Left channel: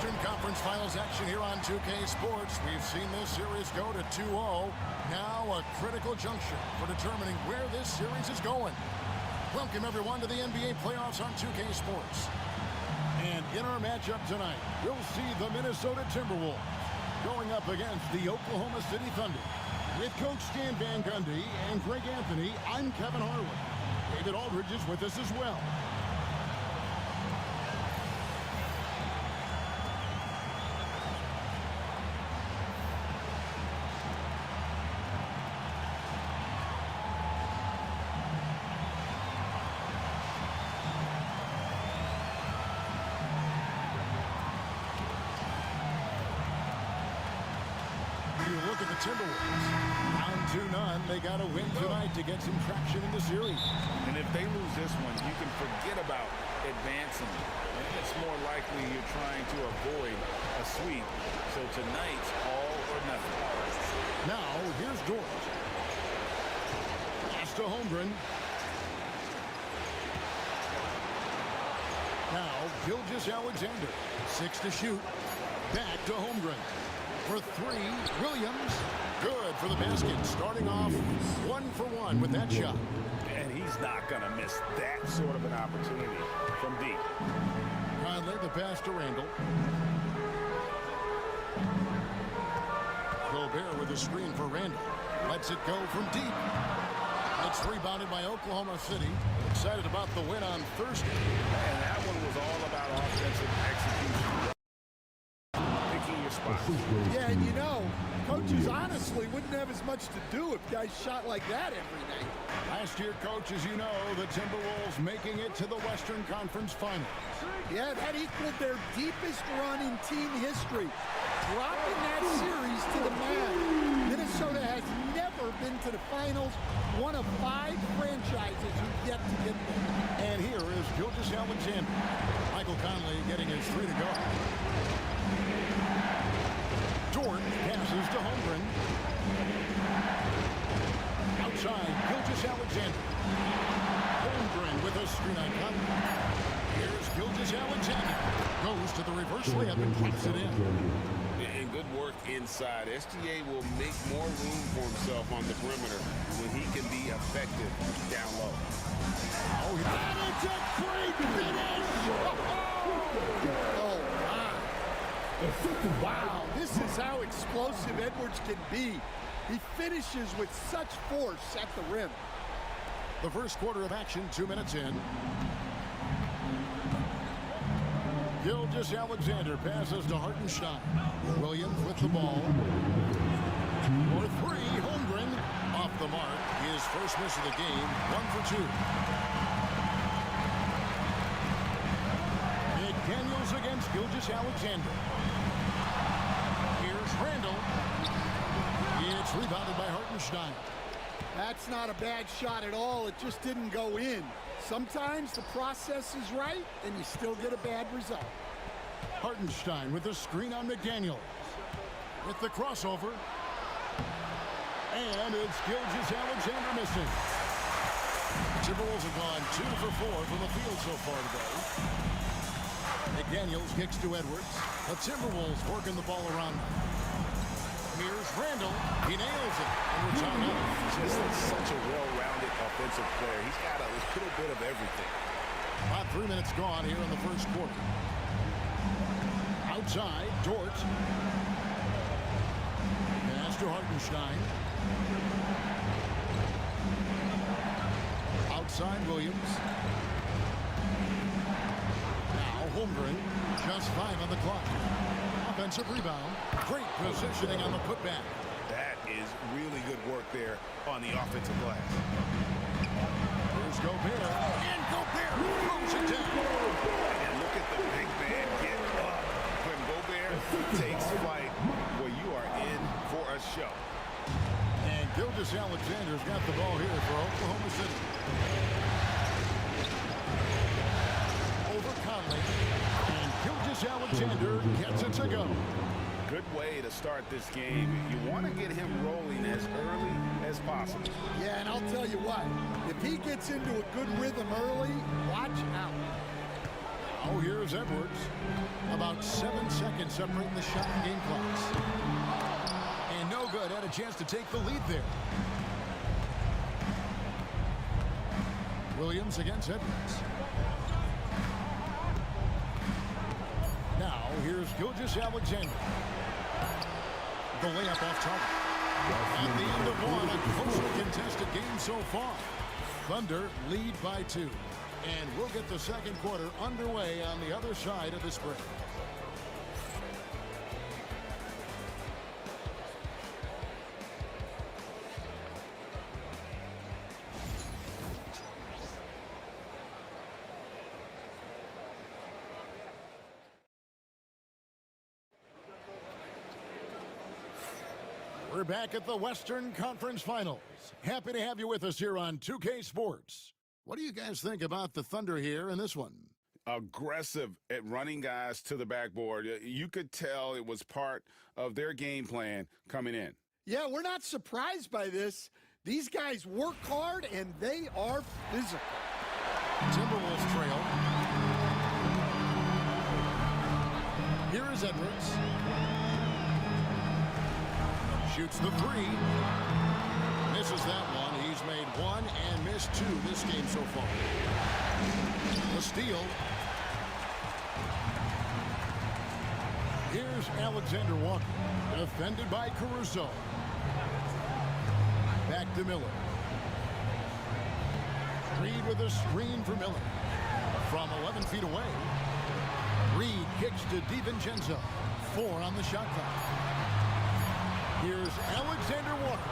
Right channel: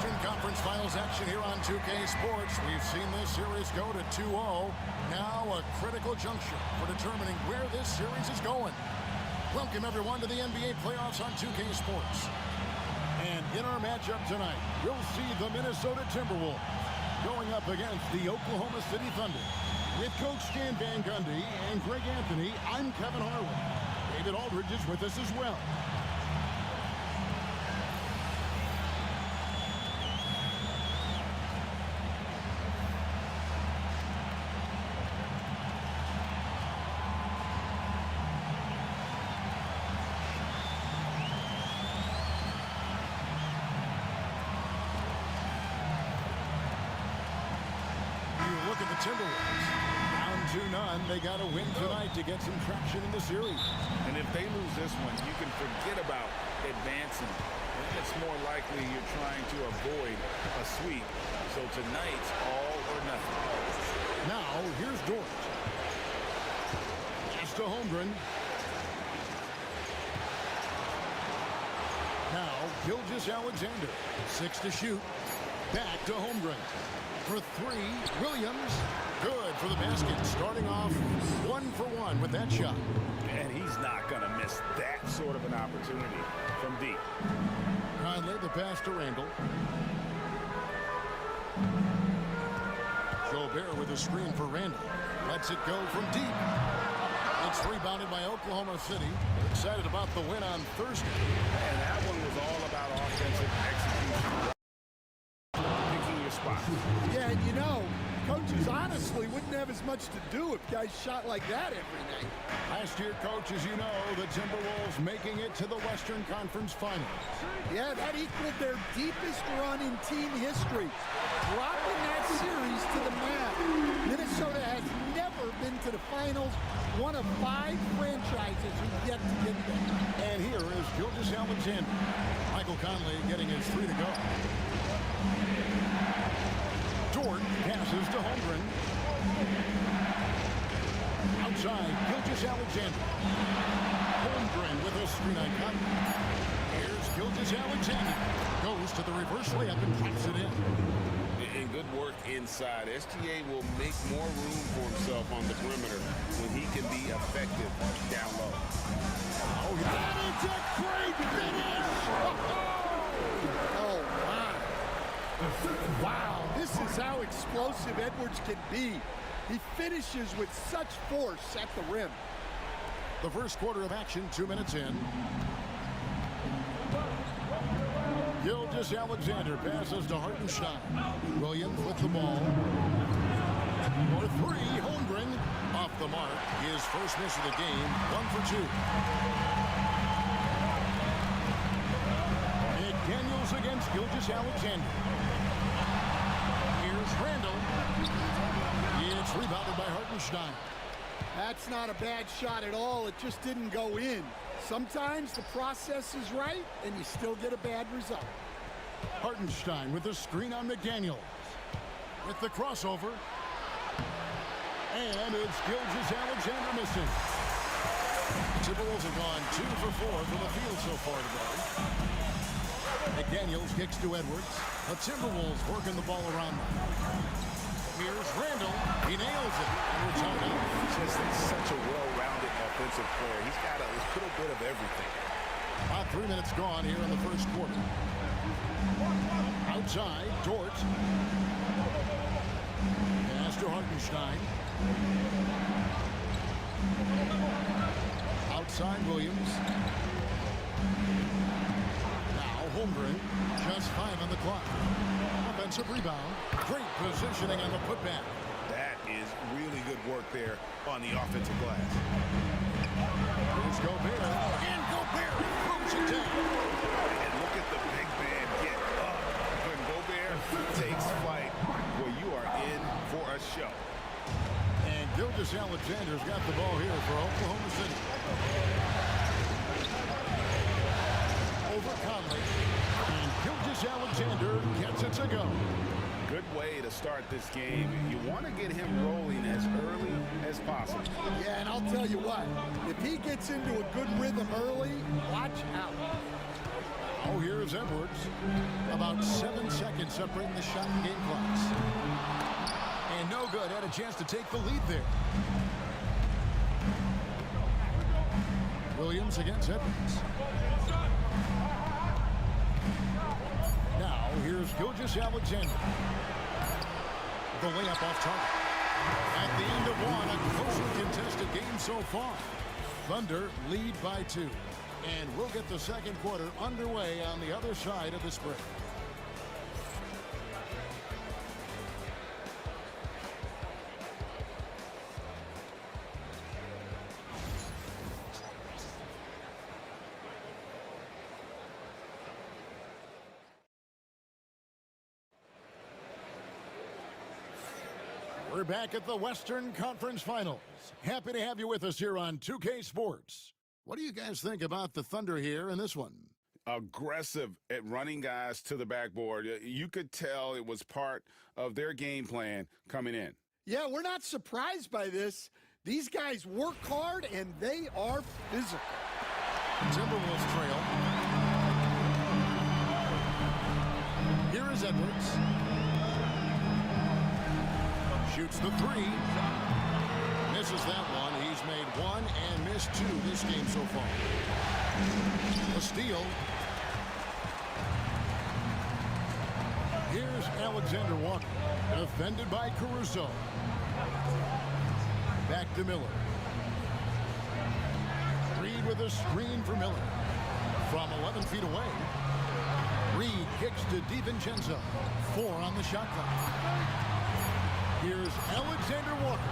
Western Conference Finals action here on 2K Sports. We've seen this series go to 2-0. Now a critical juncture for determining where this series is going. Welcome everyone to the NBA playoffs on 2K Sports. And in our matchup tonight, we'll see the Minnesota Timberwolves going up against the Oklahoma City Thunder. With Coach Stan Van Gundy and Greg Anthony, I'm Kevin Harlan. David Aldridge is with us as well. Look at the Timberwolves. Down 2-0. They got to win tonight to get some traction in the series. And if they lose this one, you can forget about advancing. It's more likely you're trying to avoid a sweep. So tonight's all or nothing. Now, here's Dort. Pass to Holmgren. Now, Gilgeous-Alexander. 6 to shoot. Back to Holmgren. For 3, Williams. Good for the basket. Starting off 1 for 1 with that shot. And he's not going to miss that sort of an opportunity from deep. Conley, the pass to Randall. Gobert with a screen for Randall. Lets it go from deep. It's rebounded by Oklahoma City. Excited about the win on Thursday. And that one was all about offensive execution. Spot. Yeah, and you know, coaches honestly wouldn't have as much to do if guys shot like that every night. Last year, coach, as you know, the Timberwolves making it to the Western Conference Finals. Yeah, that equaled their deepest run in team history. Dropping that series to the mat. Minnesota has never been to the finals. One of 5 franchises who've yet to get there. And here is Gilgeous-Alexander. Michael Conley getting his 3 to go. Dort passes to Holmgren. Outside, Gilgeous-Alexander. Holmgren with a screen on cut. Here's Gilgeous-Alexander. Goes to the reverse layup and drops it in. And good work inside. SGA will make more room for himself on the perimeter when he can be effective down low. Oh, that is a great finish! Oh, my. Wow, this is how explosive Edwards can be. He finishes with such force at the rim. The first quarter of action, 2 minutes in. Gilgeous-Alexander passes to Hartenstein. Williams with the ball. For 3, Holmgren off the mark. His first miss of the game, 1 for 2. McDaniels against Gilgeous-Alexander. Here's Randall. It's rebounded by Hartenstein. That's not a bad shot at all. It just didn't go in. Sometimes the process is right, and you still get a bad result. Hartenstein with the screen on McDaniels. With the crossover. And it's Gilgeous-Alexander missing. The Timberwolves have gone 2 for 4 from the field so far today. McDaniels kicks to Edwards. The Timberwolves working the ball around them. Here's Randall. He nails it. And we're tied up. Just such a well-rounded offensive player. He's got a little bit of everything. About 3 minutes gone here in the first quarter. Outside, Dort. Pass to Hartenstein. Outside, Williams. Now Holmgren. Just 5 on the clock. Offensive rebound. Great positioning on the putback. That is really good work there on the offensive glass. Here's Gobert, and Gobert throws it down. And look at the big man get up. When Gobert takes flight, well, you are in for a show. And Gilgeous-Alexander's got the ball here for Oklahoma City. Over Conley. And Gilgeous-Alexander gets it to go. Good way to start this game. You want to get him rolling as early as possible. Yeah, and I'll tell you what, if he gets into a good rhythm early, watch out. Oh, here's Edwards. About 7 seconds separating the shot and game clocks. And no good. Had a chance to take the lead there. Williams against Edwards. Now, here's Gilgeous-Alexander. The layup off target. At the end of one, a closely contested game so far. Thunder lead by 2. And we'll get the second quarter underway on the other side of this break. We're back at the Western Conference Finals. Happy to have you with us here on 2K Sports. What do you guys think about the Thunder here in this one? Aggressive at running guys to the backboard. You could tell it was part of their game plan coming in. Yeah, we're not surprised by this. These guys work hard, and they are physical. Timberwolves trail. Here is Edwards. Shoots the 3. Misses that one. He's made 1 and missed 2 this game so far. The steal. Here's Alexander Walker. Defended by Caruso. Back to Miller. Reed with a screen for Miller. From 11 feet away. Reed kicks to DiVincenzo. 4 on the shot clock. Here's Alexander Walker.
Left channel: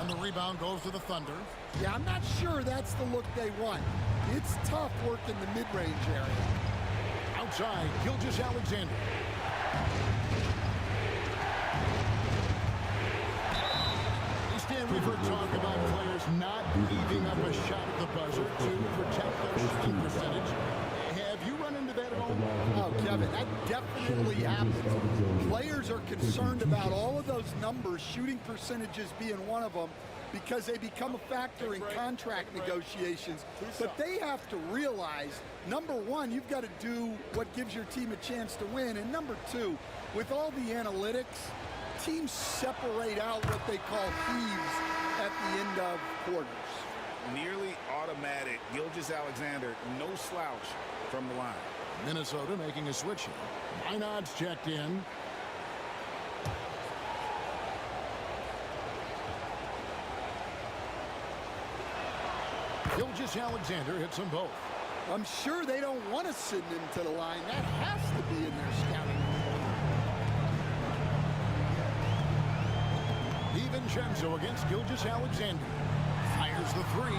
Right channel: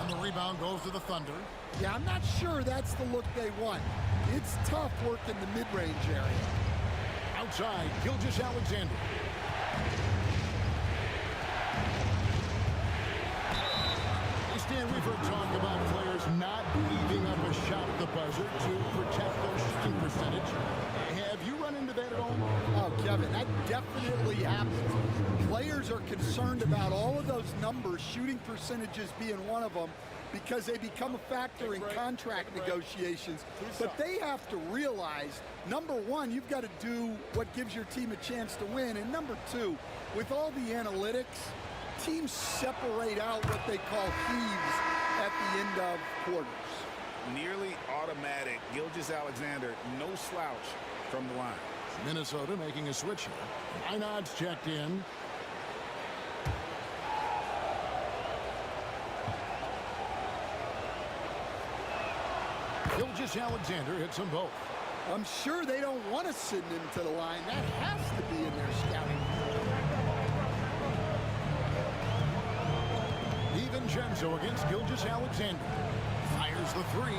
And the rebound goes to the Thunder. Yeah, I'm not sure that's the look they want. It's tough work in the mid-range area. Outside, Gilgeous-Alexander. Stan, we've heard talk about players not leaving up a shot at the buzzer to protect their shooting percentage. Have you run into that at all? Oh, Kevin, that definitely happens. Players are concerned about all of those numbers, shooting percentages being one of them, because they become a factor in contract negotiations. But they have to realize, number one, you've got to do what gives your team a chance to win. And number two, with all the analytics, teams separate out what they call heaves at the end of quarters. Nearly automatic. Gilgeous-Alexander, no slouch from the line. Minnesota making a switch here. Minod's checked in. Gilgeous-Alexander hits them both. I'm sure they don't want to send him to the line. That has to be in their scouting report. DiVincenzo against Gilgeous-Alexander. Fires the 3.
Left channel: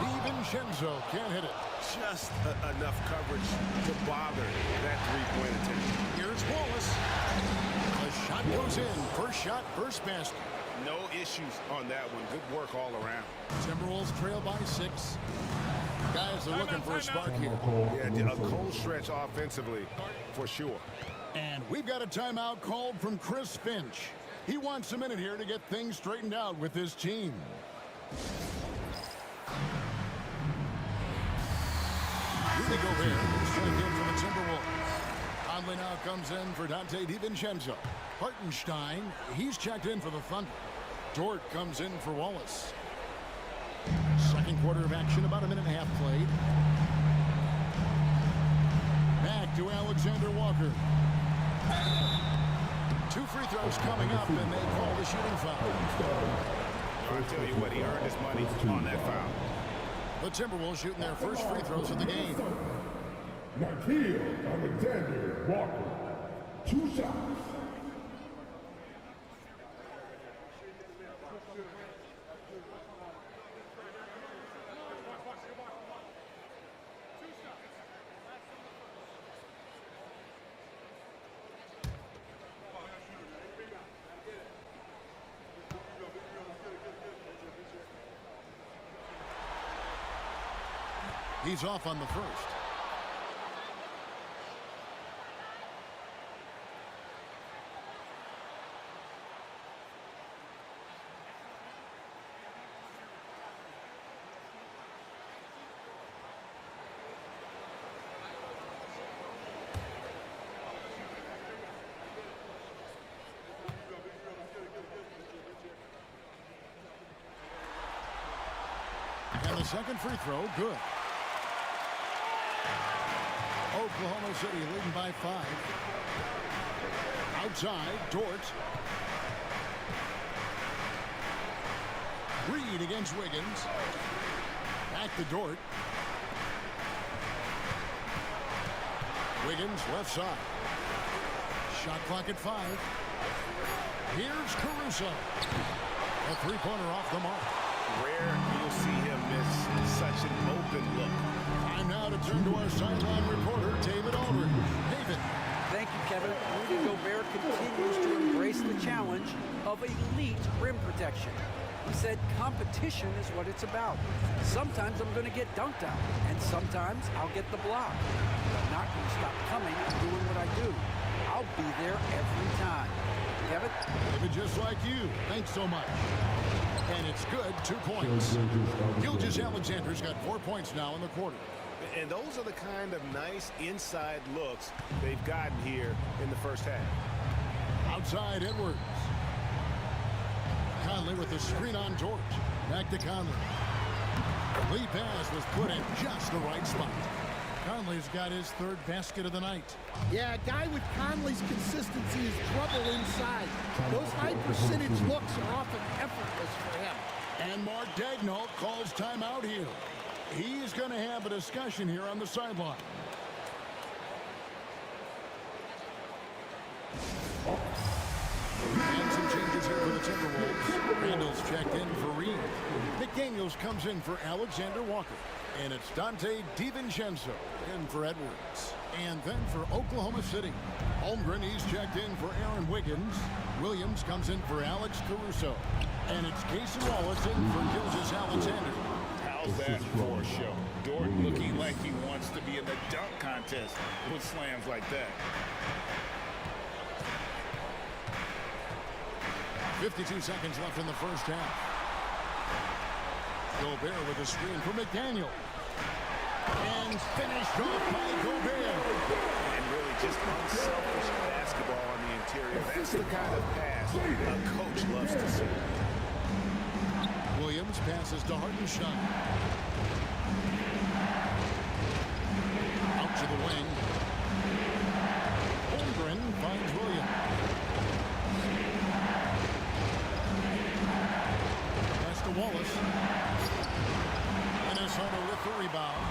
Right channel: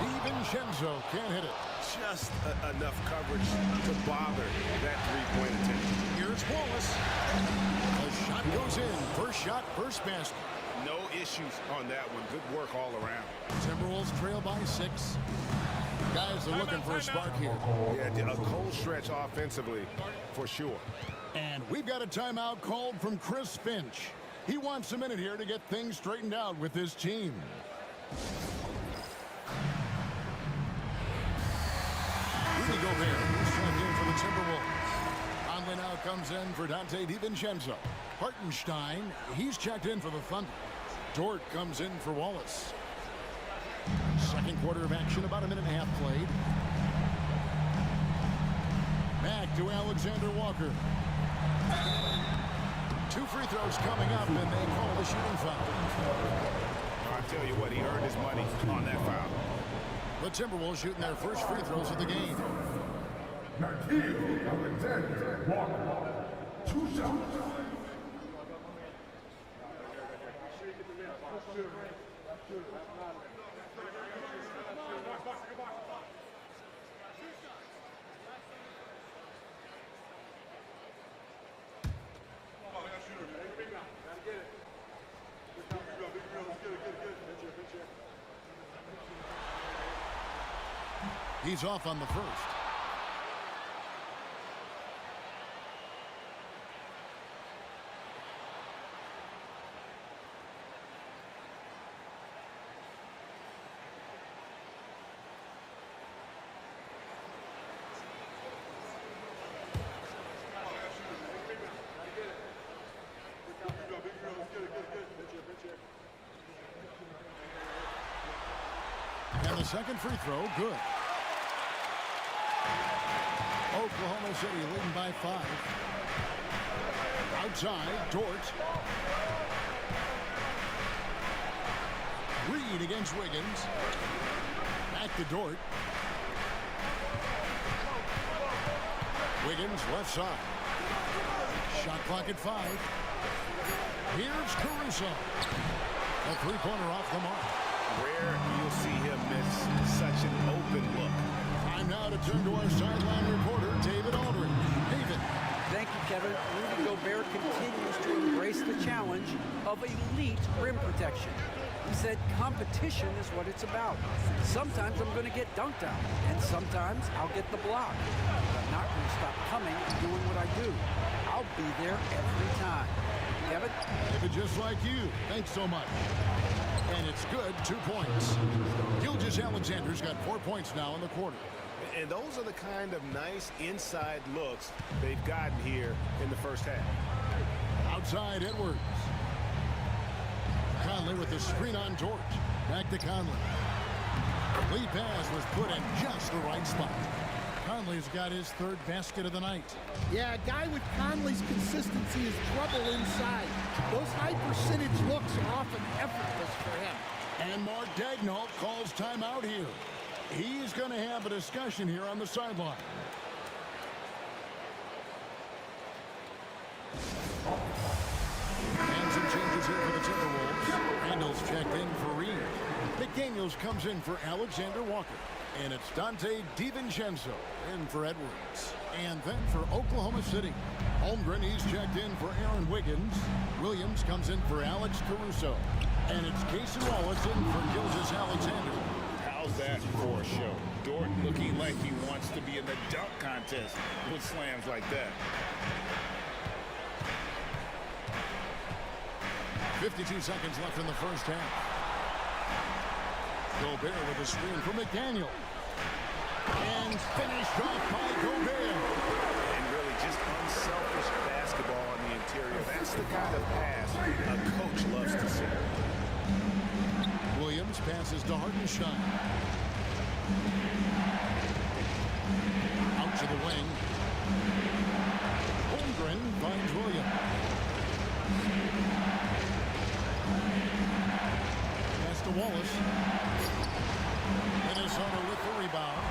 DiVincenzo can't hit it. Just enough coverage to bother that three-point attempt. Here's Wallace. The shot goes in. First shot, first basket. No issues on that one. Good work all around. Timberwolves trail by 6. Guys are looking for a spark here. Yeah, a cold stretch offensively for sure. And we've got a timeout called from Chris Finch. He wants a minute here to get things straightened out with his team. Rudy Gobert, who's checked in for the Timberwolves. Conley now comes in for Dante DiVincenzo. Hartenstein, he's checked in for the Thunder. Dort comes in for Wallace. Second quarter of action, about a minute and a half played. Back to Alexander Walker. 2 free throws coming up, and they call the shooting foul. No, I tell you what, he earned his money on that foul. The Timberwolves shooting their first free throws of the game. Alexander Walker, 2 shots. He's off on the first. And the second free throw, good. Oklahoma City leading by 5. Outside, Dort. Reed against Wiggins. Back to Dort. Wiggins left side. Shot clock at 5. Here's Caruso. A three-pointer off the mark. Rare you'll see him miss such an open look. Time now to turn to our sideline reporter, David Aldridge. David. Thank you, Kevin. Rudy Gobert continues to embrace the challenge of elite rim protection. He said competition is what it's about. Sometimes I'm going to get dunked out, and sometimes I'll get the block. But I'm not going to stop coming and doing what I do. I'll be there every time. Kevin? David, just like you. Thanks so much. And it's good, 2 points. Gilgeous-Alexander's got 4 points now in the quarter. And those are the kind of nice inside looks they've gotten here in the first half. Outside, Edwards. Conley with the screen on Dort. Back to Conley. The lead pass was put in just the right spot. Conley's got his third basket of the night. Yeah, a guy with Conley's consistency is trouble inside. Those high percentage looks are often effortless for him. And Mark Daigneault calls timeout here. He's going to have a discussion here on the sideline. And some changes here for the Timberwolves. Randall's checked in for Reed. McDaniels comes in for Alexander Walker. And it's Dante DiVincenzo in for Edwards. And then for Oklahoma City, Holmgren, he's checked in for Aaron Wiggins. Williams comes in for Alex Caruso. And it's Casey Wallace in for Gilgeous-Alexander. How's that for a show? Dort looking like he wants to be in the dunk contest with slams like that. 52 seconds left in the first half. Gobert with a screen for McDaniel. And finished off by Gobert. And really just unselfish basketball on the interior. That's the kind of pass a coach loves to see. Williams passes to Hartenstein. Out to the wing. Holmgren finds Williams. Pass to Wallace. Minnesota with the rebound.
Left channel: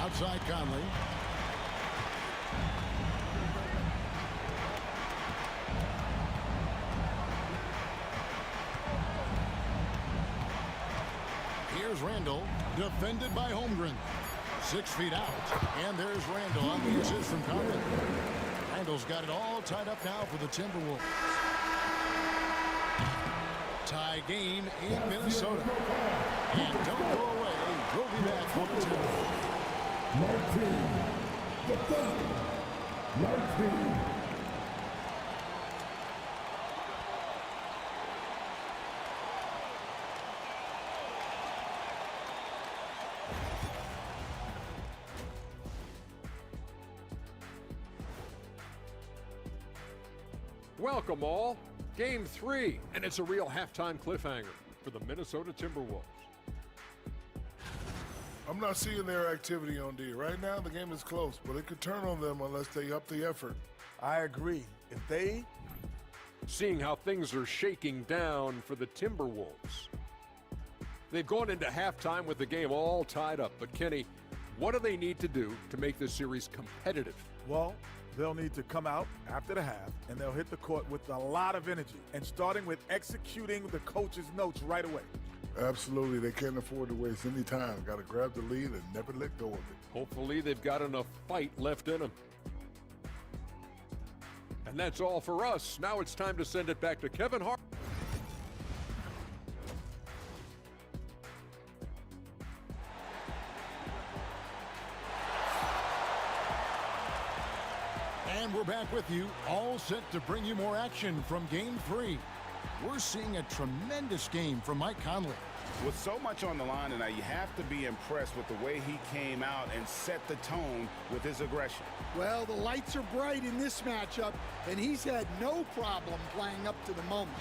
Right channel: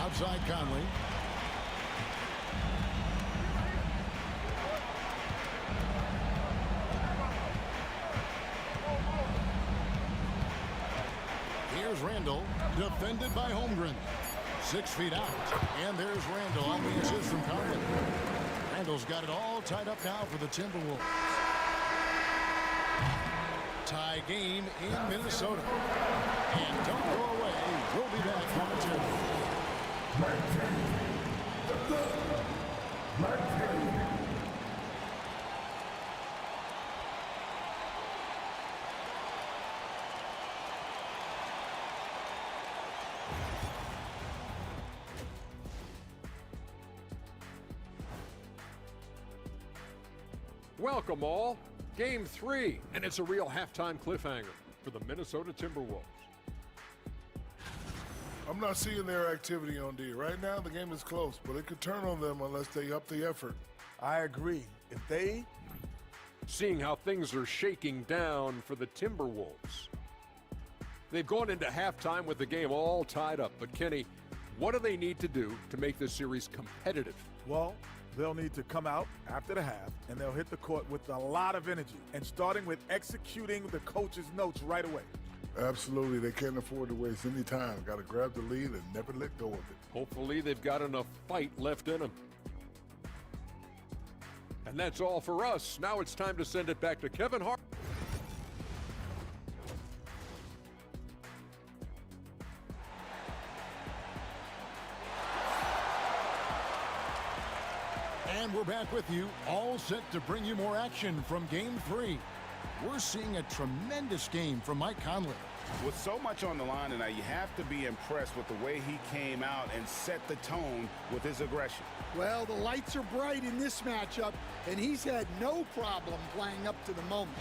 Outside Conley. Here's Randall, defended by Holmgren. 6 feet out, and there's Randall on the assist from Conley. Randall's got it all tied up now for the Timberwolves. Tie game in Minnesota. And don't go away. We'll be back momentarily. 19. Welcome all. Game 3, and it's a real halftime cliffhanger for the Minnesota Timberwolves. I'm not seeing their activity on D. Right now, the game is close, but it could turn on them unless they up the effort. I agree. If they... Seeing how things are shaking down for the Timberwolves. They've gone into halftime with the game all tied up, but Kenny, what do they need to do to make this series competitive? Well, they'll need to come out after the half, and they'll hit the court with a lot of energy, and starting with executing the coach's notes right away. Absolutely. They can't afford to waste any time. Got to grab the lead and never let go of it. Hopefully they've got enough fight left in them. And that's all for us. Now it's time to send it back to Kevin Hart. we're back with you, all set to bring you more action from Game 3. We're seeing a tremendous game from Mike Conley. With so much on the line tonight, you have to be impressed with the way he came out and set the tone with his aggression. Well, the lights are bright in this matchup, and he's had no problem playing up to the moment.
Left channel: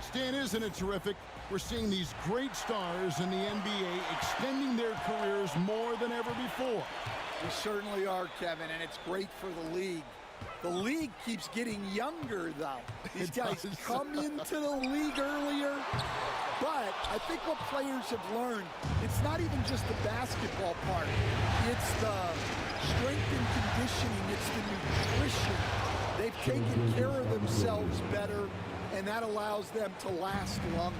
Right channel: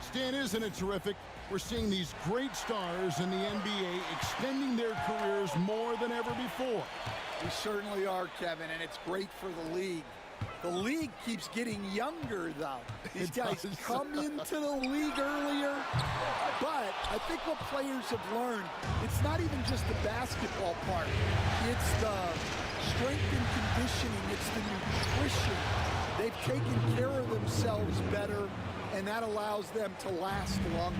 Stan, isn't it terrific? We're seeing these great stars in the NBA extending their careers more than ever before. We certainly are, Kevin, and it's great for the league. The league keeps getting younger, though. These guys come into the league earlier, but I think what players have learned, it's not even just the basketball part. It's the strength and conditioning. It's the nutrition. They've taken care of themselves better, and that allows them to last longer.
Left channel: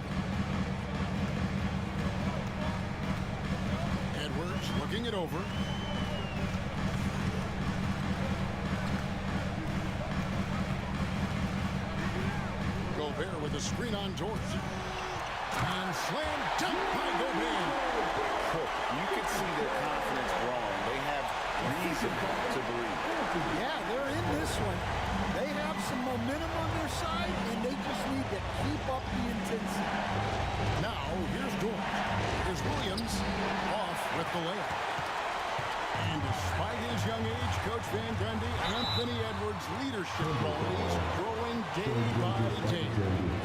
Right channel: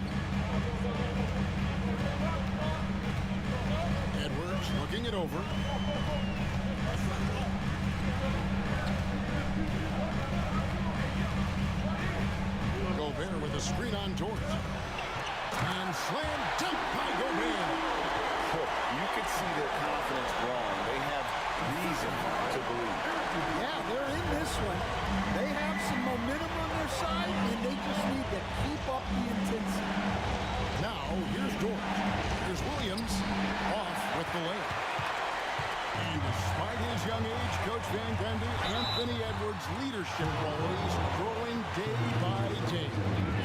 Edwards looking it over. Gobert with a screen on George. And slam dunk by Gobert. You can see their confidence growing. They have reason to believe. Yeah, they're in this one. They have some momentum on their side, and they just need to keep up the intensity. Now, here's George. Here's Williams off with the layup. And despite his young age, Coach Van Gundy, Anthony Edwards' leadership qualities growing day by day.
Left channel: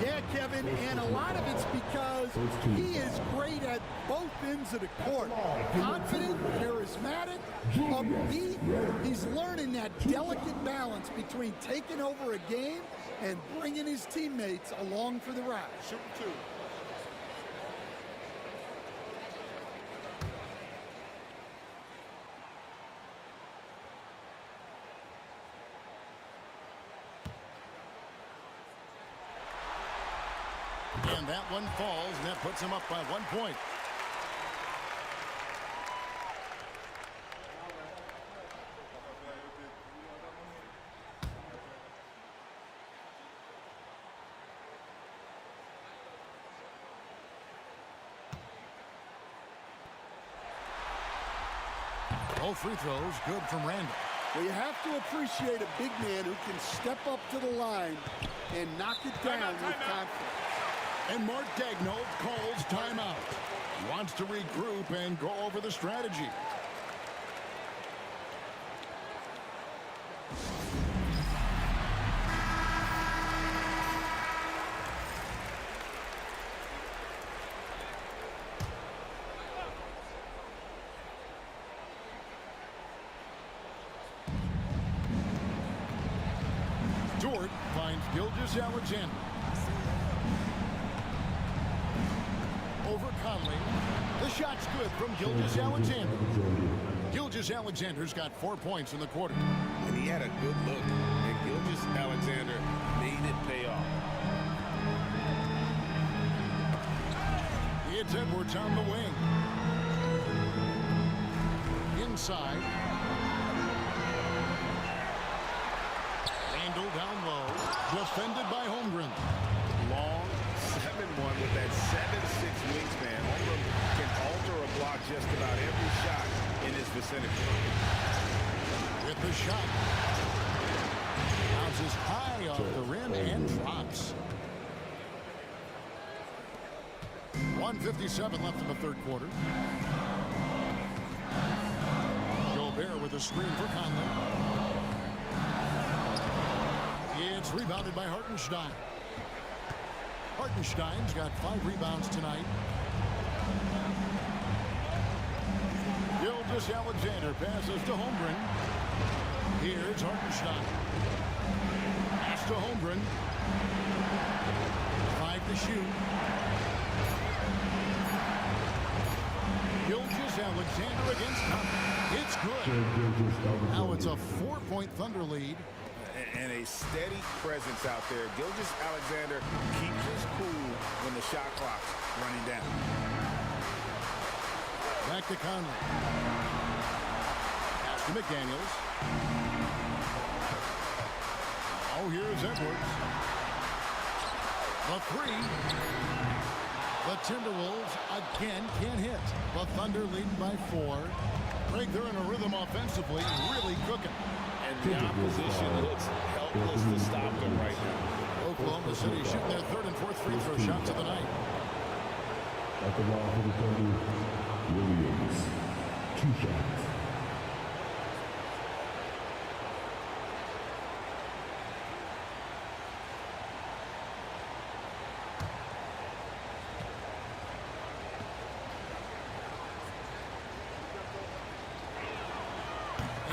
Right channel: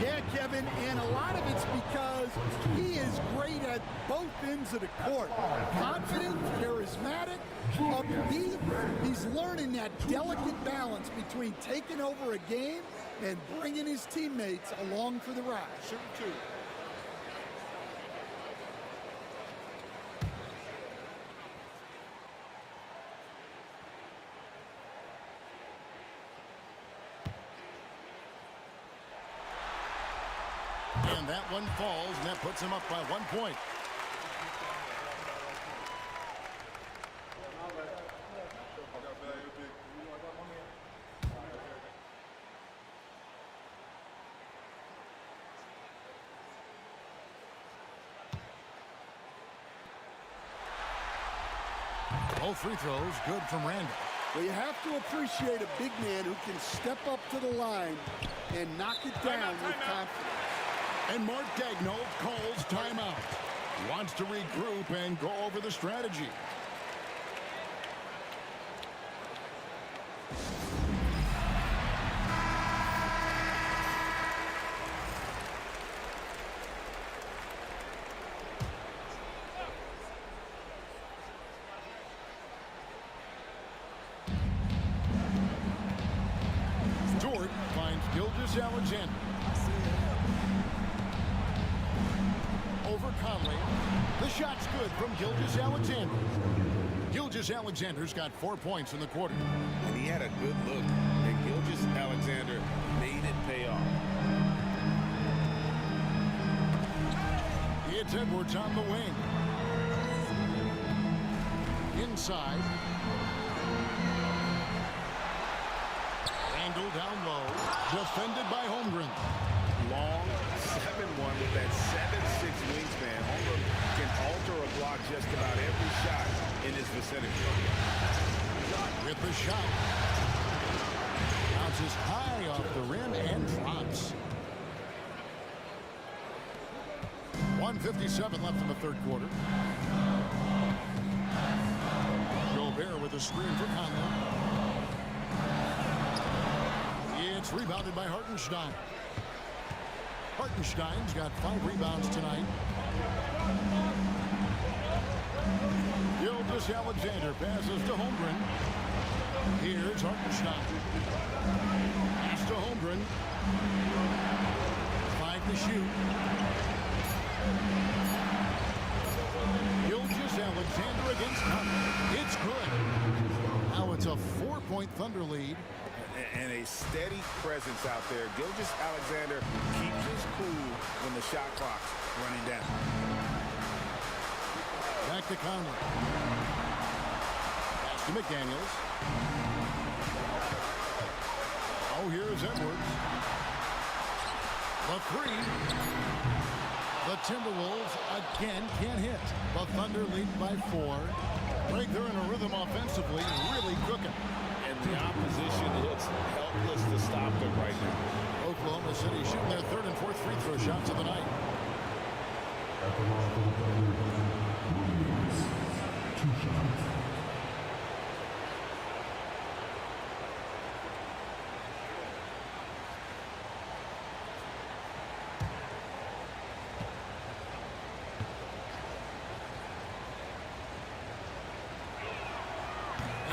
Yeah, Kevin, and a lot of it's because he is great at both ends of the court. Confident, charismatic, upbeat. He's learning that delicate balance between taking over a game and bringing his teammates along for the ride. Shooting two. And that one falls, and that puts him up by 1 point. Both free throws good from Randall. Well, you have to appreciate a big man who can step up to the line and knock it down with confidence. And Mark Daigneault calls timeout. He wants to regroup and go over the strategy. Dort finds Gilgeous-Alexander. Over Conley. The shot's good from Gilgeous-Alexander. Gilgeous-Alexander's got 4 points in the quarter. And he had a good look, and Gilgeous-Alexander made it pay off. It's Edwards on the wing. Inside. Randall down low. Defended by Holmgren. Long 7-1 with that 7'6" wingspan. Holmgren can alter or block just about every shot in his vicinity. With the shot. Bounces high off the rim and drops. 1:57 left in the third quarter. Gobert with a screen for Conley. It's rebounded by Hartenstein. Hartenstein's got 5 rebounds tonight. Gilgeous-Alexander passes to Holmgren. Here's Hartenstein. Pass to Holmgren. 5 to shoot. Gilgeous-Alexander against Conley. It's good. Now it's a 4-point Thunder lead. And a steady presence out there. Gilgeous-Alexander keeps his cool when the shot clock's running down. Back to Conley. Pass to McDaniels. Oh, here's Edwards. The 3. The Timberwolves again can't hit. The Thunder lead by 4. Greg, they're in a rhythm offensively, really cooking. And the opposition looks helpless to stop them right now. Oklahoma City shooting their 3rd and 4th free throw shots of the night. At the line for the Thunder, Williams, 2 shots.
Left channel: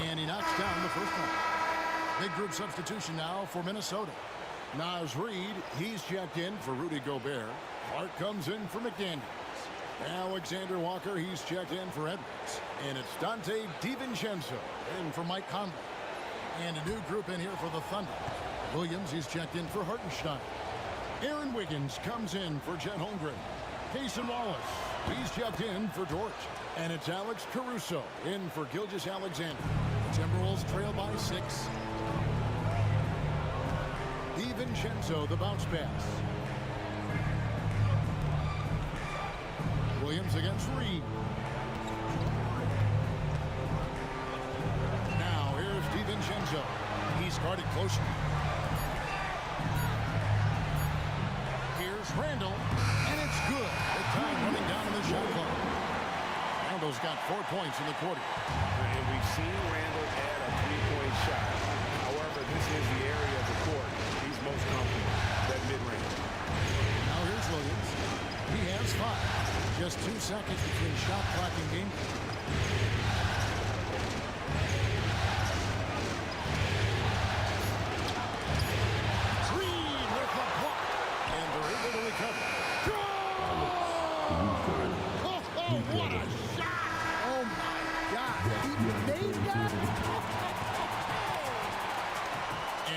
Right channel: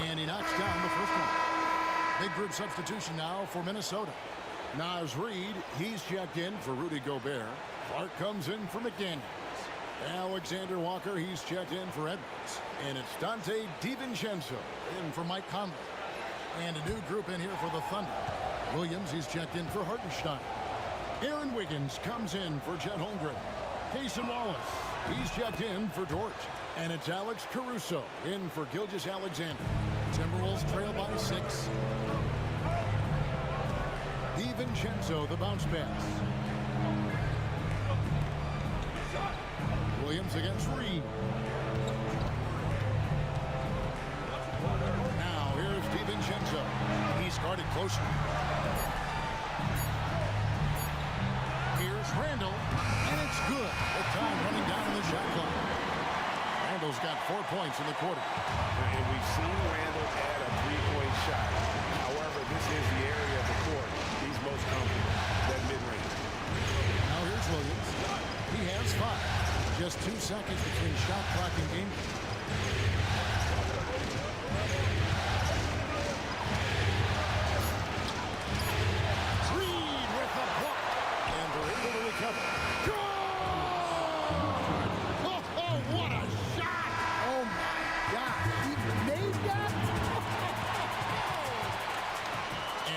And he knocks down the first one. Big group substitution now for Minnesota. Naz Reid, he's checked in for Rudy Gobert. Clark comes in for McDaniels. Alexander Walker, he's checked in for Edwards. And it's Dante DiVincenzo in for Mike Conley. And a new group in here for the Thunder. Williams, he's checked in for Hartenstein. Aaron Wiggins comes in for Chet Holmgren. Cason Wallace, he's checked in for George. And it's Alex Caruso in for Gilgeous-Alexander. Timberwolves trail by 6. DiVincenzo, the bounce pass. Williams against Reed. Now here's DiVincenzo. He's guarded closely. Here's Randall, and it's good. The time running down in the shot clock. Randall's got 4 points in the quarter. And we've seen Randall add a 3-point shot. However, this is the area of the court he's most comfortable, that mid-range. Now here's Williams. He has 5. Just 2 seconds between shot clock and game. Reed with the block. And they're able to recover. Oh, what a shot! Oh, my God. He made that?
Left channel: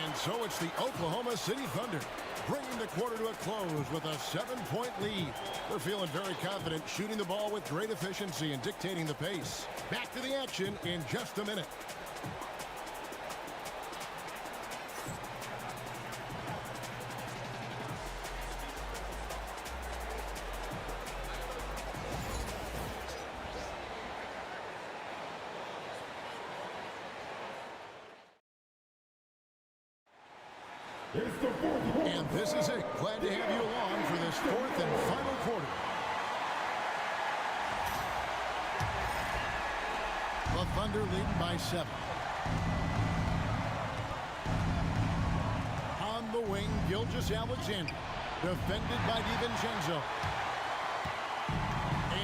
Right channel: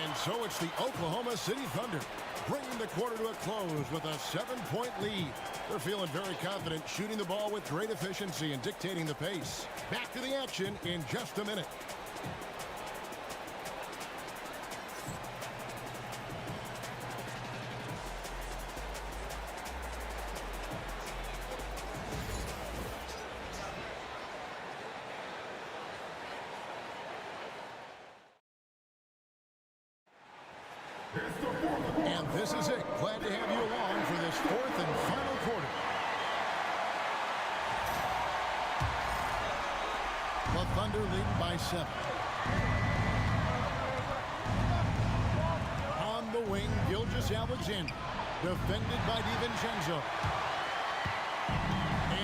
And so it's the Oklahoma City Thunder bringing the quarter to a close with a 7-point lead. They're feeling very confident, shooting the ball with great efficiency and dictating the pace. Back to the action in just a minute. And this is it. Glad to have you along for this 4th and final quarter. The Thunder leading by 7. On the wing, Gilgeous-Alexander, defended by DiVincenzo.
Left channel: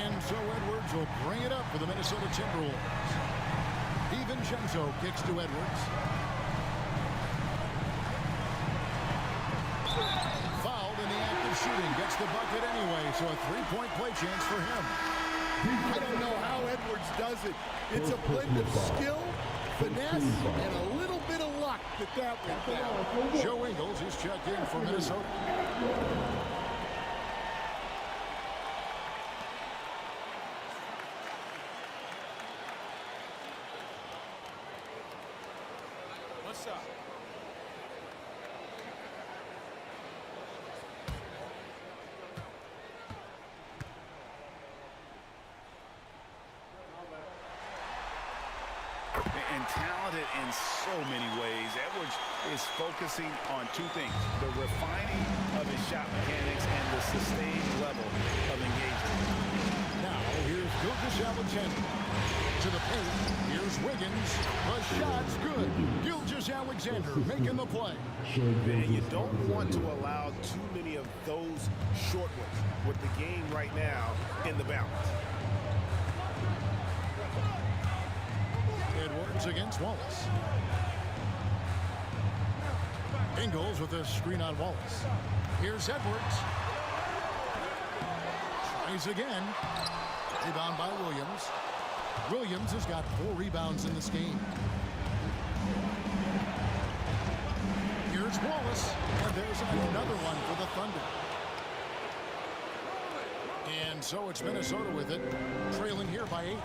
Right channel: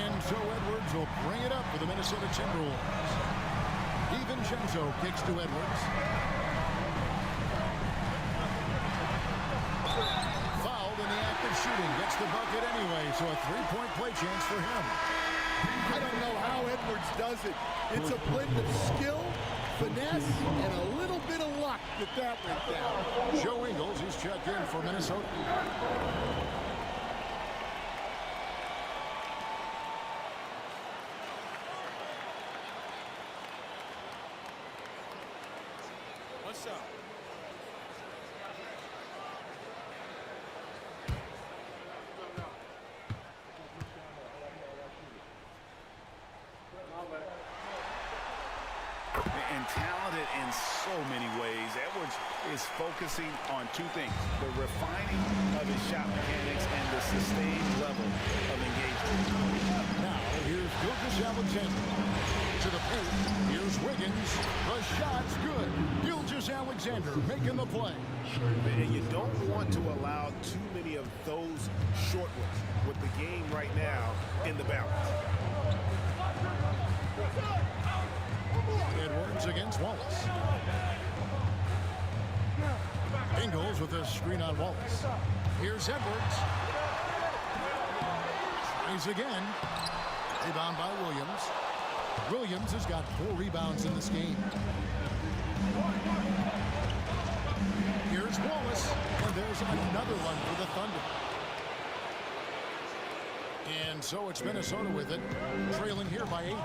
And so Edwards will bring it up for the Minnesota Timberwolves. DiVincenzo kicks to Edwards. Fouled in the act of shooting. Gets the bucket anyway, so a 3-point play chance for him. I don't know how Edwards does it. It's a blend of skill, finesse, and a little bit of luck that went down. Joe Ingles, he's checked in for Minnesota. What's up? And talented in so many ways. Edwards is focusing on 2 things: the refining of his shot mechanics and the sustained level of engagement. Now here's Gilgeous-Alexander to the paint. Here's Wiggins. The shot's good. Gilgeous-Alexander making the play. And you don't want to allow too many of those short ones with the game right now in the balance. Edwards against Wallace. Ingles with a screen on Wallace. Here's Edwards. Tries again. Rebound by Williams. Williams has got 4 rebounds in this game. Here's Wallace. And there's another one for the Thunder. And so it's Minnesota with it, trailing here by 8.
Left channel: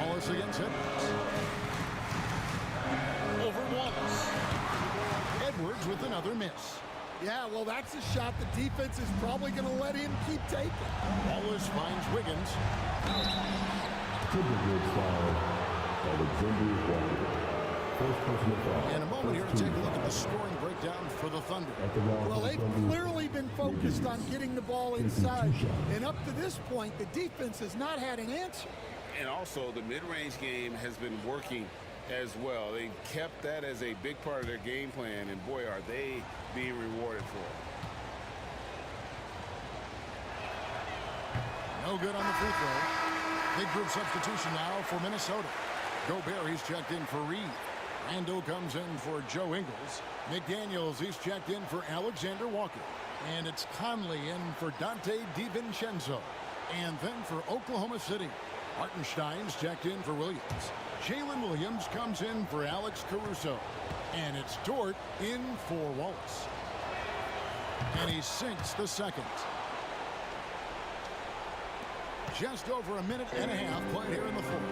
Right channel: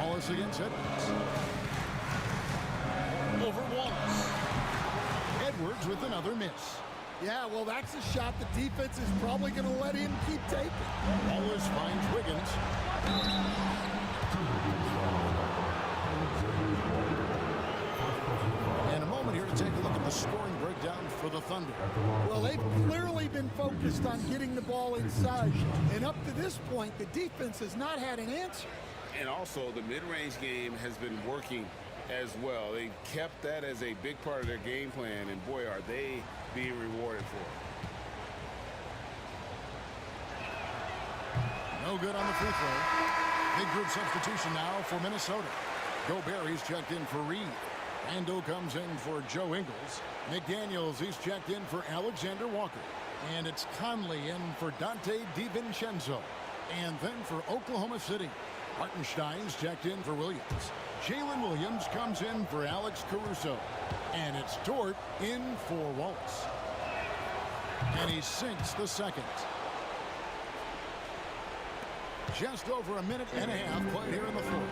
Wallace against Edwards. Over Wallace. Edwards with another miss. Yeah, well, that's a shot the defense is probably going to let him keep taking. Wallace finds Wiggins. Timberwolves foul. Alexander Walker. First personal foul. And a moment here to take a look at the scoring breakdown for the Thunder. Well, they've clearly been focused on getting the ball inside. And up to this point, the defense has not had an answer. And also, the mid-range game has been working as well. They kept that as a big part of their game plan, and boy, are they being rewarded for it. No good on the free throw. Big group substitution now for Minnesota. Gobert, he's checked in for Reed. Randall comes in for Joe Ingles. McDaniels, he's checked in for Alexander Walker. And it's Conley in for Dante DiVincenzo. And then for Oklahoma City, Hartenstein's checked in for Williams. Jalen Williams comes in for Alex Caruso. And it's Dort in for Wallace. And he sinks the second. Just over a minute and a half played here in the fourth.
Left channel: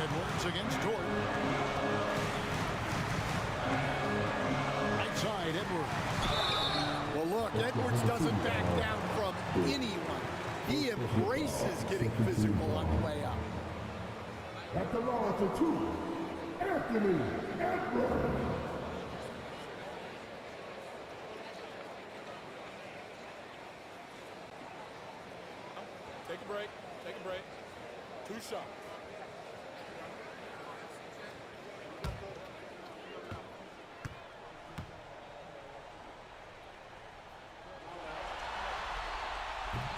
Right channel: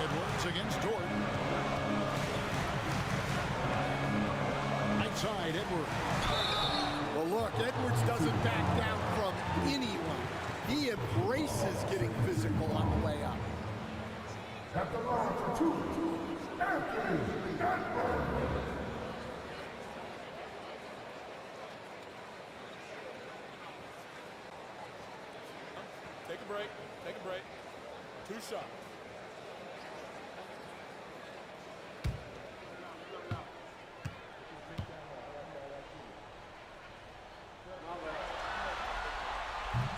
Edwards against Dort. Right side, Edwards. Well, look, Edwards doesn't back down from anyone. He embraces getting physical on the way up. At the line for two, Anthony Edwards. Take a break. Take a break. 2 shots.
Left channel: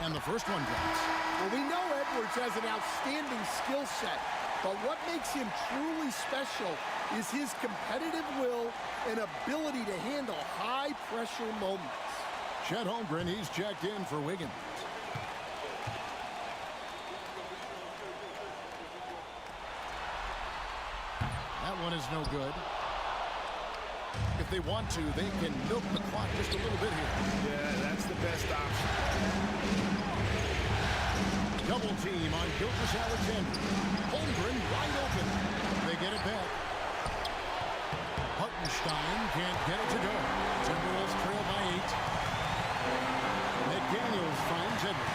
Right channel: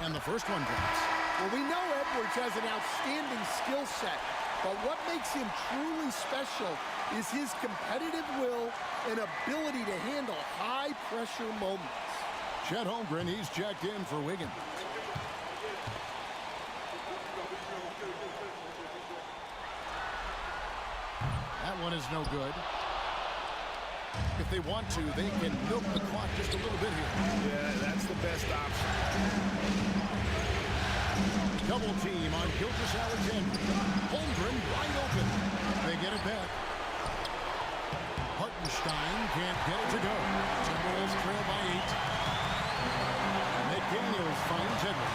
And the first one drops. Well, we know Edwards has an outstanding skill set, but what makes him truly special is his competitive will and ability to handle high-pressure moments. Chet Holmgren, he's checked in for Wiggins. That one is no good. If they want to, they can milk the clock just a little bit here. Yeah, that's the best option. Double team on Gilgeous-Alexander. Holmgren wide open. They get it back. Hartenstein can't get it to go. Timberwolves trail by 8. McDaniels finds Edwards.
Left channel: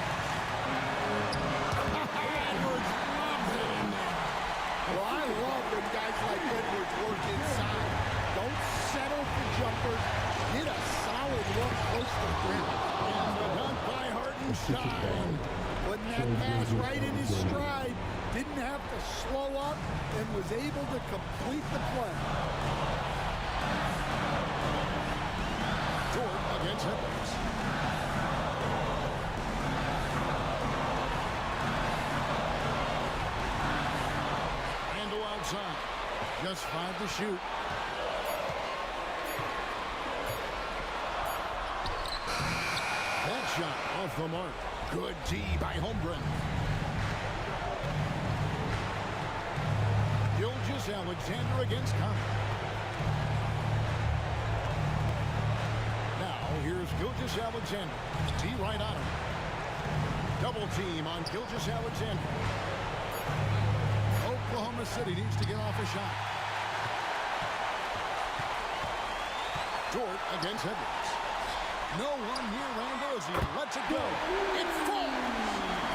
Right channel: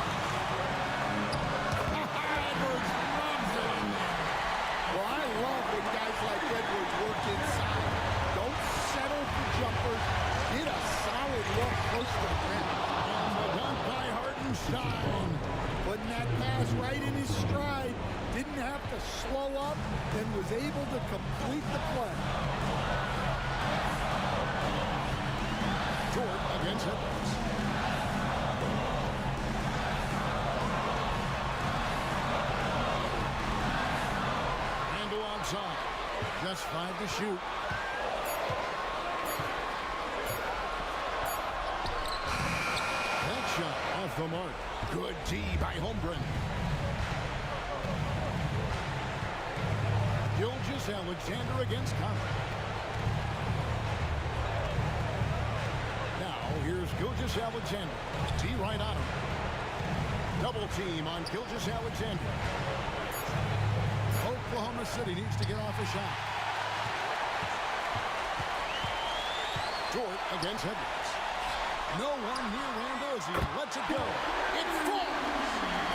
Edwards loves it in there. Well, I love when guys like Edwards work inside. Don't settle for jumpers. Get a solid look close to the rim. And the dunk by Hartenstein. Putting that pass right in his stride. Didn't have to slow up and was able to complete the play. Dort against Edwards. Randall outside. Just 5 to shoot. That shot off the mark. Good D by Holmgren. Gilgeous-Alexander against Conley. Now here's Gilgeous-Alexander. D right on him. Double team on Gilgeous-Alexander. Oklahoma City needs to get off a shot. Dort against Edwards. No one near Randall as he lets it go. It falls.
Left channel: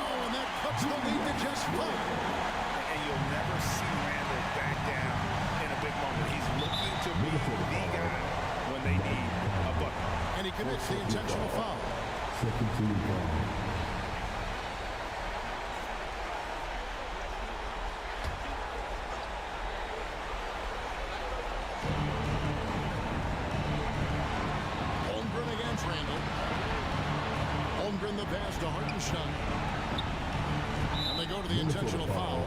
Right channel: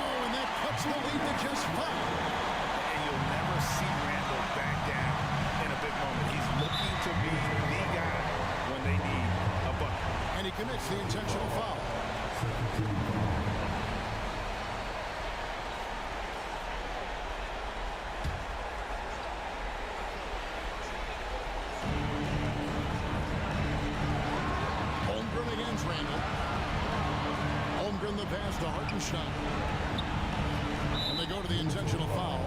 Oh, and that cuts the lead to just 5. And you'll never see Randall back down in a big moment. He's looking to be the guy when they need a bucket. And he commits the intentional foul. Second team foul. Against Randall. Holmgren the pass to Hartenstein. And they go to the intentional foul.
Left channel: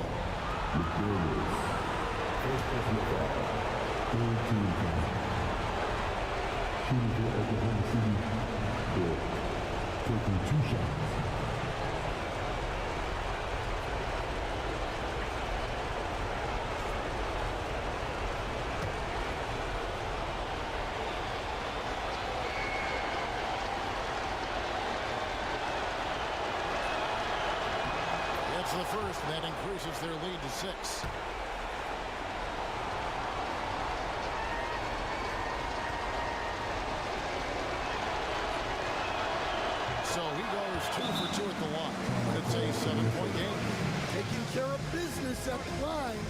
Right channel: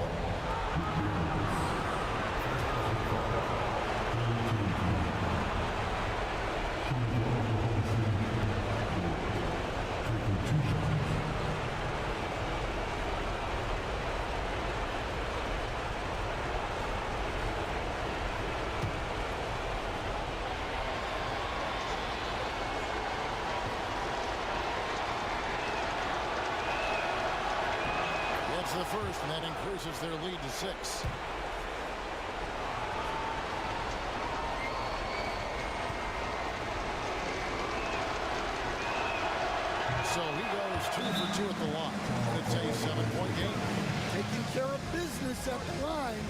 First personal foul. Third team foul. Shooting for Oklahoma City. Dort. Taking 2 shots. That's the first, and that increases their lead to 6. So he goes 2 for 2 at the line. And it's a 7-point game. Taking care of business at the line,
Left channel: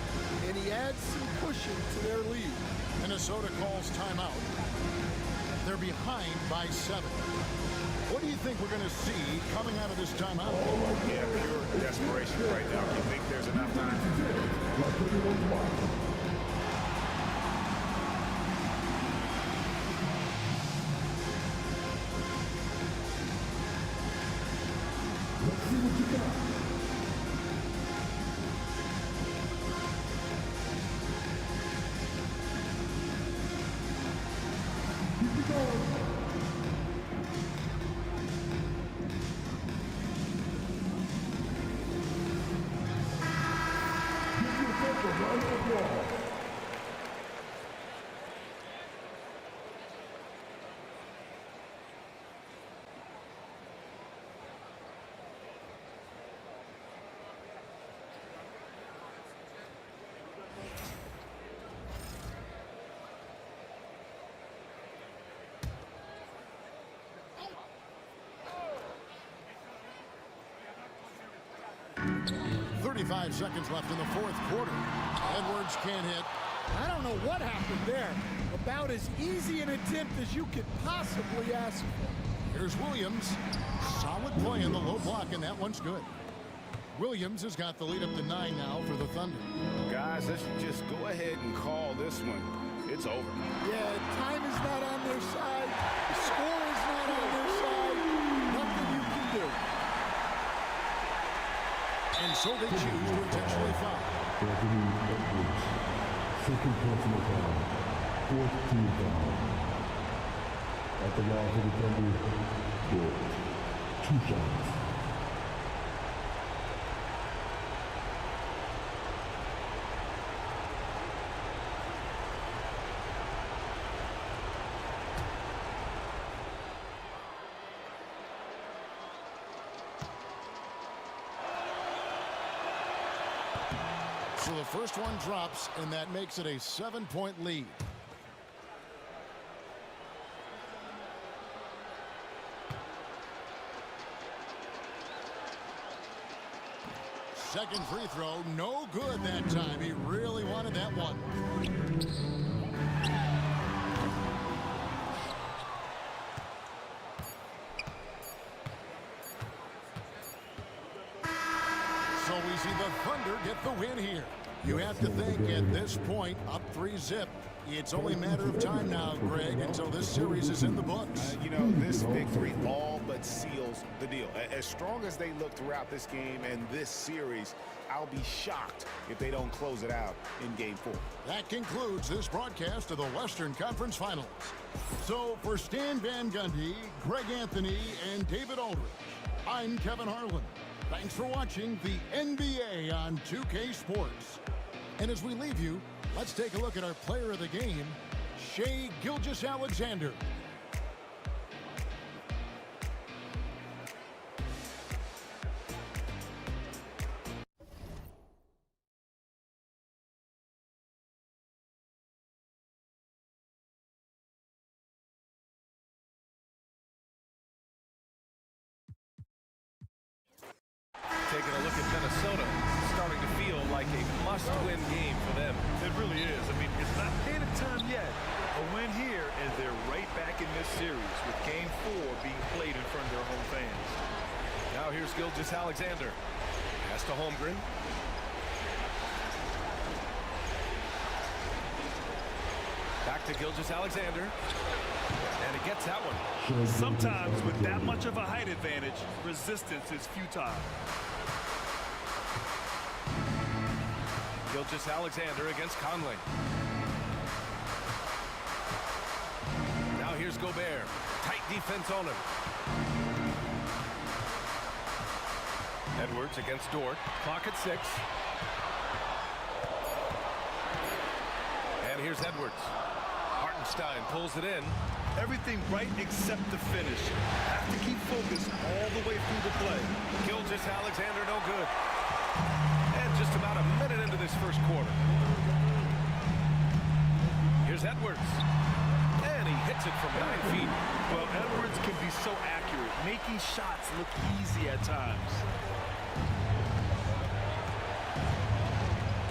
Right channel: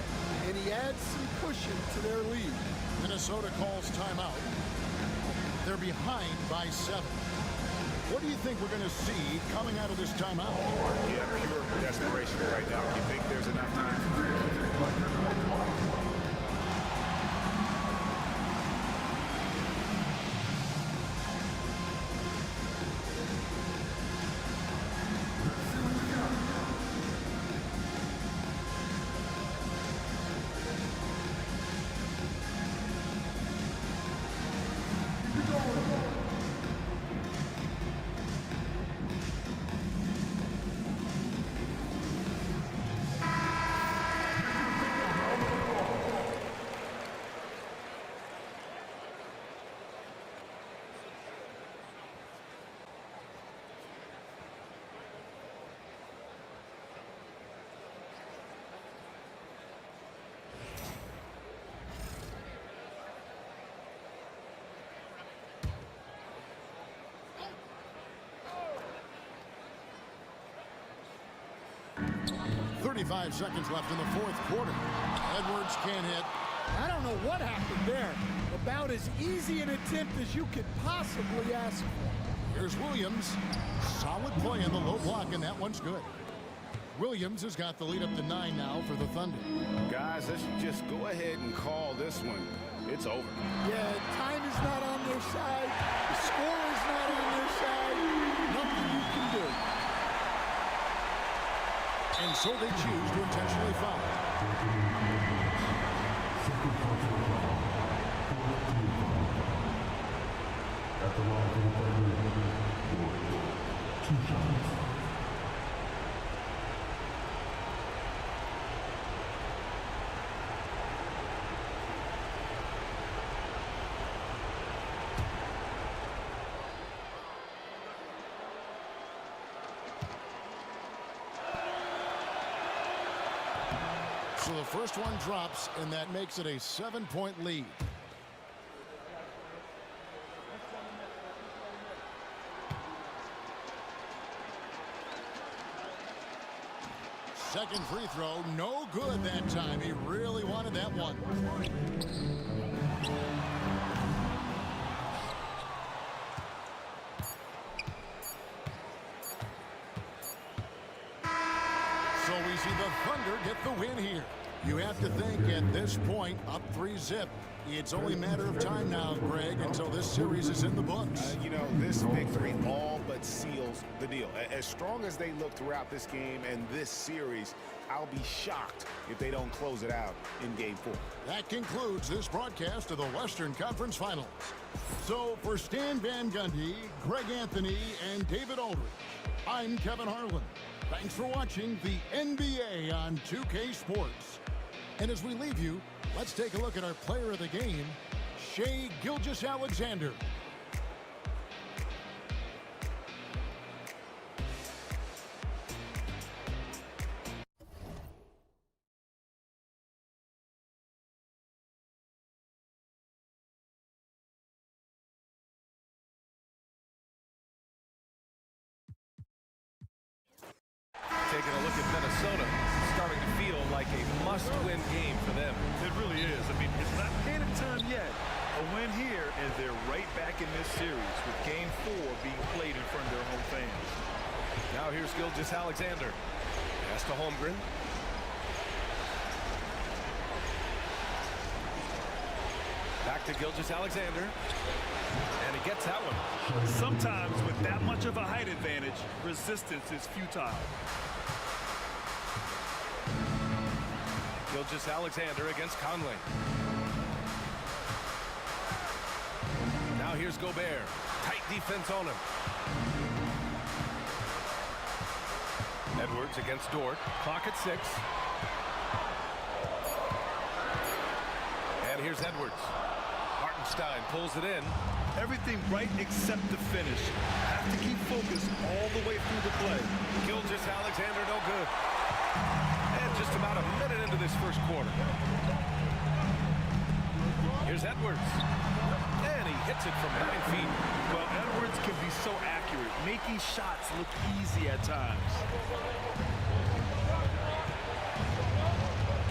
and he adds some cushion to their lead. Minnesota calls timeout. They're behind by 7. What do you think we're going to see coming out of this timeout? Yeah, pure desperation right now. You think there's enough time? .35 seconds left in the fourth quarter. Edwards can't hit. I don't know what happened there. About as easy an attempt as you could possibly ask for. Here's Williams. Solid play in the low block, and that one's good. Williams has got the lead up to 9 now for the Thunder. Guys, let's just go ahead and call this one. It's over. Yeah, time is not on their side. The score is not on their side. Nothing you can do. And so they choose to intentionally foul. Anthony Edwards, second personal foul, fourth team foul. At the line for the Thunder, for 2 shots. So the first one drops, and that makes it a 7-point lead. Second free throw, no good that time. He really wanted that one. So we see the Thunder get the win here. You have to think at this point, up 3-zip. It's only a matter of time now, Greg, until this series is in the books. You know, this victory all but seals the deal. As strong as they look throughout this game and this series, I'll be shocked if they don't close it out in Game 4. That concludes this broadcast of the Western Conference Finals. So for Stan Van Gundy, Greg Anthony, and David Aldridge, I'm Kevin Harlan. Thanks for watching the NBA on 2K Sports. And as we leave you, let's take a look at our player of the game, Shai Gilgeous-Alexander. Taking a look at Minnesota, starting to feel like a must-win game for them. It really is. I mean, it's not panic time yet. A win here, and they're right back in this series with Game 4 being played in front of their home fans. Now here's Gilgeous-Alexander. Pass to Holmgren. Back to Gilgeous-Alexander. And he gets that one. Sometimes with that much of a height advantage, resistance is futile. Gilgeous-Alexander against Conley. Now here's Gobert. Tight defense on him. Edwards against Dort. Clock at 6. And here's Edwards. Hartenstein pulls it in. Everything right except the finish. Have to keep focused all the way through the play. Gilgeous-Alexander no good. And just about a minute into this first quarter. Here's Edwards. And he he hits it from 9 feet. Well, Edwards can be so accurate, making shots look easy at times.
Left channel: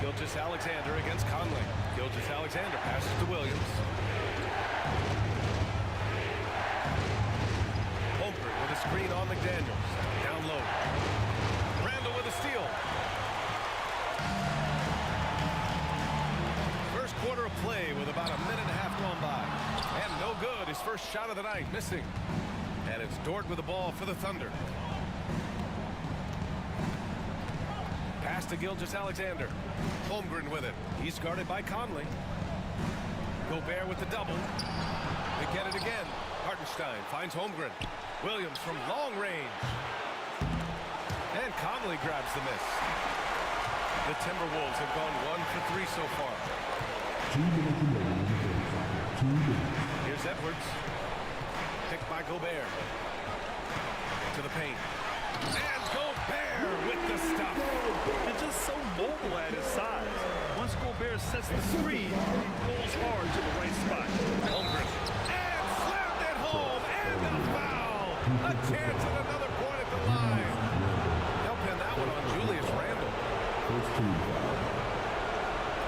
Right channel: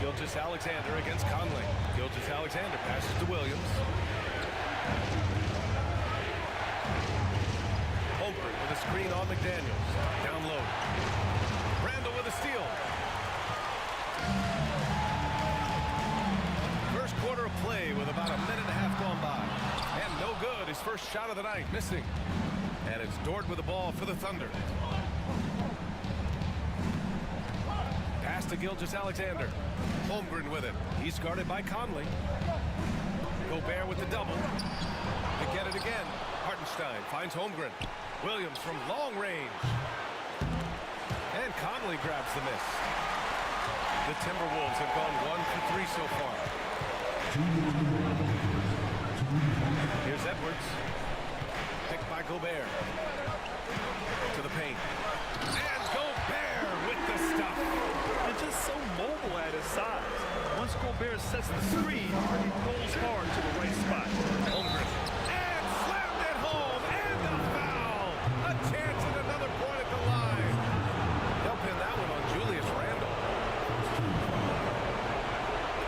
Gilgeous-Alexander against Conley. Gilgeous-Alexander passes to Williams. Holmgren with a screen on McDaniels. Down low. Randall with a steal. First quarter of play with about a minute and a half gone by. And no good. His first shot of the night missing. And it's Dort with the ball for the Thunder. Pass to Gilgeous-Alexander. Holmgren with it. He's guarded by Conley. Gobert with the double. They get it again. Hartenstein finds Holmgren. Williams from long range. And Conley grabs the miss. The Timberwolves have gone 1 for 3 so far. Here's Edwards. Picked by Gobert. To the paint. And Gobert with the stuff. And just so mobile at his size. Once Gobert sets the screen, he pulls hard to the right spot. Holmgren. And slammed it home. And a foul. A chance at another point at the line. They'll pin that one on Julius Randle.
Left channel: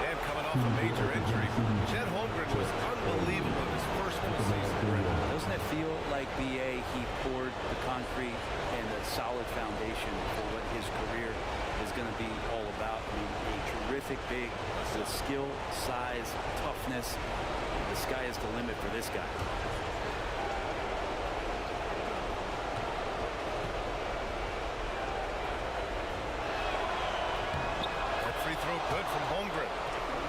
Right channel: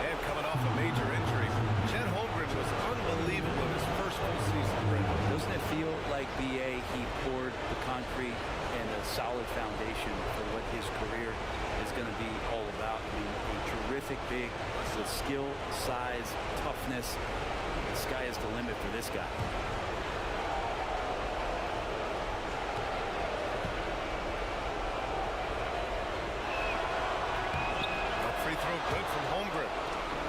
And coming off a major injury, Chet Holmgren was unbelievable in his first full season. Doesn't it feel like BA, he poured the concrete and a solid foundation for what his career is going to be all about? I mean, a terrific big with skill, size, toughness. The sky is the limit for this guy. That free throw good from Holmgren.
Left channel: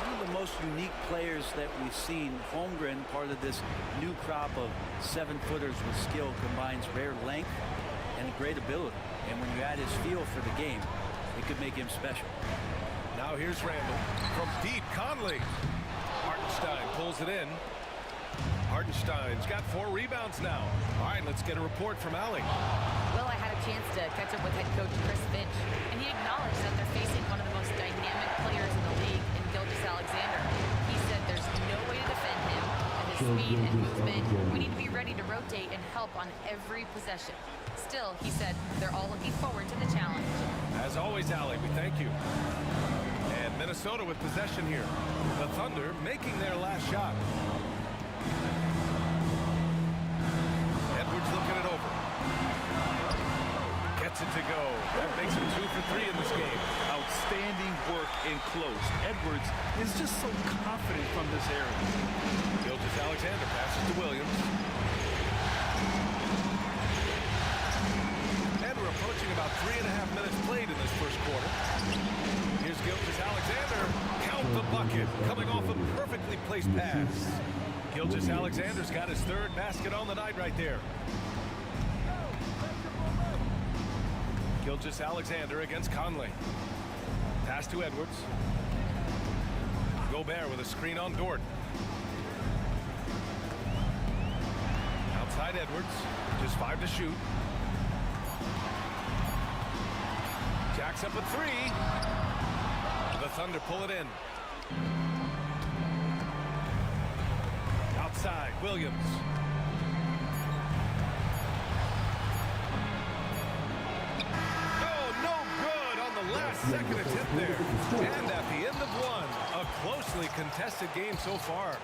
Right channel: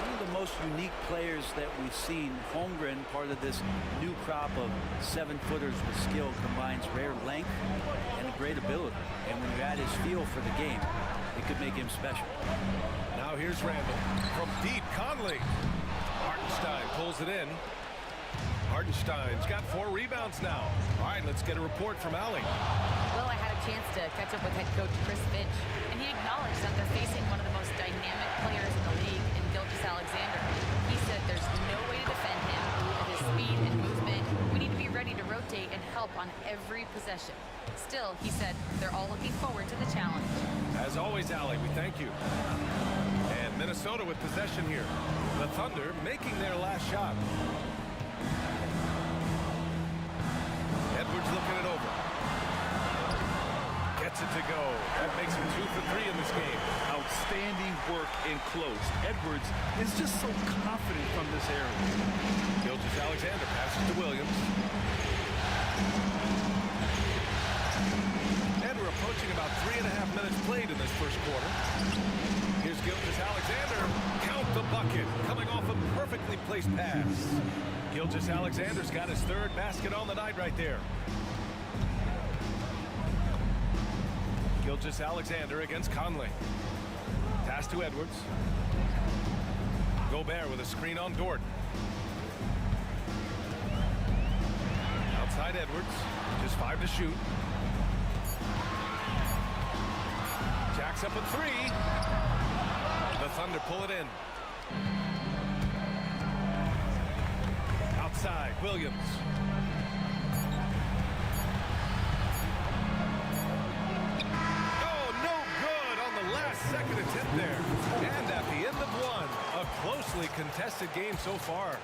One of the most unique players that we've seen. Holmgren, part of this new crop of 7-footers with skill, combines rare length and great ability. And when you add his feel for the game, it could make him special. Now here's Randall from deep. Conley. Hartenstein pulls it in. Hartenstein's got 4 rebounds now. All right, let's get a report from Allie. Well, I had a chance to catch up with head coach Chris Finch, and he acknowledged that they're facing one of the most dynamic players in the league in Gilgeous-Alexander. He said there's no way to defend him, that his speed and movement, we need to be ready to rotate and help on every possession. Still, he said they're all looking forward to the challenge. As always, Allie, we thank you. And Minnesota with possession here. The Thunder making their last shot. Edwards looking it over. Gets it to go. That makes him 2 for 3 in this game. Outstanding work in close. Edwards is just so confident from this area. Gilgeous-Alexander passes to Williams. And we're approaching about 3.5 minutes played in this first quarter. Here's Gilgeous-Alexander. Count the bucket. Coming off a perfectly placed pass. Gilgeous-Alexander's got his 3rd basket on the night right there. Gilgeous-Alexander against Conley. Pass to Edwards. Gobert with a screen on Dort. Outside Edwards. Just 5 to shoot. Jacks up a 3. The Thunder pull it in. Outside, Williams. Oh, no good on the last second attempt there. And at the end of one, a closely contested game so far.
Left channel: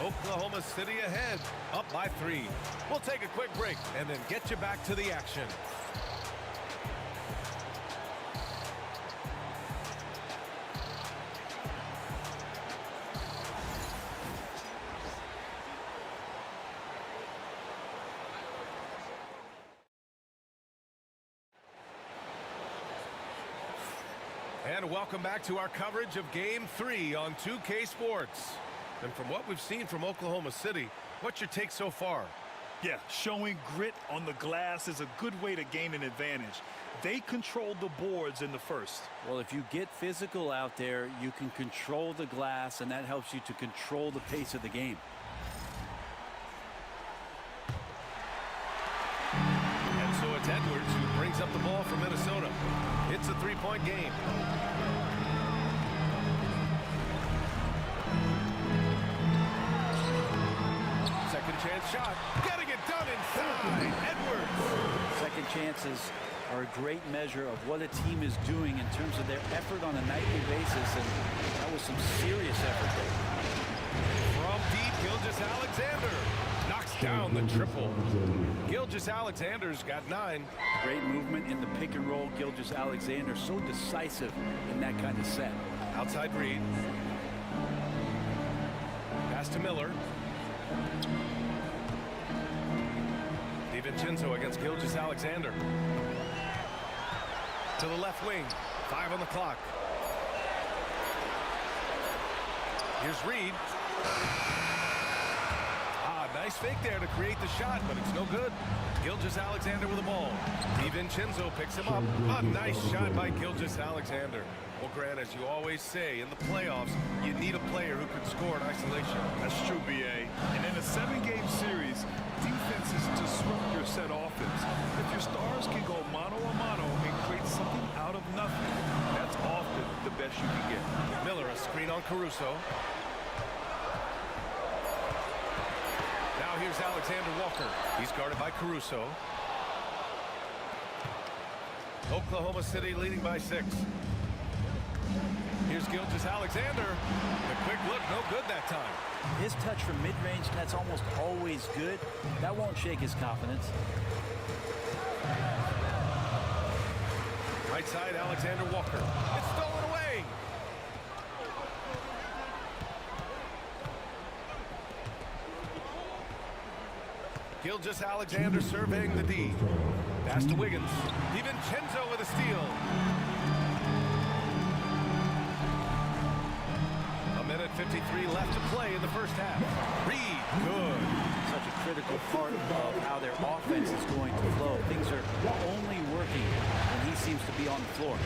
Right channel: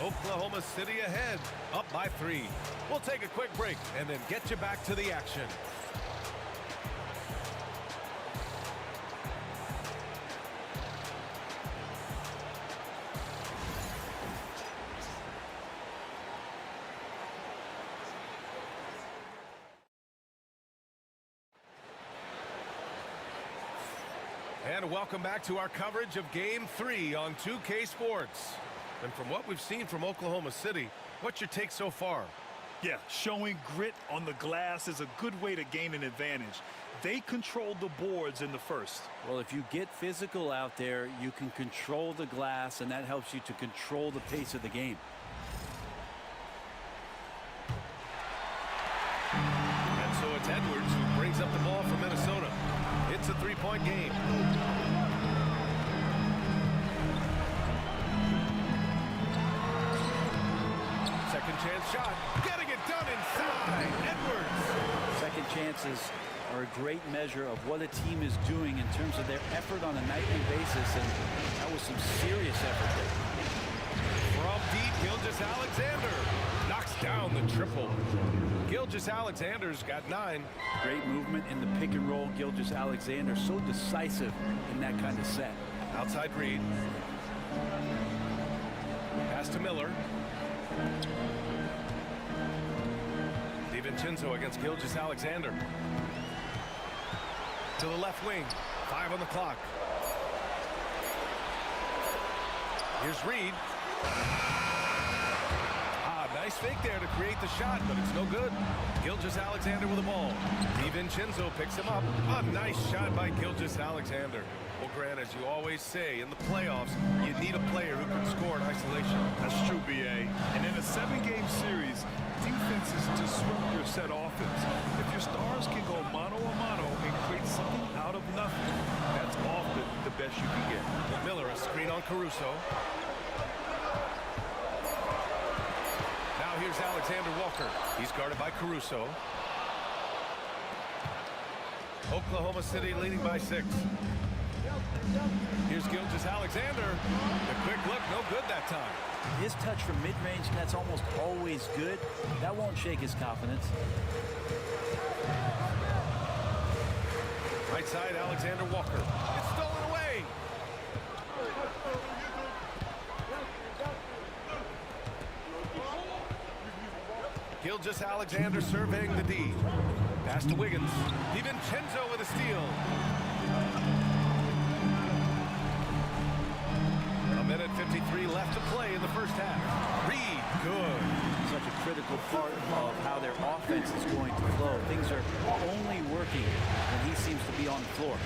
Oklahoma City ahead, up by 3. We'll take a quick break and then get you back to the action. And welcome back to our coverage of Game 3 on 2K Sports. And from what we've seen from Oklahoma City, what's your take so far? Yeah, showing grit on the glass is a good way to gain an advantage. They controlled the boards in the first. Well, if you get physical out there, you can control the glass, and that helps you to control the pace of the game. And so it's Edwards who brings up the ball for Minnesota. It's a 3-point game. Second chance shot. Getting it done inside. Edwards. Second chances are a great measure of what a team is doing in terms of their effort on a nightly basis, and that was some serious effort there. From deep, Gilgeous-Alexander knocks down the triple. Gilgeous-Alexander's got 9. Great movement in the pick and roll. Gilgeous-Alexander so decisive in that kind of set. Outside Reed. Pass to Miller. DiVincenzo against Gilgeous-Alexander. To the left wing. 5 on the clock. Here's Reed. Nice fake there to create the shot, but it's no good. Gilgeous-Alexander with the ball. DiVincenzo picks him up. A nice shot by Gilgeous-Alexander. Well, Grant, as you always say, in the playoffs, you need a player who can score in isolation. That's true, B.A. And in a 7-game series, defenses disrupt your set offense. If your stars can go mano-a-mano and create something out of nothing, that's often the best you can get. Miller, a screen on Caruso. Now here's Alexander Walker. He's guarded by Caruso. Oklahoma City leading by 6. Here's Gilgeous-Alexander. The quick look, no good that time. His touch from mid-range, that's almost always good. That won't shake his confidence. Right side, Alexander Walker. It's stolen away. Gilgeous-Alexander surveying the D. Pass to Wiggins. DiVincenzo with a steal. A minute 53 left to play in the first half. Reed, good. Such a critical part of how their offense is going to flow. Things are only working when he seems to be on the floor.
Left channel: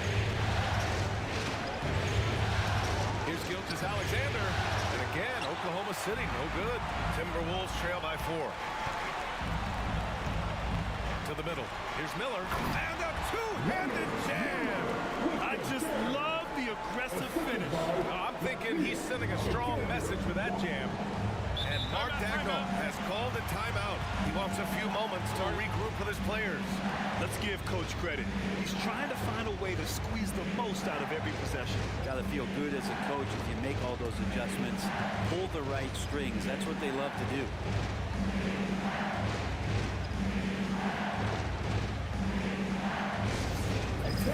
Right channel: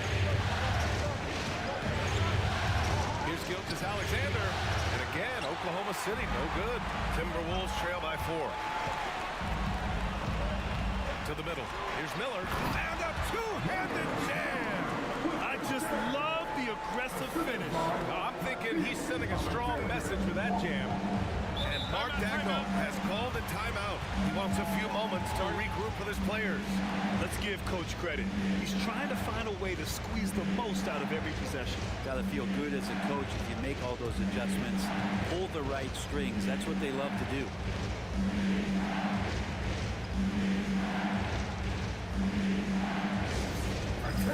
Here's Gilgeous-Alexander. And again, Oklahoma City, no good. Timberwolves trail by 4. To the middle. Here's Miller. And a two-handed jam. I just love the aggressive finish. I'm thinking he's sending a strong message with that jam. And Mark Dagnall has called a timeout. He wants a few moments to regroup with his players. Let's give Coach credit. He's trying to find a way to squeeze the most out of every possession. Got to feel good as a coach if you make all those adjustments. Pull the right strings. That's what they love to do.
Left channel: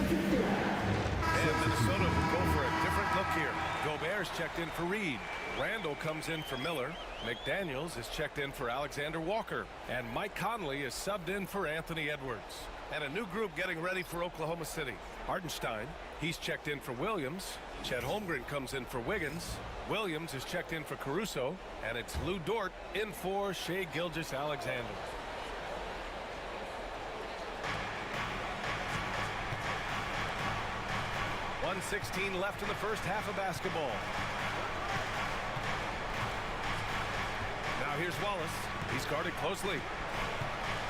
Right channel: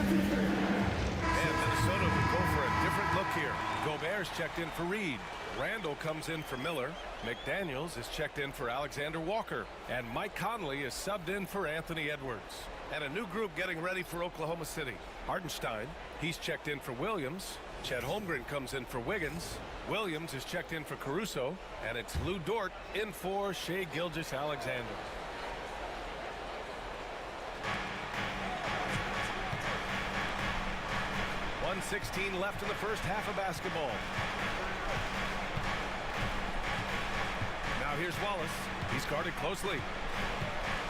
And Minnesota will go for a different look here. Gobert's checked in for Reed. Randall comes in for Miller. McDaniels is checked in for Alexander Walker. And Mike Conley is subbed in for Anthony Edwards. And a new group getting ready for Oklahoma City. Hartenstein, he's checked in for Williams. Chet Holmgren comes in for Wiggins. Williams is checked in for Caruso. And it's Lou Dort in for Shai Gilgeous-Alexander. 1:16 left in the first half of basketball. Now here's Wallace. He's guarded closely.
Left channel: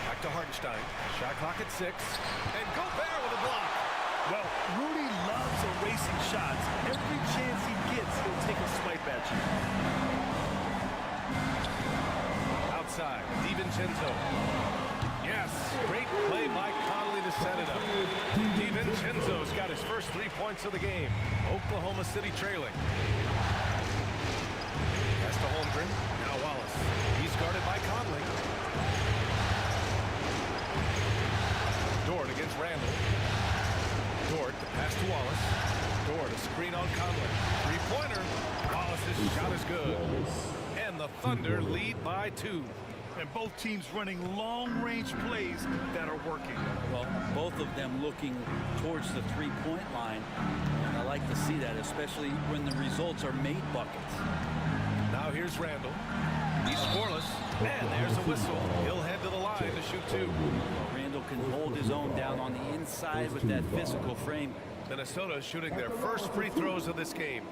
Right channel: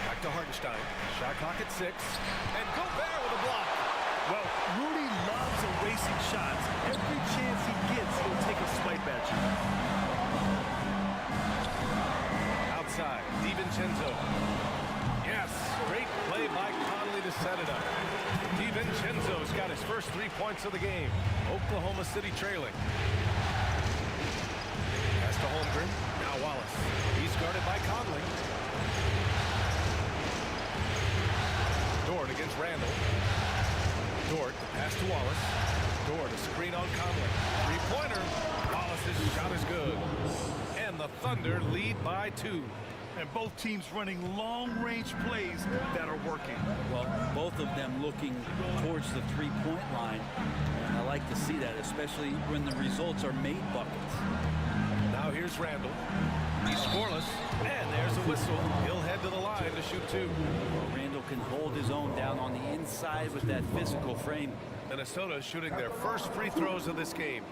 Back to Hartenstein. Shot clock at 6. And Gobert with a block. Well, Rudy loves erasing shots. Every chance he gets, he'll take a swipe at you. Outside, DiVincenzo. Yes, great play by Conley to set it up. DiVincenzo's got his first 3 points of the game. Oklahoma City trailing. Pass to Holmgren. Now Wallace. He's guarded by Conley. Dort against Randall. Dort, the pass to Wallace. Dort, a screen on Conley. Three-pointer. Wallace's shot is good. And the Thunder lead by 2. And both teams running long-range plays that are working. Well, both of them looking towards the three-point line. And I like to see that, especially when the results are made buckets. Now here's Randall. He's scoreless. And there's a whistle. He'll head to the line to shoot 2. Well, Randall can hold his own down on the inside with that physical frame. Minnesota shooting their first free throws of this game.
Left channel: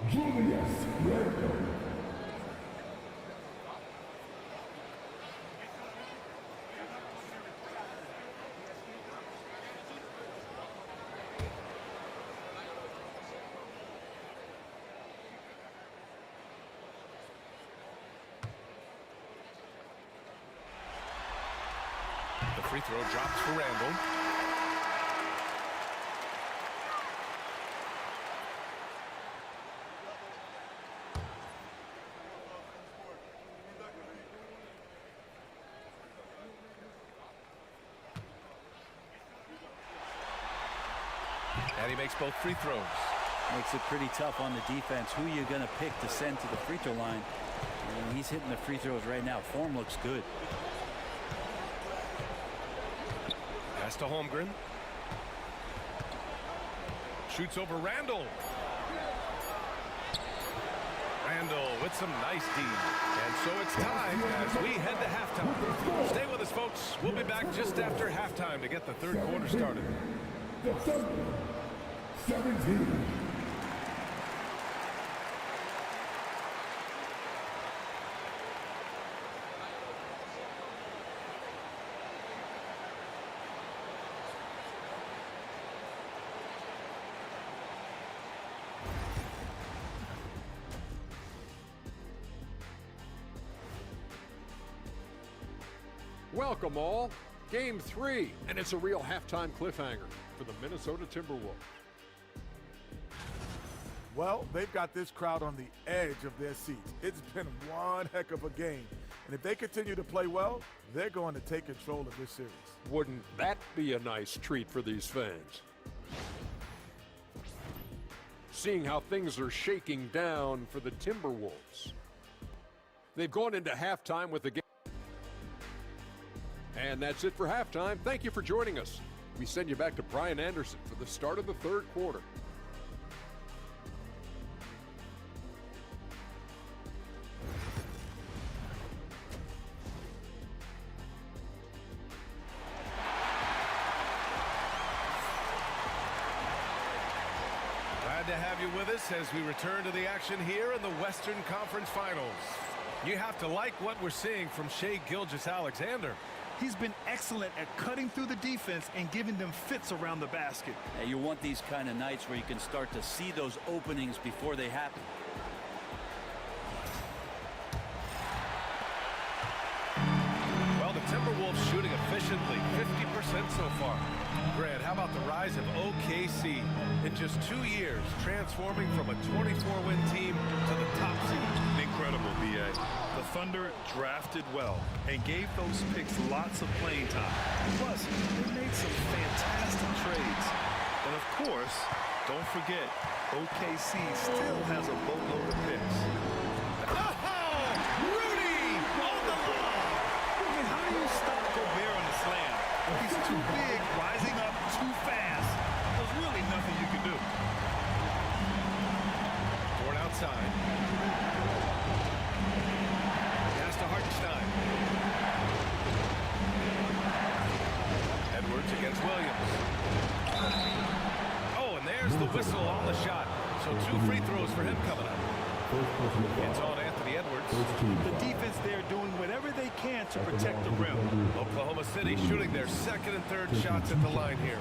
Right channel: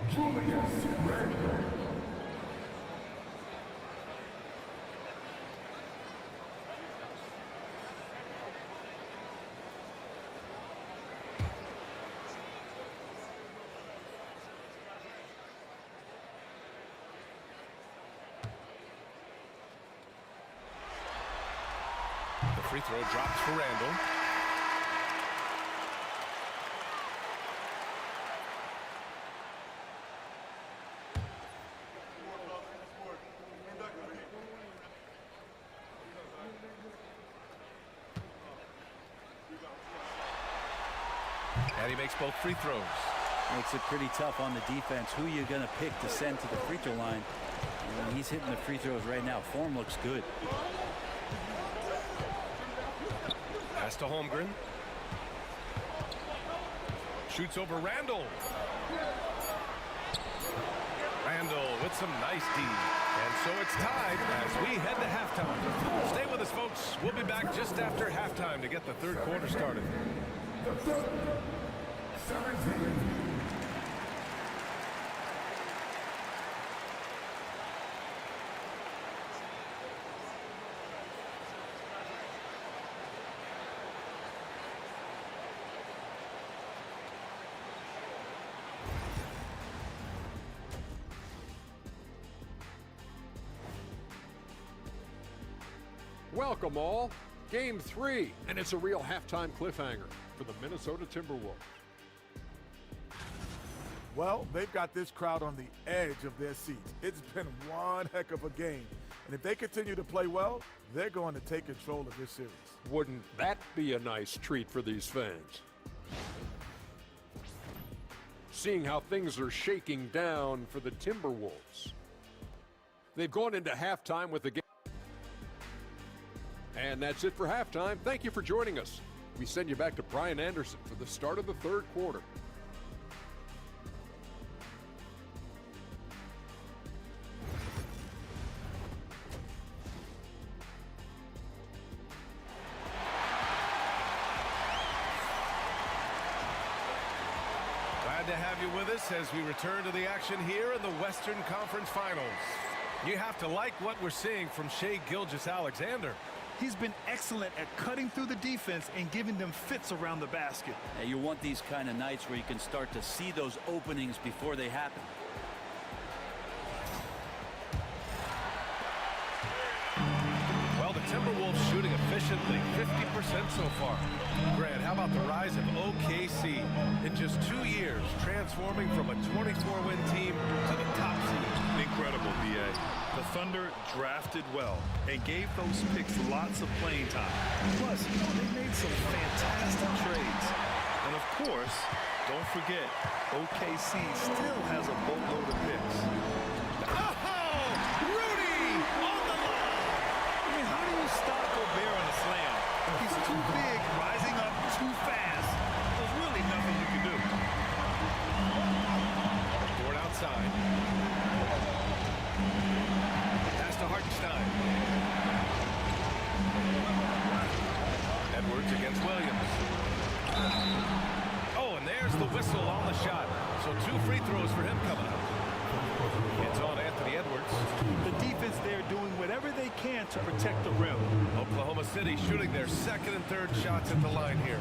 Free throw drops for Randall. And he makes both free throws. Makes it pretty tough on the defense. Who you're going to pick to send to the free throw line. And he's hitting the free throws right now. Form looks good. Pass to Holmgren. Shoots over Randall. Randall with some nice D. And so it's tied as we head to halftime. Stay with us, folks. We'll be back just after halftime to get the third quarter started. 17. Welcome all. Game 3, and it's a real halftime cliffhanger for the Minnesota Timberwolves. Well, they've got this crowd on the edge of their seats. It's been one heck of a game. And if they continue to play well, they're going to take control of this series. Wouldn't that be a nice treat for these fans? Seeing how things are shaking down for the Timberwolves. They've gone into halftime with the game. And that's it for halftime. Thank you for joining us. We send you back to Brian Anderson for the start of the third quarter. Glad to have you with us as we return to the action here in the Western Conference Finals. You have to like what we're seeing from Shai Gilgeous-Alexander. He's been excellent at cutting through the defense and giving them fits around the basket. Now, you want these kind of nights where you can start to see those openings before they happen. Well, the Timberwolves shooting efficiently, 50% so far. Grant, how about the rise of OKC in just 2 years, transforming from a 24-win team to the top seed? Incredible, B.A. The Thunder drafted well and gave those picks lots of playing time. Plus, they made some fantastic trades. And of course, don't forget, OKC still has a boatload of picks. Oh, Rudy on the lob! I mean, how do you stop Gobert on the slam? He's too big, rising up too fast. There's really nothing you can do. Ford outside. Pass to Hartenstein. Edwards against Williams. Oh, and there's the whistle on the shot. So 2 free throws for him coming up. It's on Anthony Edwards. The defense there doing whatever they can to protect the rim. Oklahoma City shooting their second and third shots at the line here.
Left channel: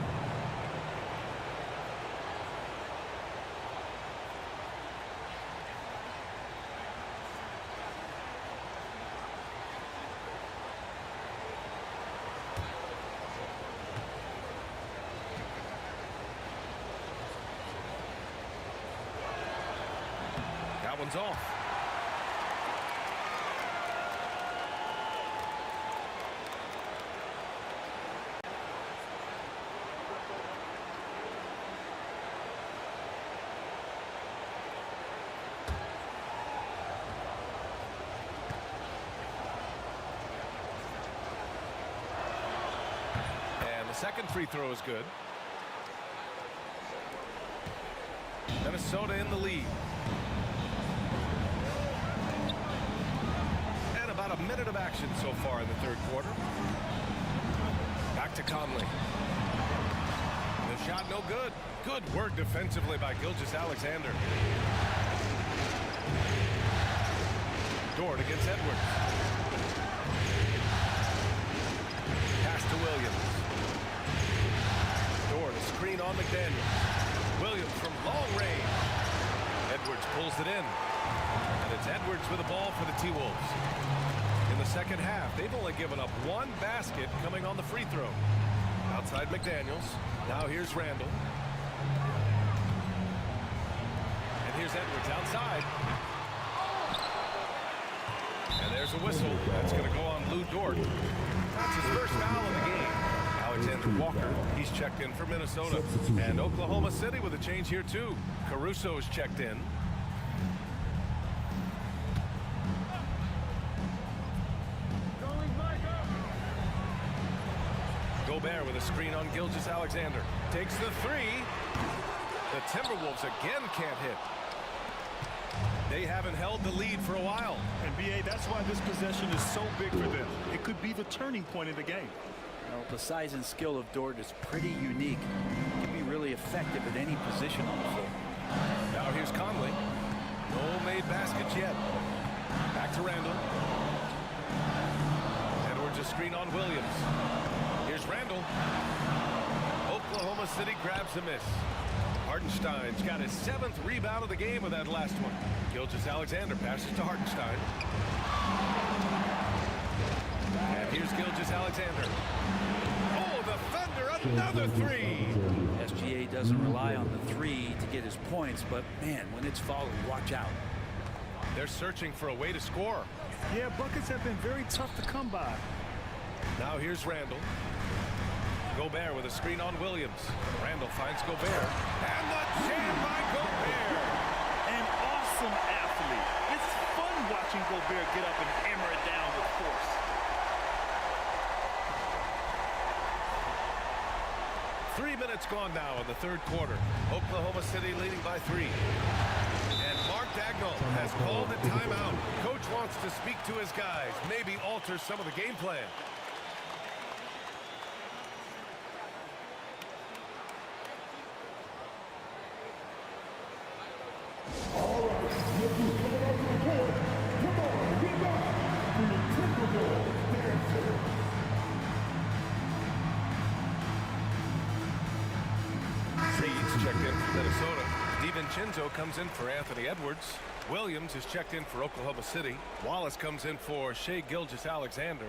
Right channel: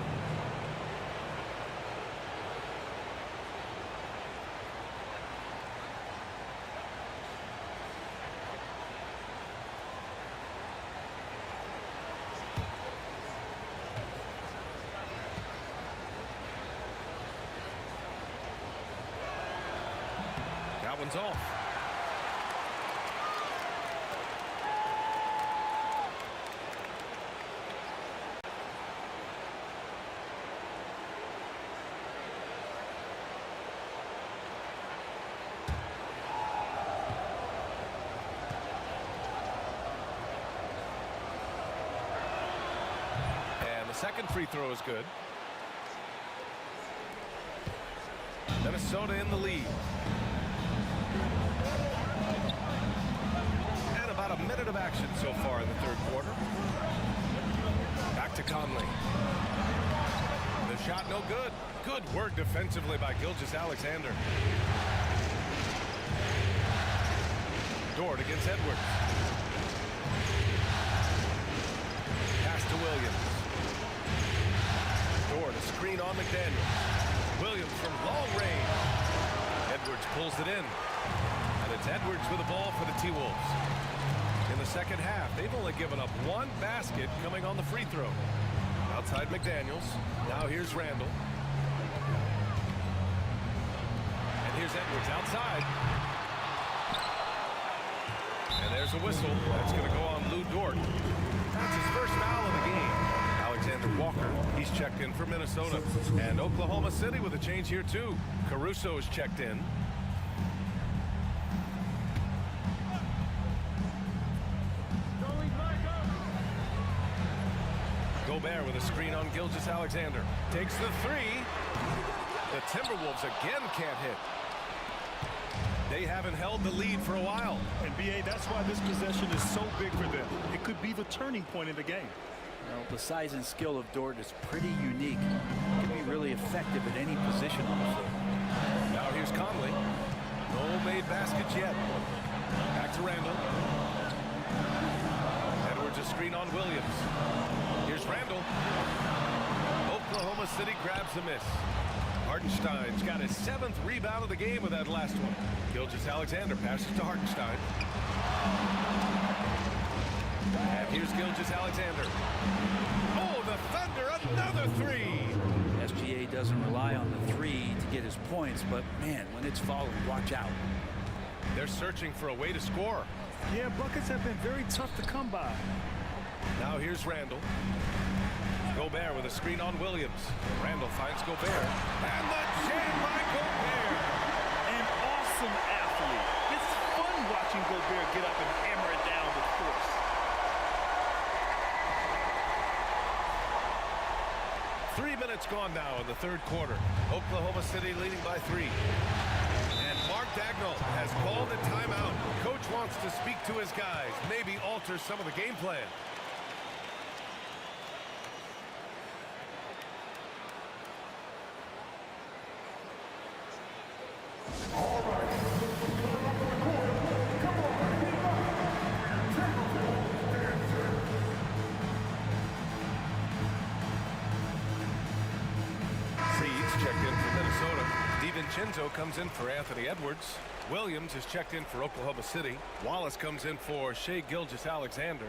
That one's off. And the second free throw is good. Minnesota in the lead. About a minute of action so far in the third quarter. Back to Conley. The shot no good. Good work defensively by Gilgeous-Alexander. Dort against Edwards. Pass to Williams. Dort a screen on McDaniel. Williams from long range. Edwards pulls it in. And it's Edwards with the ball for the T-Wolves. In the the second half. They've only given up one basket coming on the free throw. Outside McDaniels. Now here's Randall. And here's Edwards outside. And there's a whistle. That's going to go on Lou Dort. That's his first foul of the game. Alexander Walker, he's checked in for Minnesota. And Oklahoma City with a change here too. Caruso's checked in. Gobert with a screen on Gilgeous-Alexander. Takes the three. The Timberwolves again can't hit. They haven't held the lead for a while. And B.A., that's why this possession is so big for them. It could be the turning point in the game. Well, the size and skill of Dort is pretty unique. He can be really effective at any position on the floor. Now here's Conley. No made baskets yet. Back to Randall. Edwards a screen on Williams. Here's Randall. Oklahoma City grabs a miss. Hartenstein's got his 7th rebound of the game with that last one. Gilgeous-Alexander passes to Hartenstein. And here's Gilgeous-Alexander. Oh, the Thunder, another three. SGA doesn't rely on the three to get his points, but man, when it's falling, watch out. They're searching for a way to score. Yeah, buckets have been very tough to come by. Now here's Randall. Gobert with a screen on Williams. Randall finds Gobert. And the jam by Gobert. An awesome athlete. It's fun watching Gobert get up and hammer it down with force. Three minutes gone now in the third quarter. Oklahoma City leading by 3. And Mark Dagnall has called a timeout. Coach wants to speak to his guys, maybe alter some of the game plan. Checked in for Minnesota. DiVincenzo comes in for Anthony Edwards. Williams is checked in for Oklahoma City. Wallace comes in for Shai Gilgeous-Alexander.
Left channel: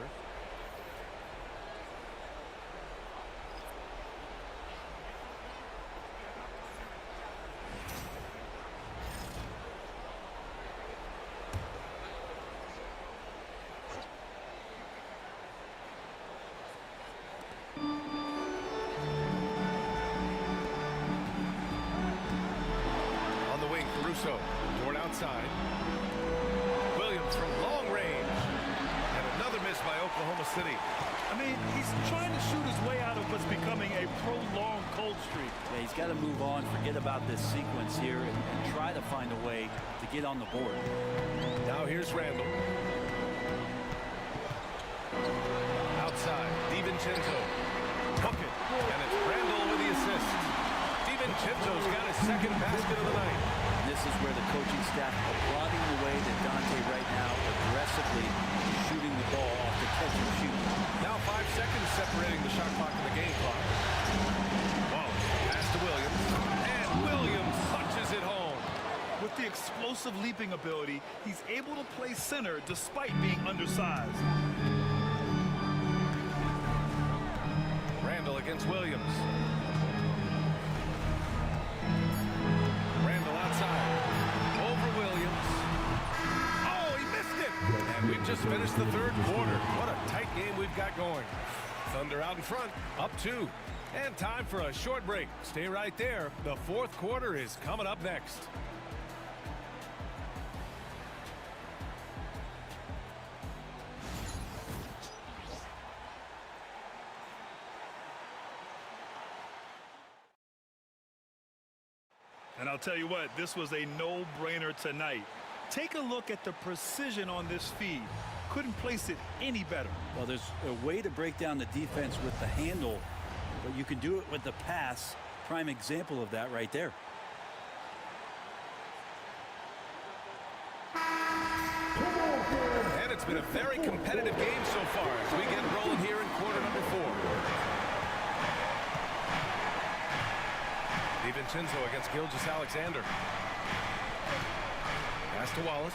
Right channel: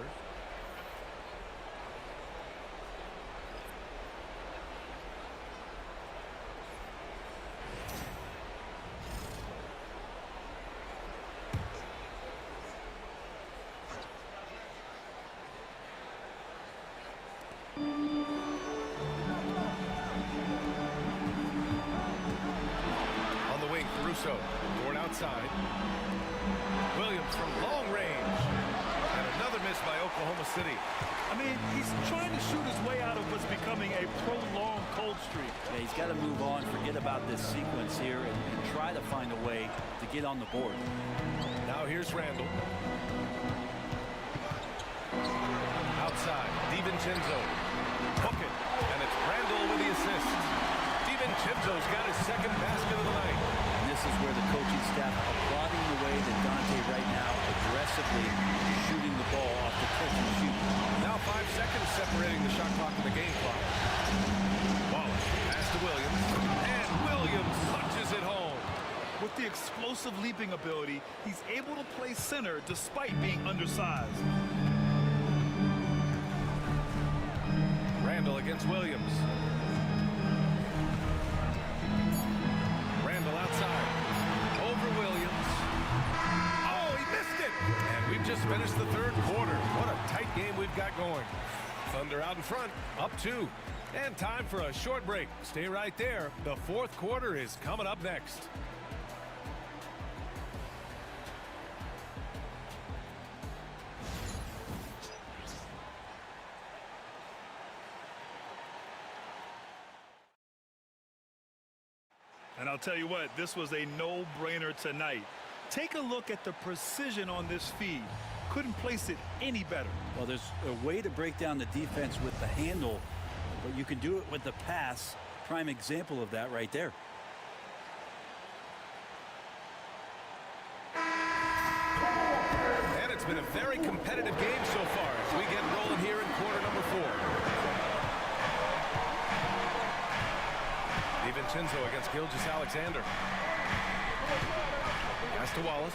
On the wing, Caruso. Dort outside. Williams from long range. And another miss by Oklahoma City. I mean, he's trying to shoot his way out of what's becoming a prolonged cold streak. Yeah, he's got to move on, forget about this sequence here, and try to find a way to get on the board. Now here's Randall. Outside, DiVincenzo. Hook it. And it's Randall with the assist. DiVincenzo's got his second basket of the night. And this is where the coaching staff applauding the way that Dante right now aggressively shooting the ball off the catch and shoot. Now 5 seconds separating the shot clock and the game clock. Wallace pass to Williams. And Williams punches it home. With the explosive leaping ability, he's able to play center despite being undersized. Randall against Williams. Randall outside. Over Williams. Oh, he missed it! And we've just finished the third quarter. What a tight game we've got going. Thunder out in front, up 2. And time for a short break. Stay right there. The fourth quarter is coming up next. And I'll tell you what, this was a no-brainer tonight. Take a look at the precision on this feed. Couldn't place it any better. Well, there's a way to break down the defense with the handle, but you can do it with the pass. Prime example of that right there. And it's been a very competitive game so far as we get rolling here in quarter number 4. DiVincenzo against Gilgeous-Alexander. Pass to Wallace.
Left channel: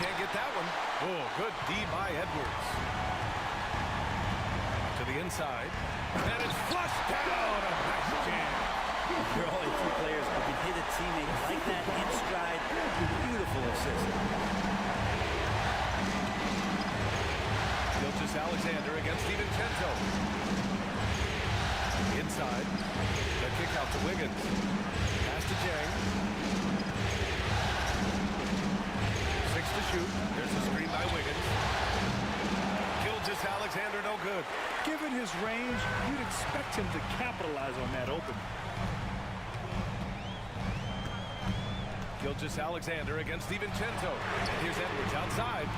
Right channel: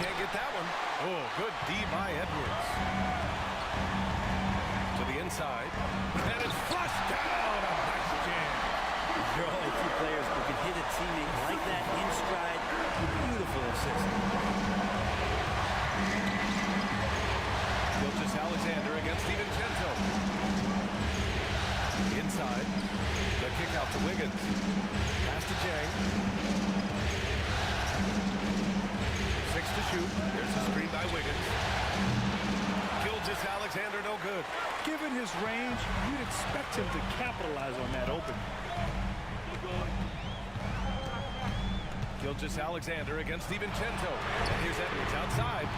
can't get that one. Oh, good D by Edwards. To the inside. And it's flushed down. A nice jam. There are only two players who can hit a teammate like that in stride. Beautiful assist. Gilgeous-Alexander against DiVincenzo. Inside. The kick out to Wiggins. Pass to Jang. 6 to shoot. There's a screen by Wiggins. Gilgeous-Alexander no good. Given his range, you'd expect him to capitalize on that open. Gilgeous-Alexander against DiVincenzo. And here's Edwards outside.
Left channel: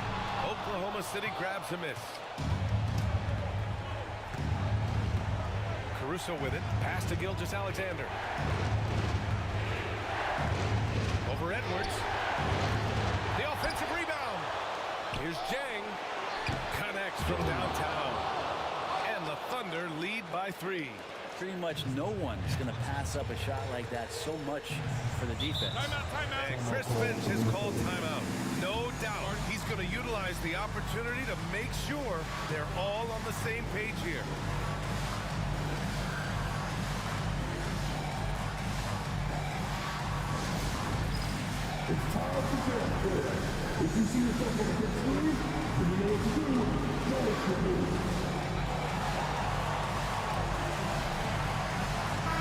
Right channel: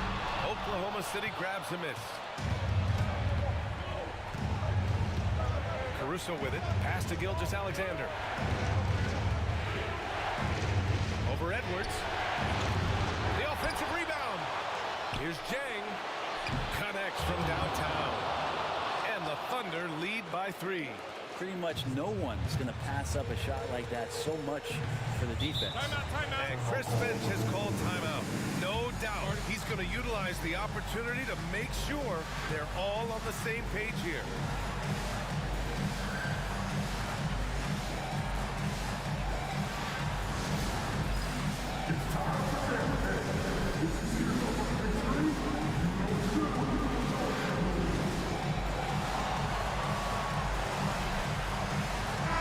Oklahoma City grabs a miss. Caruso with it. Pass to Gilgeous-Alexander. Over Edwards. The offensive rebound. Here's Jang. Connects from downtown. And the Thunder lead by 3. Pretty much no one is going to pass up a shot like that so much for the defense. Timeout. And Chris Finch has called timeout. No doubt he's going to utilize the opportunity to make sure they're all on the same page here. It's time for Jam. If you see yourself on the big screen, then you know what to do. Know what to do.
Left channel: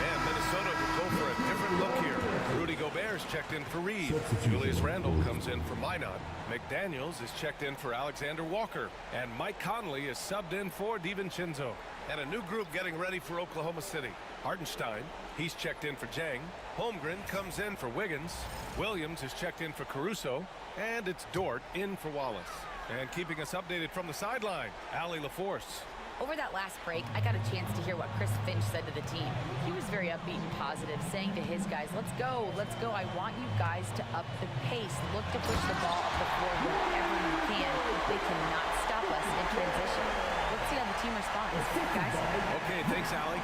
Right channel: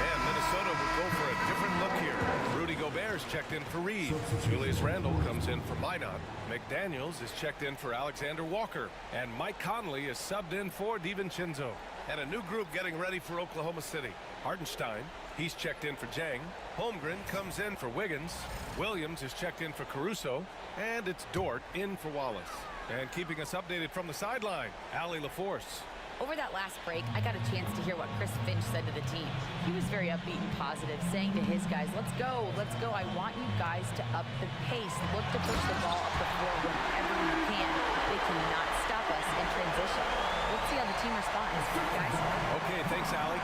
And Minnesota will go for a different look here. Rudy Gobert's checked in for Reed. Julius Randle comes in for Minot. McDaniels is checked in for Alexander Walker. And Mike Conley is subbed in for DiVincenzo. And a new group getting ready for Oklahoma City. Hartenstein, he's checked in for Jang. Holmgren comes in for Wiggins. Williams is checked in for Caruso. And it's Dort in for Wallace. And keeping us updated from the sideline, Allie LaForce. Over that last break, I got a chance to hear what Chris Finch said to the team. He was very upbeat and positive, saying to his guys, let's go. I want you guys to up the pace. Look to push the ball up the floor whenever you can. They cannot stop us in transition. Let's see how the team responds. Guys? Okay, thanks, Allie.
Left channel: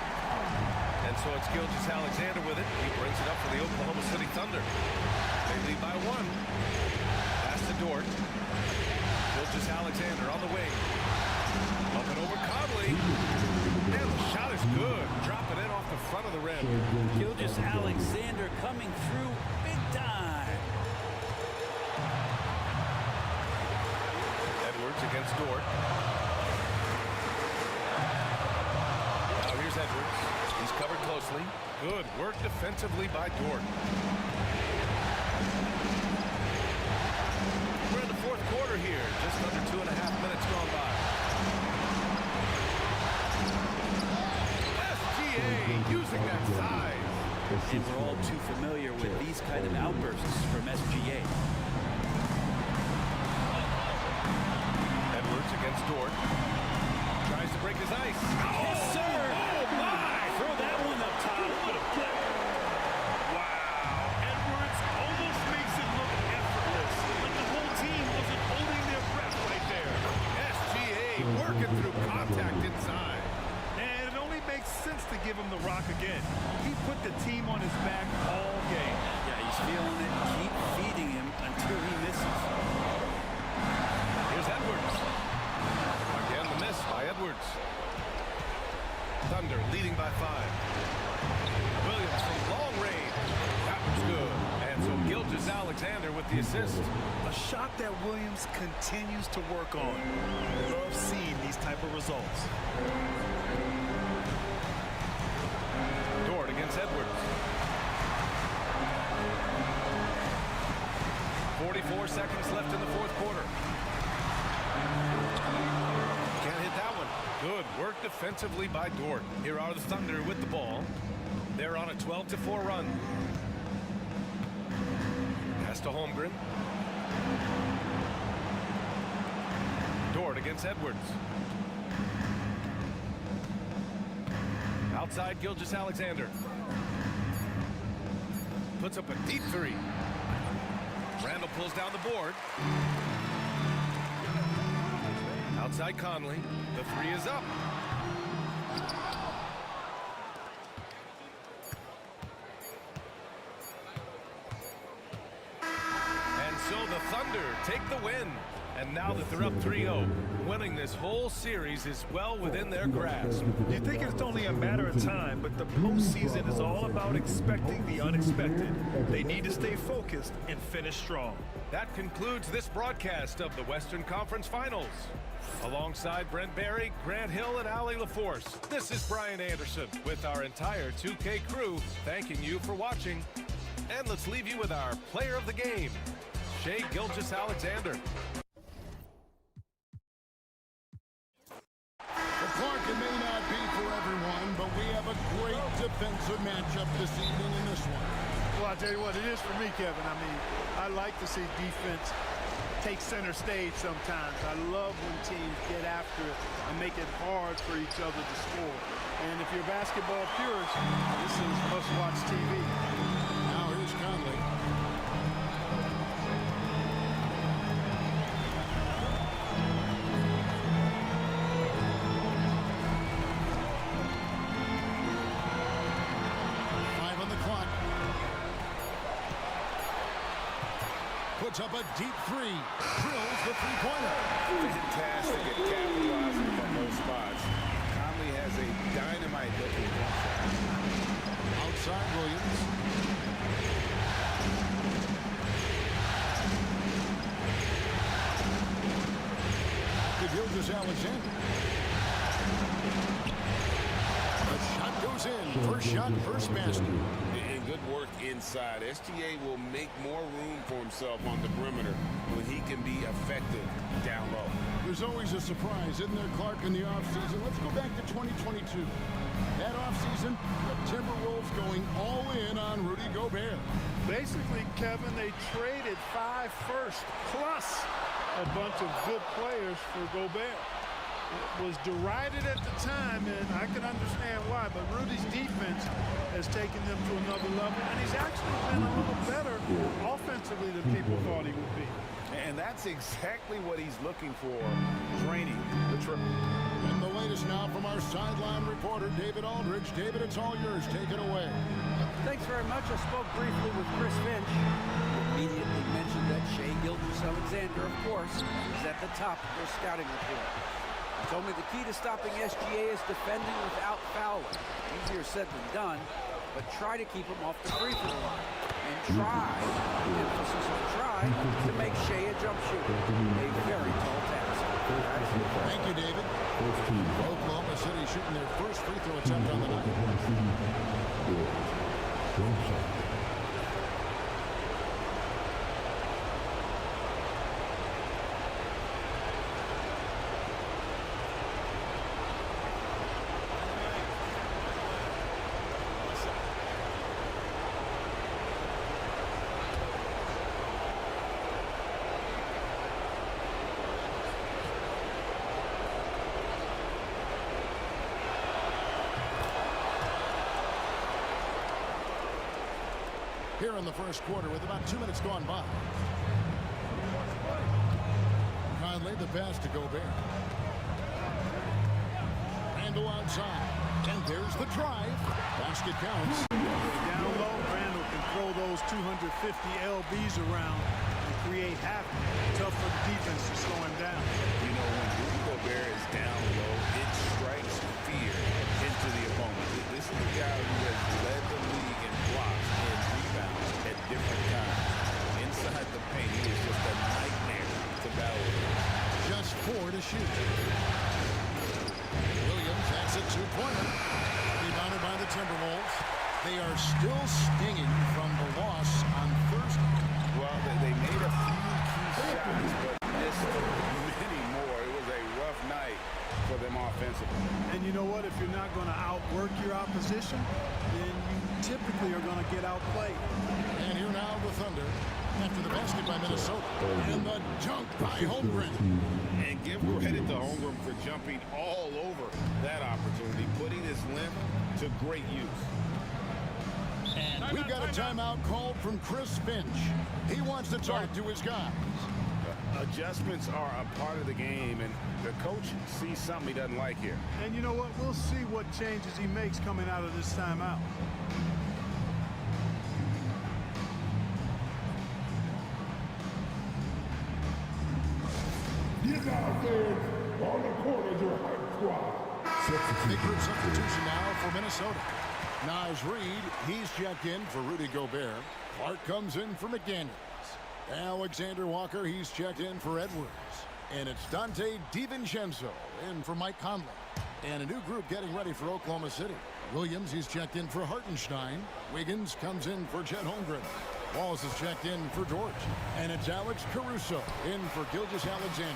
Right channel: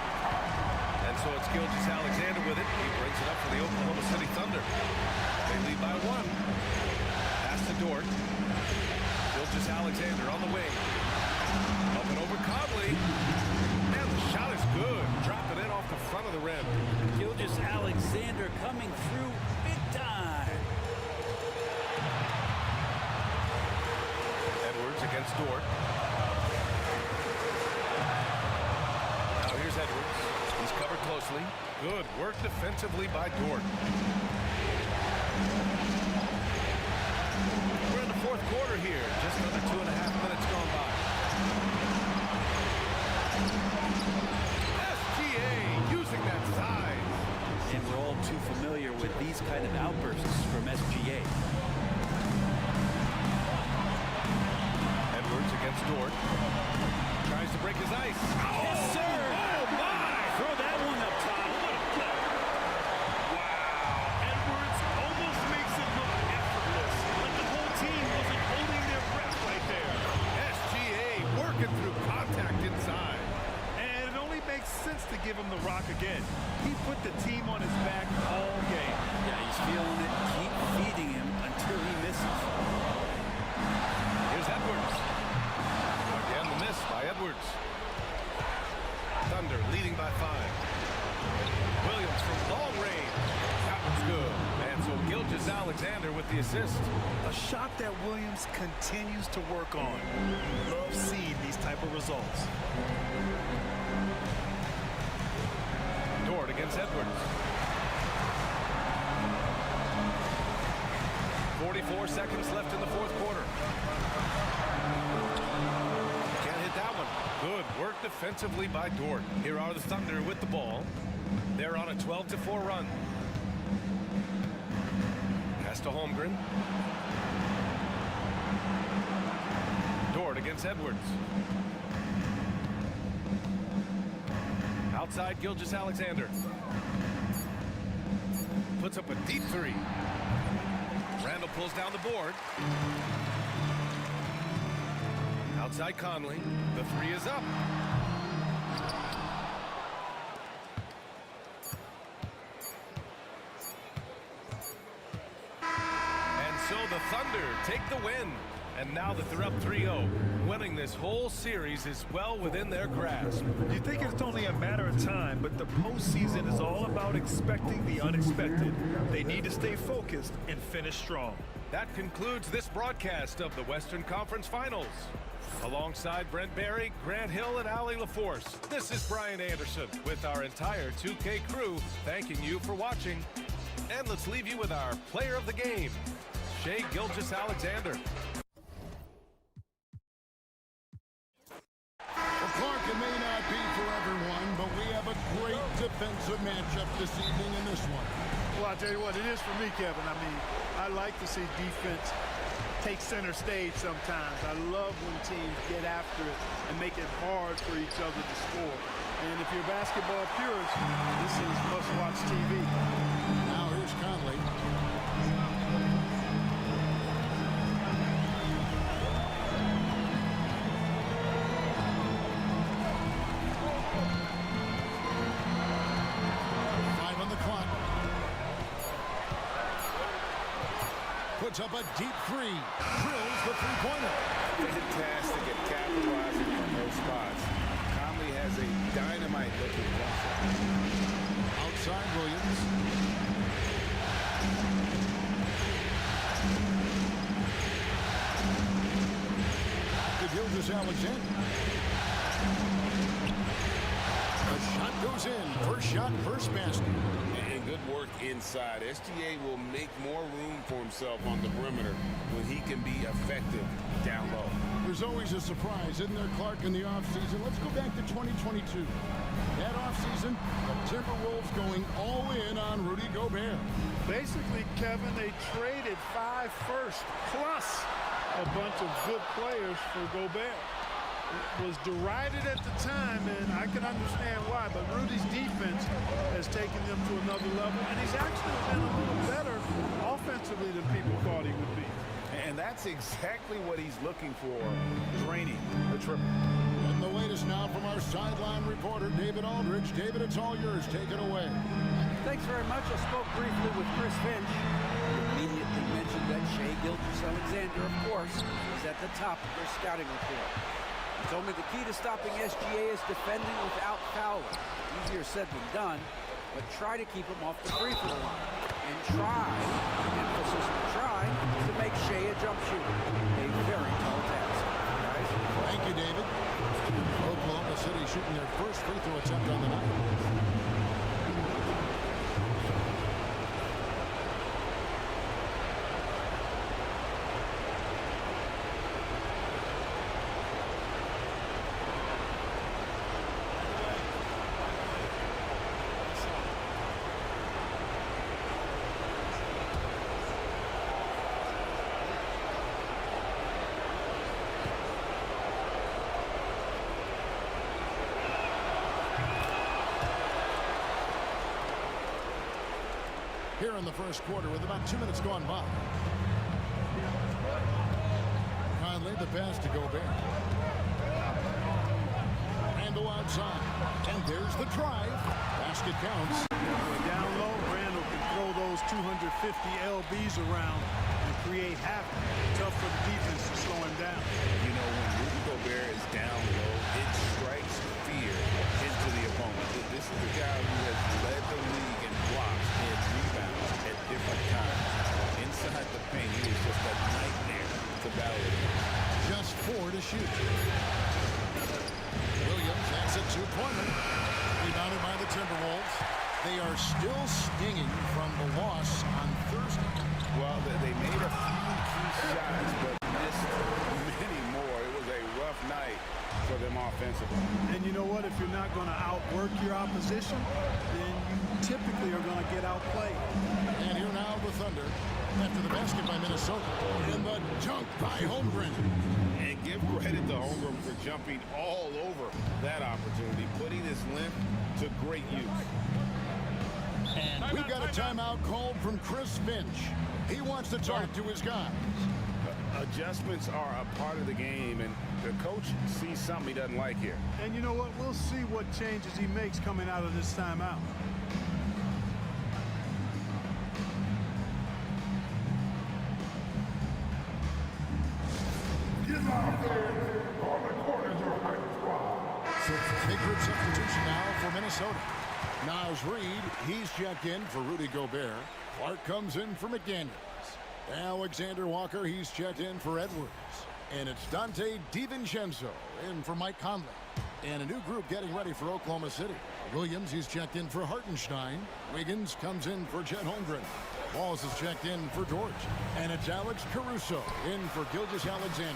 And so it's Gilgeous-Alexander with it. He brings it up for the Oklahoma City Thunder. They lead by 1. Pass to Dort. Gilgeous-Alexander on the wing. Up and over Conley. And the shot is good. Dropping in off the front of the rim. Gilgeous-Alexander coming through big time. Edwards against Dort. Now here's Edwards. He's covered closely. Good work defensively by Dort. We're in the fourth quarter here. Just under 2.5 minutes gone by. SGA using that size. And we're all too familiar with these kind of outbursts from SGA. Edwards against Dort. Tries to break his ice. Yes, sir. Oh, my. Throw that one up top. What a play. Wow. Edwards almost makes it look effortless. Like the whole team wasn't holding their breath right there. SGA working through contact inside. And it only makes sense to give him the rock again. He put the team on his back all game. Yeah, he's feeling it. Keep feeding him until he misses. Here's Edwards. Again, the miss by Edwards. Thunder leading by 5. Williams from long range. That was good. And so Gilgeous-Alexander with the assist. A shot that Williams continues to work on. Love seeing these type of results. Dort against Edwards. 44 seconds left in the fourth quarter. Can't hit that one. Good work defensively by Dort. Here are the Thunder with the ball. They're on a 12-4 run. Pass to Holmgren. Dort against Edwards. Outside Gilgeous-Alexander. Puts up a deep 3. Randle pulls down the board. Outside Conley. The 3 is up. And So the Thunder take the win. And now that they're up 3-0, winning this whole series is well within their grasp. You think it's only a matter of time, but the postseason is all about expecting the unexpected. They need to stay focused and finish strong. That concludes this broadcast of the Western Conference Finals. Alongside Brent Barry, Grant Hill, and Allie LaForce, this is Brian Anderson with our entire 2K crew thanking you for watching. And let's leave you with our player of the game, Shai Gilgeous-Alexander. Well, Clark, it may not be for everyone, but we have a great defensive matchup this evening in this one. Well, I'll tell you what, it is for me, Kevin. I mean, I like to see defense take center stage sometimes. I love when teams get after it and make it hard for each other to score. And if you're a basketball purist, this is must-watch TV. Now here's Conley. On the clock. Puts up a deep three. Drills the three-pointer. Fantastic at capitalizing from those spots. Conley has a dynamite-looking jump shot. Outside Williams. To Gilgeous-Alexander. The shot goes in. First shot, first basket. And good work inside. SGA will make more room for himself on the perimeter when he can be effective down low. There's always a surprise, isn't there, Clark, in the offseason? Let's go back to 2022. That offseason, the Timberwolves going all in on Rudy Gobert. Basically, Kevin, they traded 5 firsts plus a bunch of good players for Gobert. It was derided at the time, and I can understand why, but Rudy's defense has taken them to another level, and he's actually been a little better offensively than people thought he would be. And that's exactly what he's looking for, draining the triple. And the latest now from our sideline reporter, David Aldridge. David, it's all yours. Take it away. Thanks very much. I spoke briefly with Chris Finch. He immediately mentioned that Shai Gilgeous-Alexander, of course, is at the top of their scouting report. He told me the key to stopping SGA is defending without fouling. Easier said than done, but try to keep him off the free throw line. And try, emphasis on try, to make Shai a jump shooter. A very tall task. Guys? Thank you, David. Oklahoma City shooting their first free throw attempt on the night. Here in the first quarter with about 2 minutes gone by. Conley, the pass to Gobert. Randall outside. And there's the drive. Basket counts. Down low, Randall can throw those 250 LBs around and create havoc. Tough for the defense to slow him down. You know, when Rudy Gobert is down low, it strikes fear into the opponent. This is a guy who has led the league in blocks and rebounds at different times. Inside the paint, he is just a nightmare to battle with. Just 4 to shoot. Williams has a two-pointer. Rebounded by the Timberwolves. They are still stinging from the loss on Thursday. Well, they made a few key shots, but missed many more. It was a rough night for them offensively. And you know what? If you're not going to outwork your opposition, then you typically are going to get outplayed. And here now the Thunder after the basket by Minnesota. And the dunk by Holmgren. And give credit to Holmgren for jumping all over that opportunity, putting his length to great use. And we've got a timeout called from Chris Finch. He wants to talk to his guys. Adjustments are a part of the game, and the coach sees something he doesn't like here. And you know what? We'll see what changes he makes coming out of this timeout. begins on the court as your hype squad. Big group substitution now for Minnesota. Naz Reid, he's checked in for Rudy Gobert. Clark comes in for McDaniels. Alexander Walker, he's checked in for Edwards. And it's Dante DiVincenzo in for Mike Conley. And a new group getting ready for Oklahoma City. Williams, he's checked in for Hartenstein. Wiggins comes in for Chet Holmgren. Walls is checked in for George. And it's Alex Caruso in for Gilgeous-Alexander.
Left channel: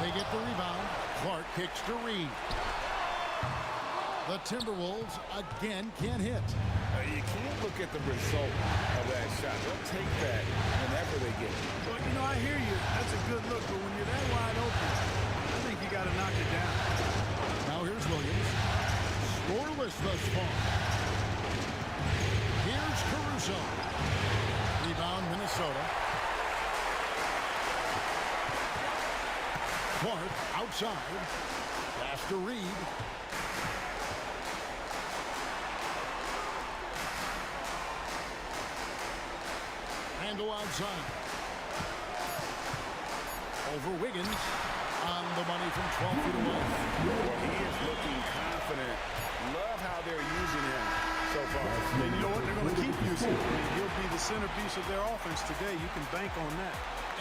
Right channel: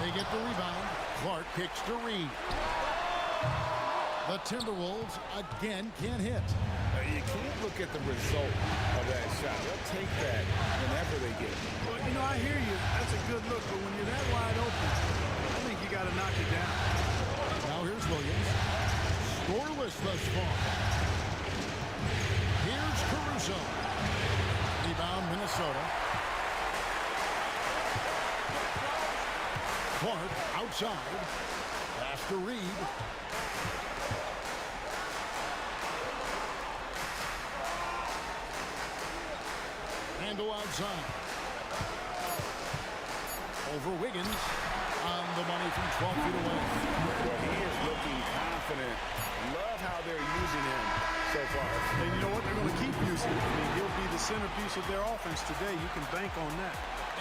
They get the rebound. Clark kicks to Reid. The Timberwolves again can't hit. You can't look at the result of that shot. They'll take that whenever they get it. Well, you know, I hear you. That's a good look, but when you're that wide open, I think you got to knock it down. Now here's Williams. Scoreless thus far. Here's Caruso. Rebound, Minnesota. Clark outside. Pass to Reid. Randall outside. Over Wiggins. On the money from 12 feet away. Well, he is looking confident. Love how they're using him so far. And you know what? They're going to keep using him. I mean, he'll be the centerpiece of their offense today. You can bank on that.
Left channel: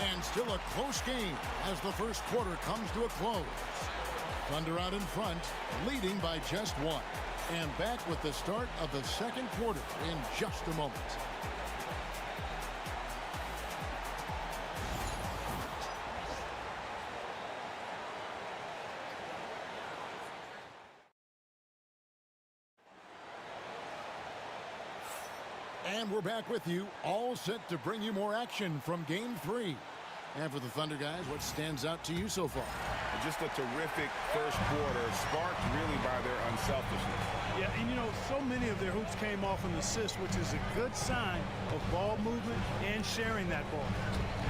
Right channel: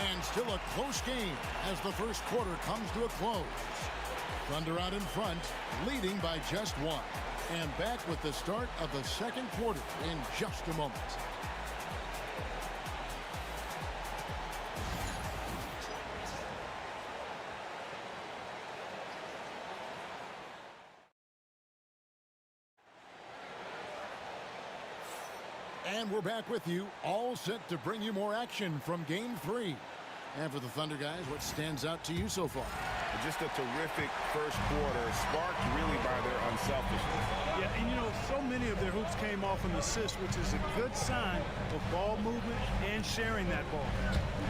And still a close game as the first quarter comes to a close. Thunder out in front, leading by just one. And back with the start of the second quarter in just a moment. And we're back with you, all set to bring you more action from Game 3. And for the Thunder guys, what stands out to you so far? Just a terrific first quarter, sparked really by their unselfishness. Yeah, and you know, so many of their hoops came off an assist, which is a good sign of ball movement and sharing that ball.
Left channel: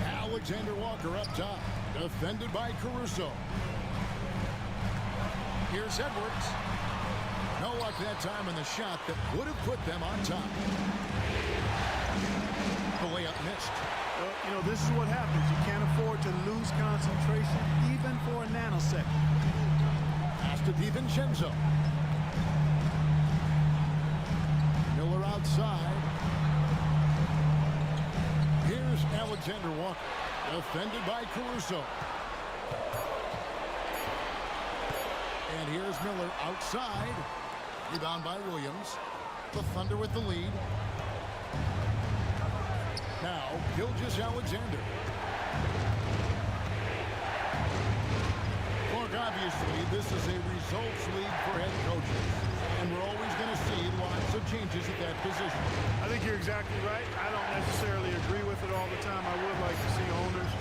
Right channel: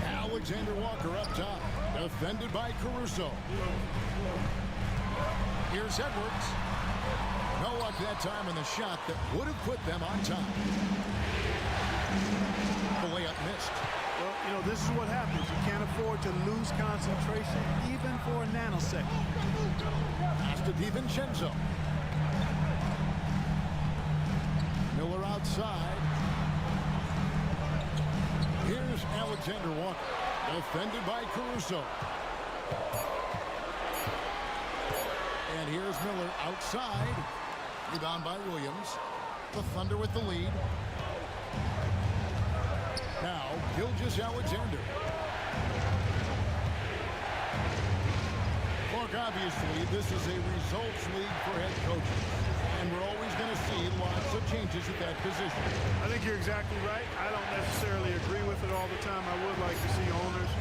Alexander Walker up top, defended by Caruso. Here's Edwards. No luck that time in the shot that would have put them on top. The layup missed. Well, you know, this is what happens. You can't afford to lose concentration, even for a nanosecond. Pass to DiVincenzo. Miller outside. Here's Alexander Walker, defended by Caruso. And here's Miller outside. Rebound by Williams. The Thunder with the lead. Now, Gilgeous-Alexander. Look, obviously, this is a results league for head coaches. And we're always going to see lots of changes at that position. I think you're exactly right. I don't necessarily agree with it all the time. I would like to see owners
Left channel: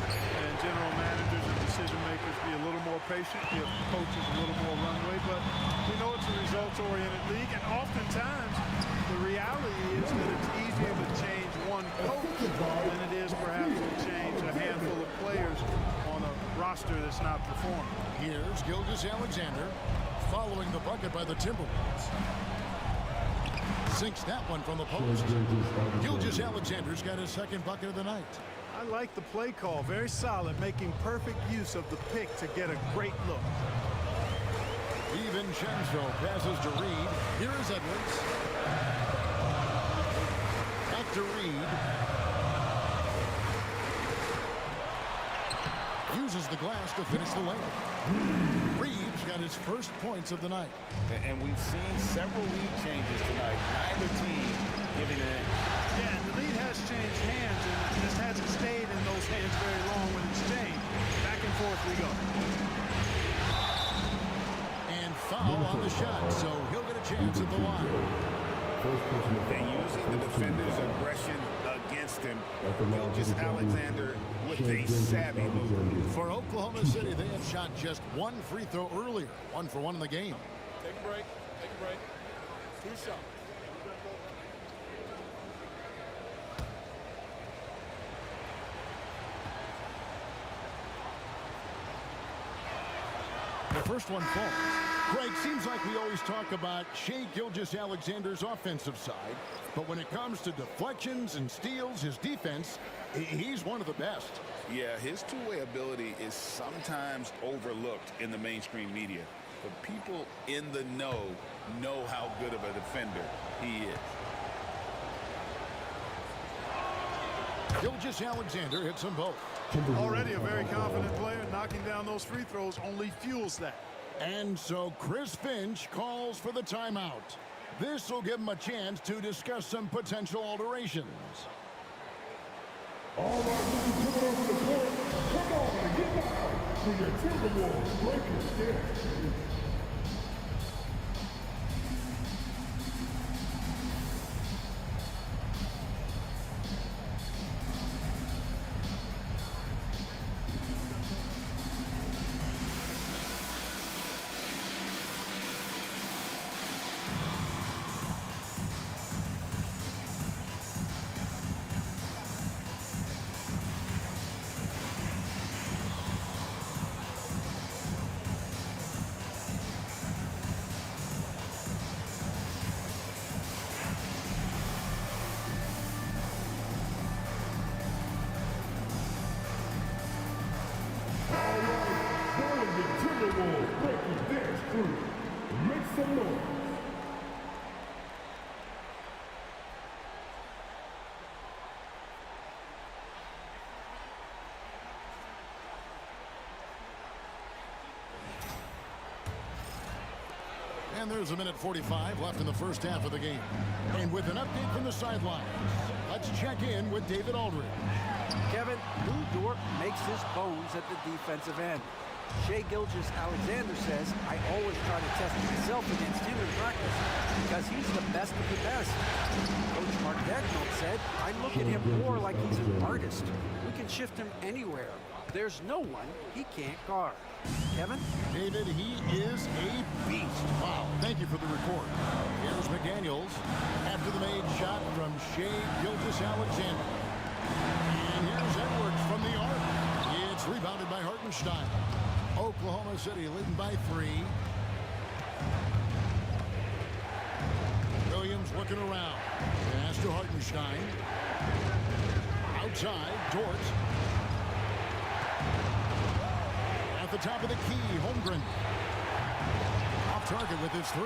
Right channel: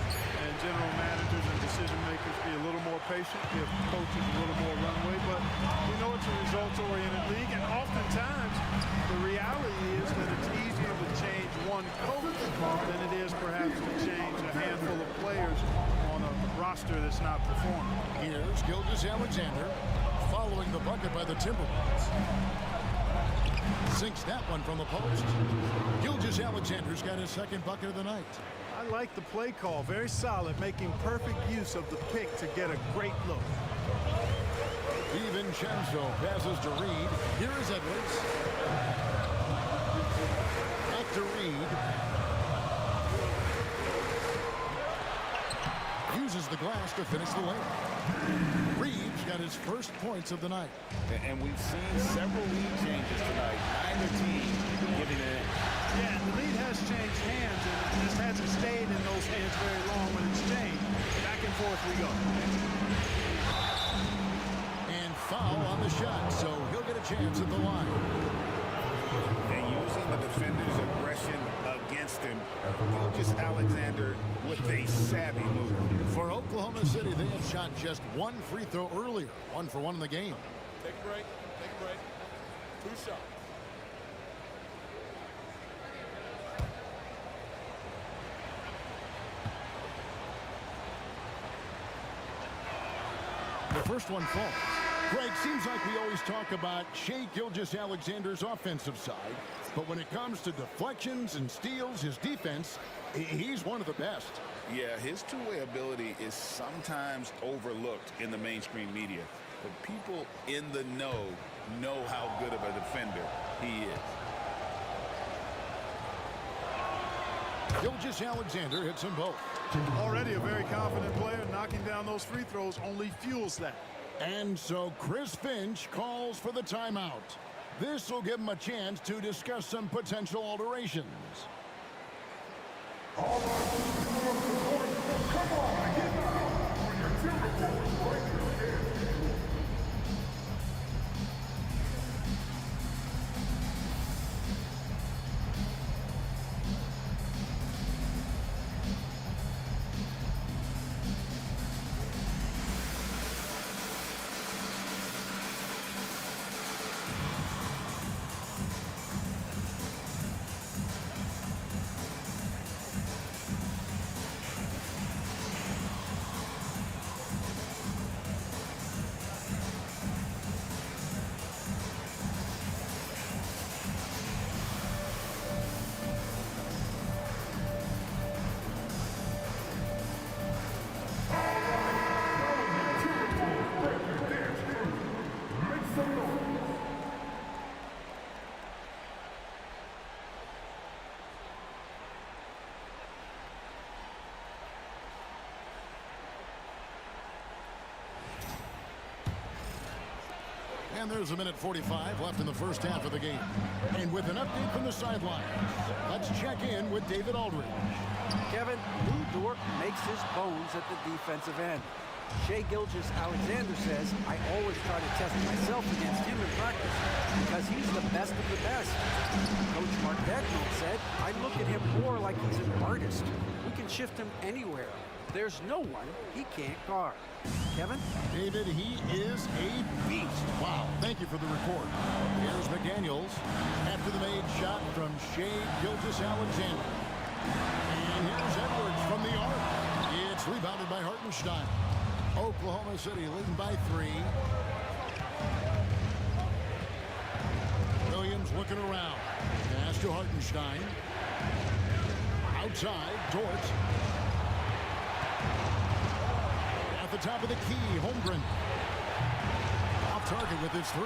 and general managers and decision makers be a little more patient, give coaches a little more runway. But we know it's a results-oriented league, and oftentimes the reality is that it's easier to change one coach than it is perhaps to change a handful of players on a roster that's not performing. Here's Gilgeous-Alexander following the bucket by the Timberwolves. Sinks that one from the post. Gilgeous-Alexander's got his second bucket of the night. I like the play call. Very solid, making perfect use of the pick to get a great look. DiVincenzo passes to Reid. Here is Edwards. Back to Reid. Uses the glass to finish the layup. Reid's got his first points of the night. And we've seen several lead changes tonight. Neither team giving it in. Yeah, and the lead has changed hands, and it just hasn't stayed in those hands very long when it's changed. Back and forth we go. And foul on the shot, so he'll get a chance at the line. And using the defender's aggression against him, Gilgeous-Alexander with a savvy move. For Oklahoma City, they have shot just one free throw earlier. 1 for 1 in the game. Take a break. Take a break. 2 shots. The first one falls. Greg, seems like we always talk about Shai Gilgeous-Alexander's offensive side, but when it comes to deflections and steals, his defense, he's one of the best. Yeah, his two-way ability is sometimes overlooked in the mainstream media, but people in the know how good of a defender he is. Gilgeous-Alexander hits them both. Already a very confident player. Knocking down those free throws only fuels that. And so Chris Finch calls for the timeout. This will give him a chance to discuss some potential alterations. All right, coming over the court. Come on and get down for your Timberwolves breakers dance. And there's a minute 45 left in the first half of the game. And with an update from the sidelines, let's check in with David Aldridge. Kevin, Lou Dort makes his bones at the defensive end. Shai Gilgeous-Alexander says, I always try to test myself against him in practice because he's the best of the best. Coach Mark Dagnall said, I look at him more like he's an artist. We can shift him anywhere. There's no one he can't guard. Kevin? David, he is a beast. Wow, thank you for the report. Here's McDaniels after the made shot from Shai Gilgeous-Alexander. And here's Edwards from the arc. It's rebounded by Hartenstein. Oklahoma City leading by 3. Williams looking around. Pass to Hartenstein. Outside, Dort. At the top of the key, Holmgren. Off target with his 3.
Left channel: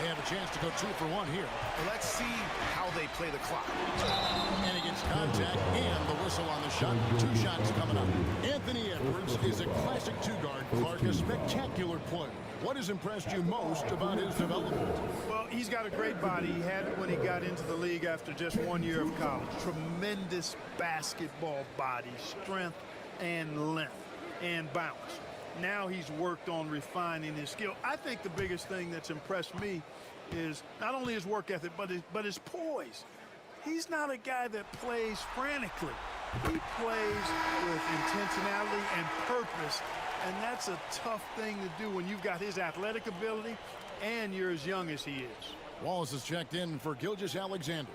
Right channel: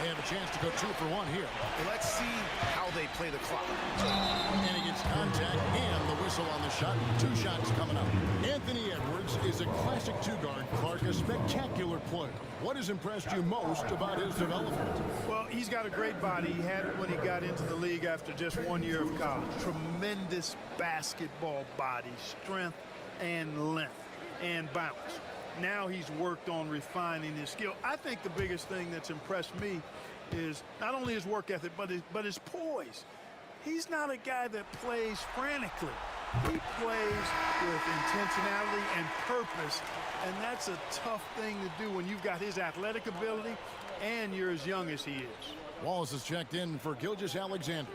They have a chance to go 2 for 1 here. Well, let's see how they play the clock. And he gets contact and the whistle on the shot. 2 shots coming up. Anthony Edwards is a classic 2-guard. Clark, a spectacular player. What has impressed you most about his development? Well, he's got a great body. He had it when he got into the league after just 1 year of college. Tremendous basketball body, strength and length and bounce. Now he's worked on refining his skill. I think the biggest thing that's impressed me is not only his work ethic, but his poise. He's not a guy that plays frantically. He plays with intentionality and purpose, and that's a tough thing to do when you've got his athletic ability and you're as young as he is. Wallace is checked in for Gilgeous-Alexander.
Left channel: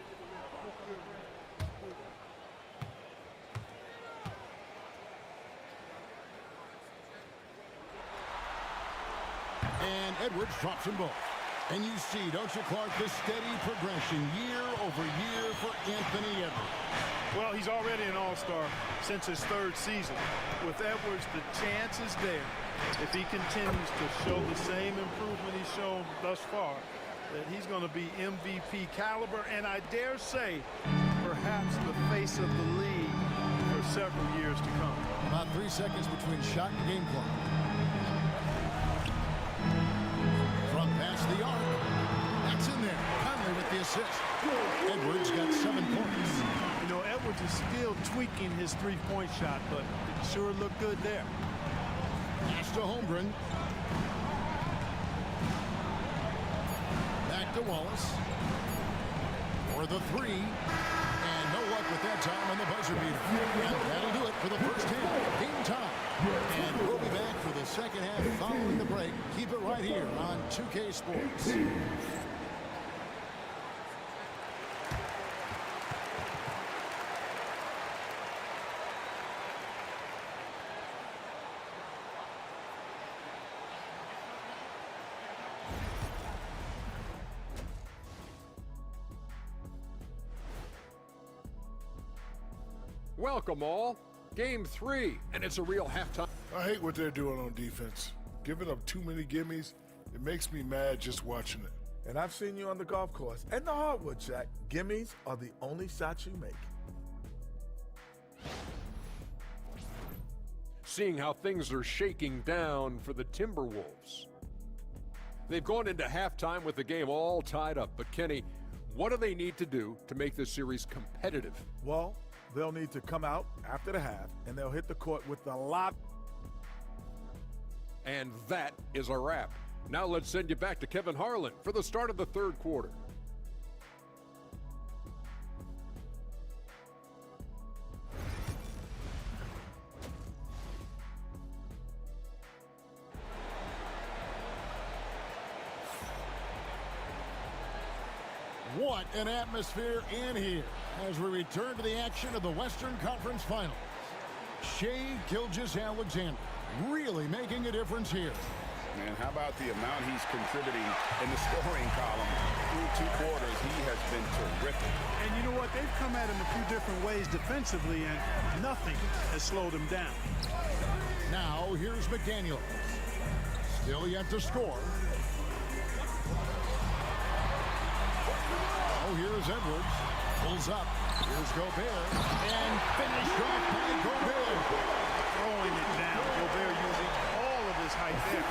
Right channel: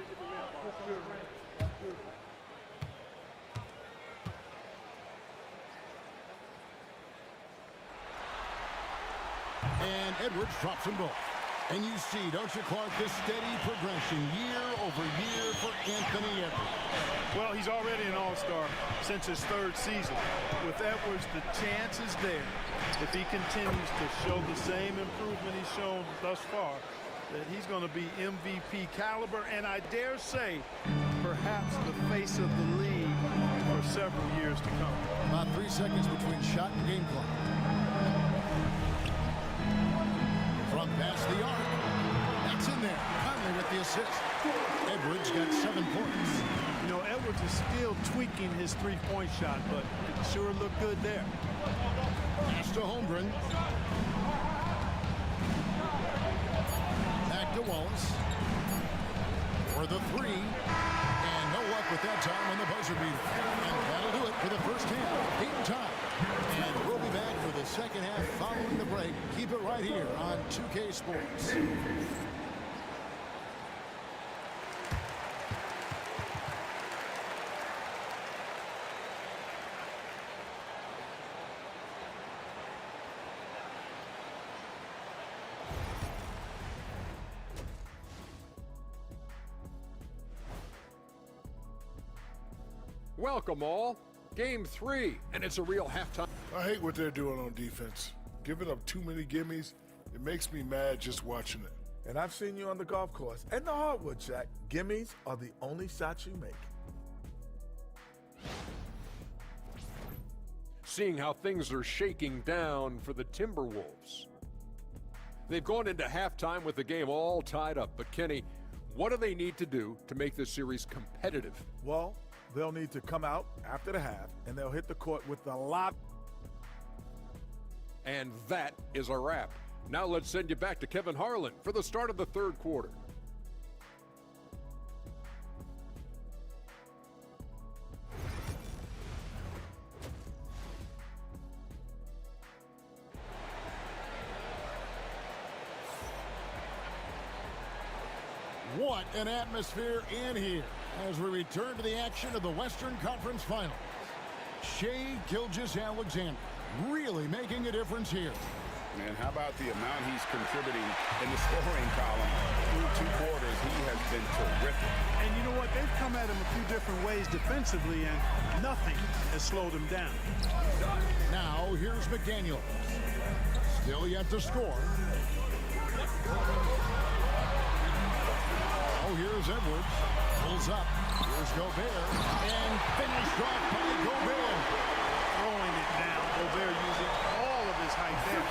And Edwards drops them both. And you see, don't you, Clark, the steady progression year over year for Anthony Edwards. Well, he's already an all-star since his 3rd season. With Edwards, the chance is there, if he continues to show the same improvement he's shown thus far, that he's going to be MVP caliber, and I dare say, perhaps the face of the league for several years to come. About 3 seconds between shot and game clock. From past the arc. That's in there. Conley with the assist. Edwards got 7 points. You know, Edwards is still tweaking his 3-point shot, but it sure looked good there. Pass to Holmgren. Back to Wallace. For the 3. And no luck with that time on the buzzer beater. And that'll do it for the first half. Game time. And we'll be back for the second half following the break. Keep it right here on 2K Sports. Welcome all. Game 3, and it's a real halftime. I hate what they're doing on defense. Giving up too many gimmies, it makes me mad just watching it. And I've seen you on the golf course and the hardwood, Shaq. Gimmies are the only shots you make. Seeing how things are shaking down for the Timberwolves. They've gone into halftime with the game all tied up. But Kenny, what do they need to do to make this series competitive? Well, they'll need to come out after the half, and they'll hit the court with a lot. And that is a wrap. Now let's send you back to Kevin Harlan for the start of the third quarter. What an atmosphere in here as we return to the action of the Western Conference Finals. Shai Gilgeous-Alexander really making a difference here. Man, how about the amount he's contributing in the scoring column through 2 quarters? He has been terrific. And you know what? They've come at him a few different ways defensively, and nothing has slowed him down. Now, here's McDaniel. Still yet to score. Oh, here's Edwards. Pulls up. Here's Gobert. And finished off by Gobert. Throwing it down. Gobert using all of his height there.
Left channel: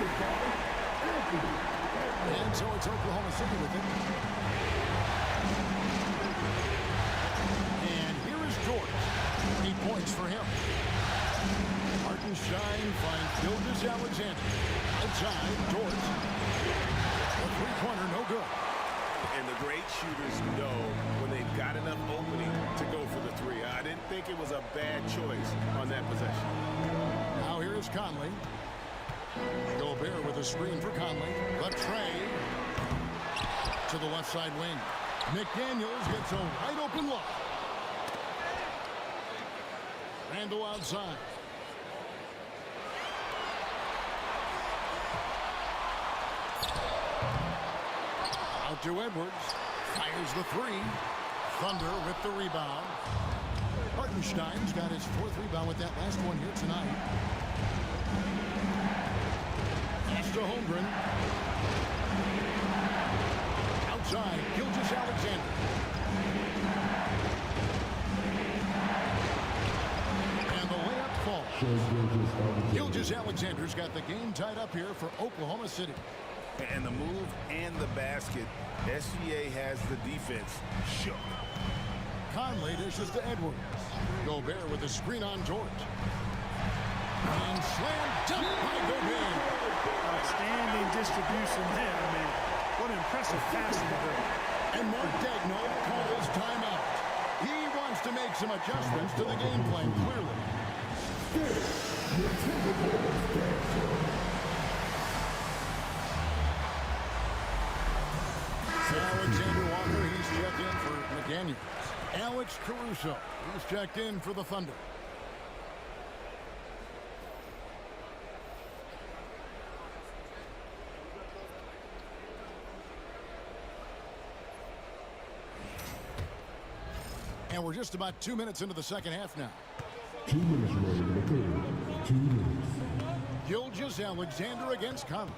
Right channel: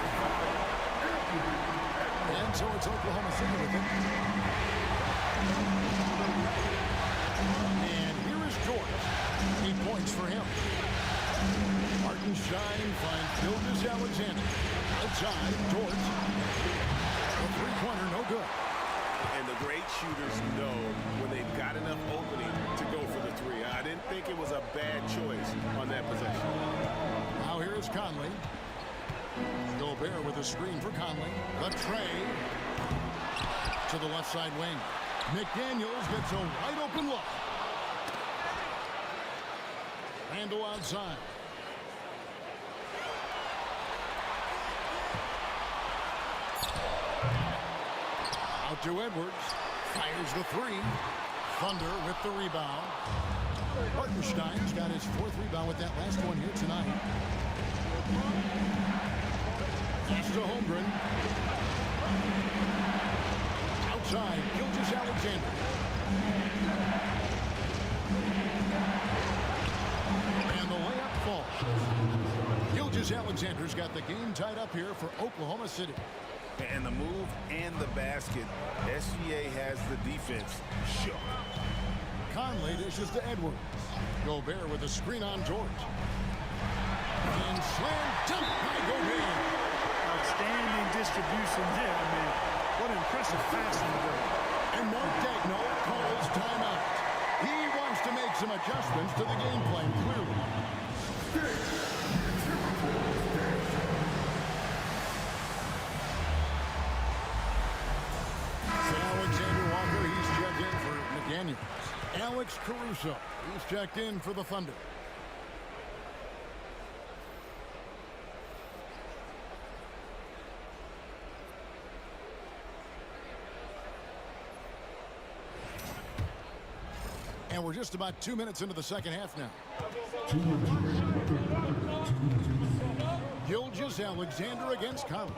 And so it's Oklahoma City with it. And here is George. 8 points for him. Hartenstein finds Gilgeous-Alexander. Outside, George. A three-pointer, no good. And the great shooters know when they've got enough opening to go for the three. I didn't think it was a bad choice on that possession. Now here is Conley. Gobert with a screen for Conley. The tray to the left side wing. McDaniels gets a wide open look. Randall outside. Out to Edwards. Fires the three. Thunder with the rebound. Hartenstein's got his 4th rebound with that last one here tonight. Pass to Holmgren. Outside, Gilgeous-Alexander. And the layup falls. Gilgeous-Alexander's got the game tied up here for Oklahoma City. And the move and the basket, SGA has the defense shook. Conley dishes to Edwards. Gobert with a screen on George. And slam dunk by Gobert. Outstanding distribution there. I mean, what an impressive passing ability. And Mark Daigneault calls timeout. He wants to make some adjustments to the game plan, clearly. Alexander Walker, he's checked in for McDaniels. Alex Caruso, he's checked in for the Thunder. And we're just about 2 minutes into the second half now. 2 minutes remaining. 2 minutes. Gilgeous-Alexander against Conley.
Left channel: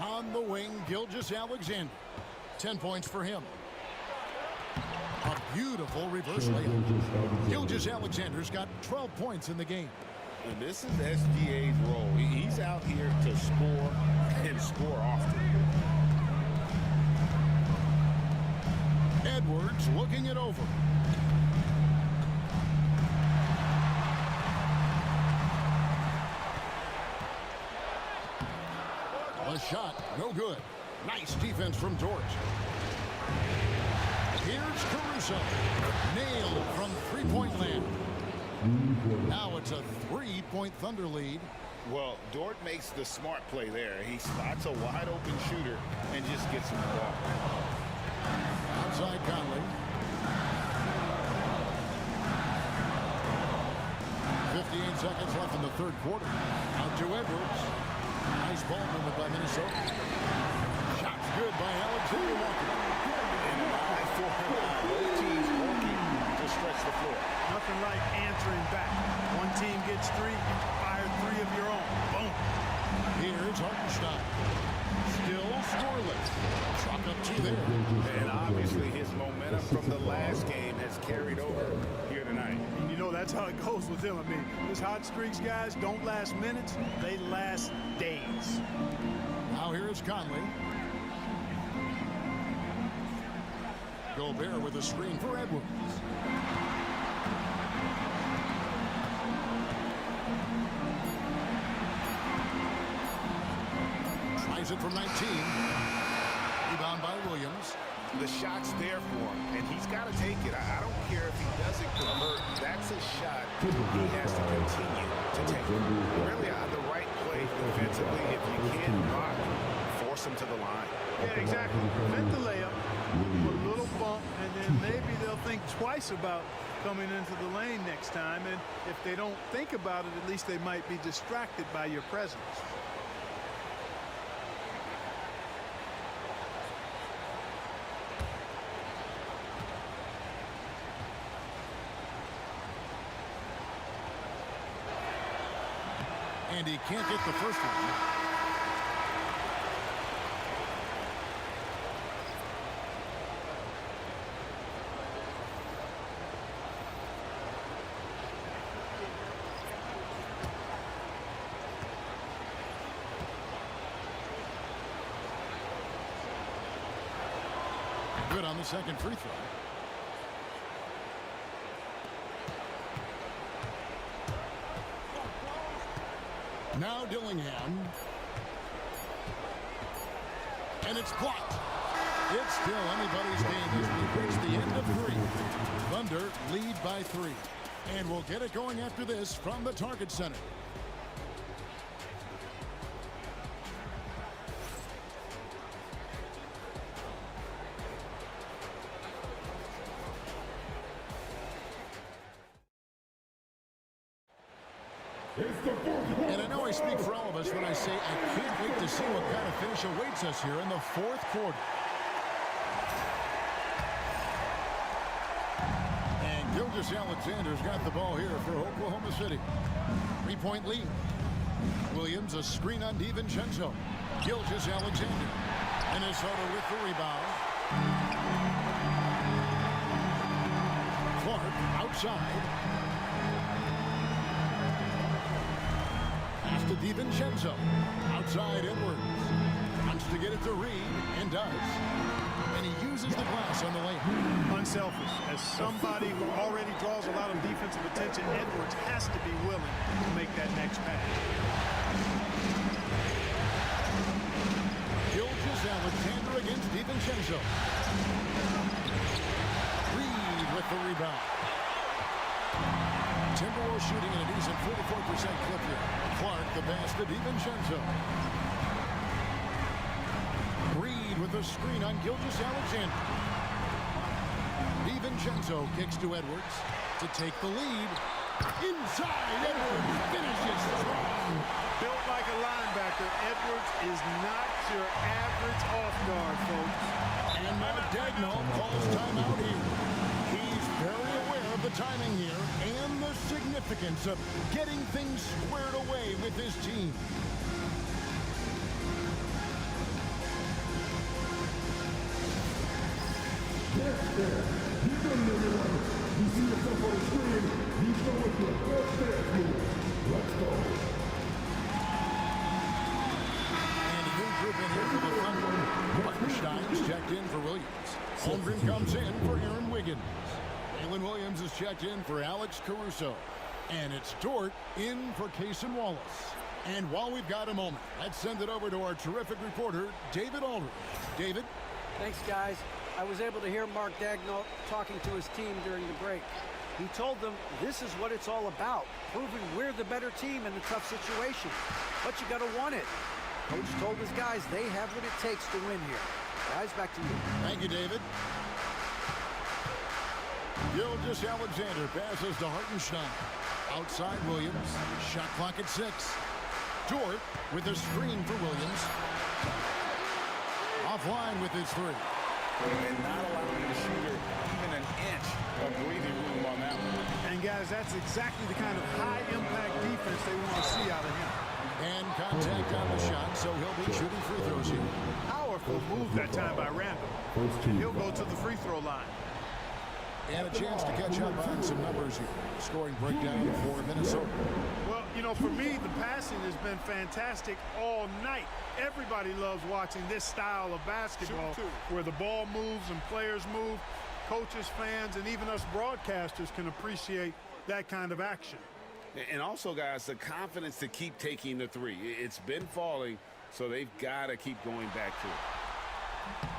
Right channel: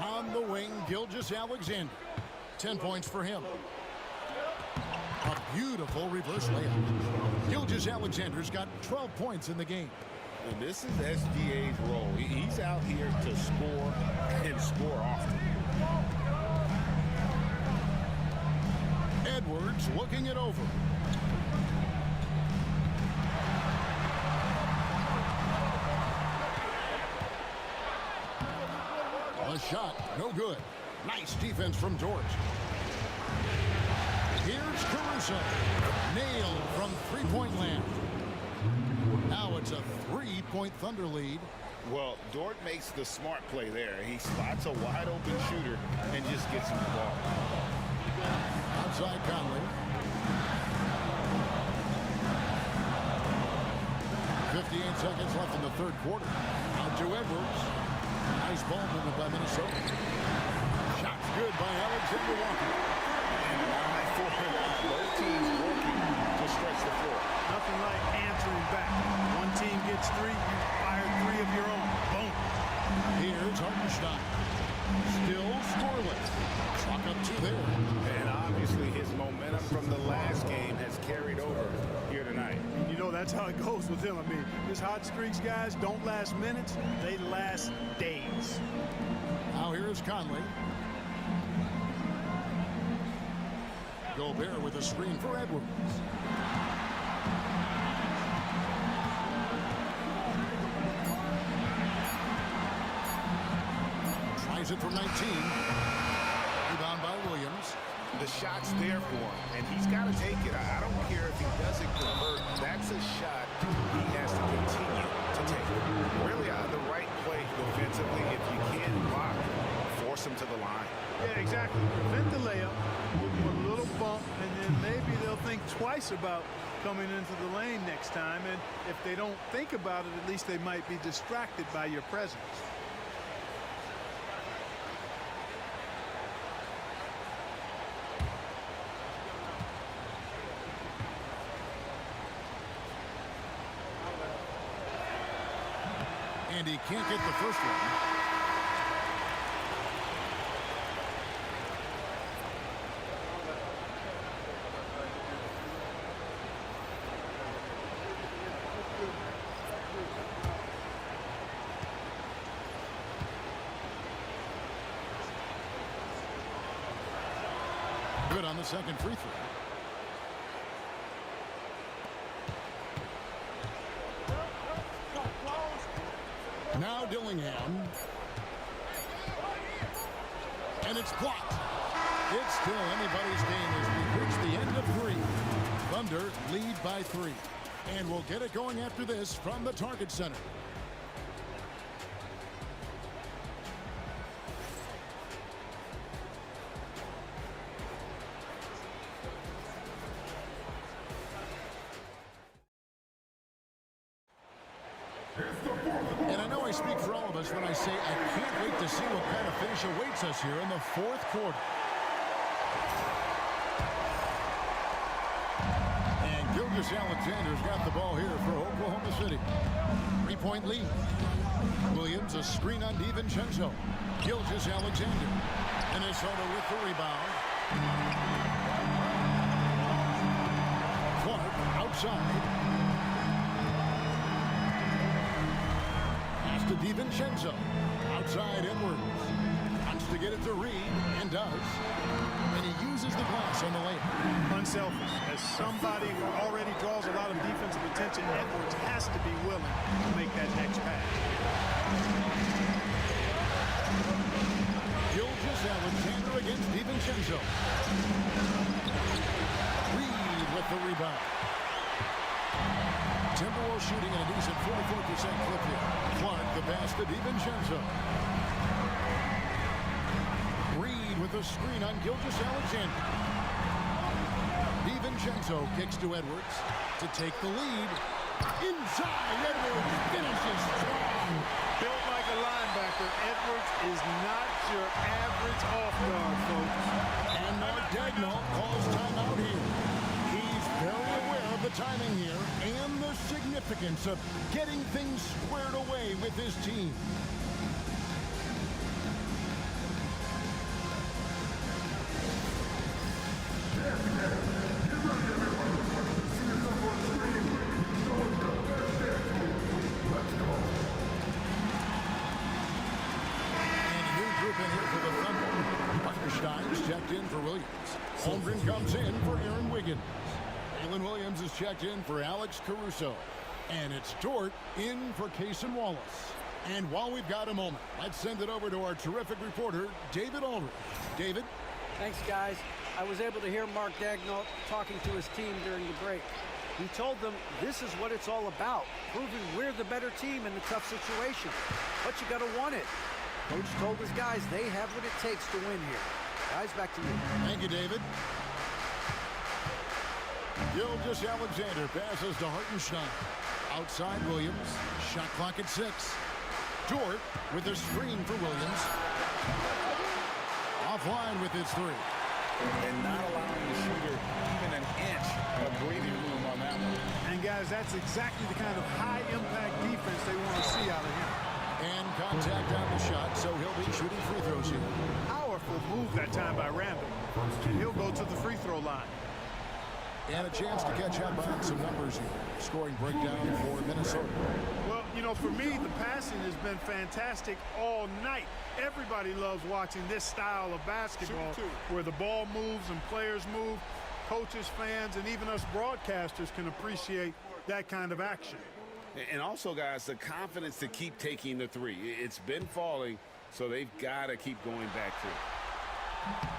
On the wing, Gilgeous-Alexander. 10 points for him. A beautiful reverse layup. Gilgeous-Alexander's got 12 points in the game. And this is SGA's role. He's out here to score and score often. Edwards looking it over. A shot, no good. Nice defense from George. Here's Caruso. Nailed from three-point land. Now it's a 3-point Thunder lead. Well, Dort makes the smart play there. He spots a wide-open shooter and just gets him the ball. Outside Conley. 58 seconds left in the third quarter. Out to Edwards. Nice ball movement by Minnesota. Shots good by Alexander Walker. And an eye for an eye. Both teams stream back. One team gets 3, you fire 3 of your own. Boom. Here's Hartenstein. Still scoreless. Chalk up 2 there. And obviously his momentum from the last game has carried over here tonight. And you know that's how it goes with him. I mean, his hot streaks, guys, don't last minutes. They last days. Now here's Conley. Gobert with a screen for Edwards. Tries it from 19. Rebound by Williams. The shot's there for him, and he's got to take it. I don't care if he doesn't convert. That's a shot he has to continue to take. Really, the right play defensively. If you can't block, force him to the line. Yeah, exactly. Prevent the layup, a little bump, and then maybe they'll think twice about coming into the lane next time. And if they don't think about it, at least they might be distracted by your presence. And he can't get the first one. Good on the second free throw. Now Dillingham. And it's blocked. It's still anybody's game as we reach the end of 3. Thunder lead by 3. And we'll get it going after this from the Target Center. And I know I speak for all of us when I say I can't wait to see what kind of finish awaits us here in the 4th quarter. And Gilgeous-Alexander's got the ball here for Oklahoma City. 3-point lead. Williams, a screen on DiVincenzo. Gilgeous-Alexander. Minnesota with the rebound. Clark outside. Pass to DiVincenzo. Outside Edwards. Wants to get it to Reed, and does. And he uses the glass on the layup. Unselfish. As somebody who already draws a lot of defensive attention, Edwards has to be willing to make that next pass. Gilgeous-Alexander against DiVincenzo. Reed with the rebound. Timberwolves shooting at a decent 44% clip here. Clark the pass to DiVincenzo. Reed with a screen on Gilgeous-Alexander. DiVincenzo kicks to Edwards to take the lead. Inside, Edwards finishes strong. Built like a linebacker, Edwards is not your average off guard, folks. And Mark Daigneault calls timeout here. He's very aware of the timing here and the significance of getting things squared away with his team. Get ready, everyone. You see yourself on the screen. You show us your best dance move. Let's go. And a new group in here for the Thunder. Hartenstein's checked in for Williams. Holmgren comes in for Aaron Wiggins. Jalen Williams is checked in for Alex Caruso. And it's Dort in for Cason Wallace. And while we've got a moment, let's send it over to our terrific reporter, David Aldridge. David? Thanks, guys. I was able to hear Mark Daigneault talking to his team during the break. He told them this is what it's all about, proving we're the better team in the tough situation. But you got to want it. Coach told his guys they have what it takes to win here. Guys, back to you. Thank you, David. Gilgeous-Alexander passes to Hartenstein. Outside Williams. Shot clock at 6. Dort with a screen for Williams. Offline with his 3. And not allowing the shooter even an inch of breathing room on that one. And guys, that's exactly the kind of high-impact defense they want to see out of him. And contact on the shot, so he'll be shooting free throws here. Powerful move that time by Randall. And he'll go to the free throw line. And a chance to catch up on some numbers here. Scoring breakdown for Minnesota. Well, you know, for me, the passing has been fantastic all night. Everybody loves watching this style of basketball where the ball moves and players move. Coaches, fans, and even us broadcasters can appreciate that kind of action. And also, guys, the confidence to keep taking the three. It's been falling, so they've got to keep going back to it.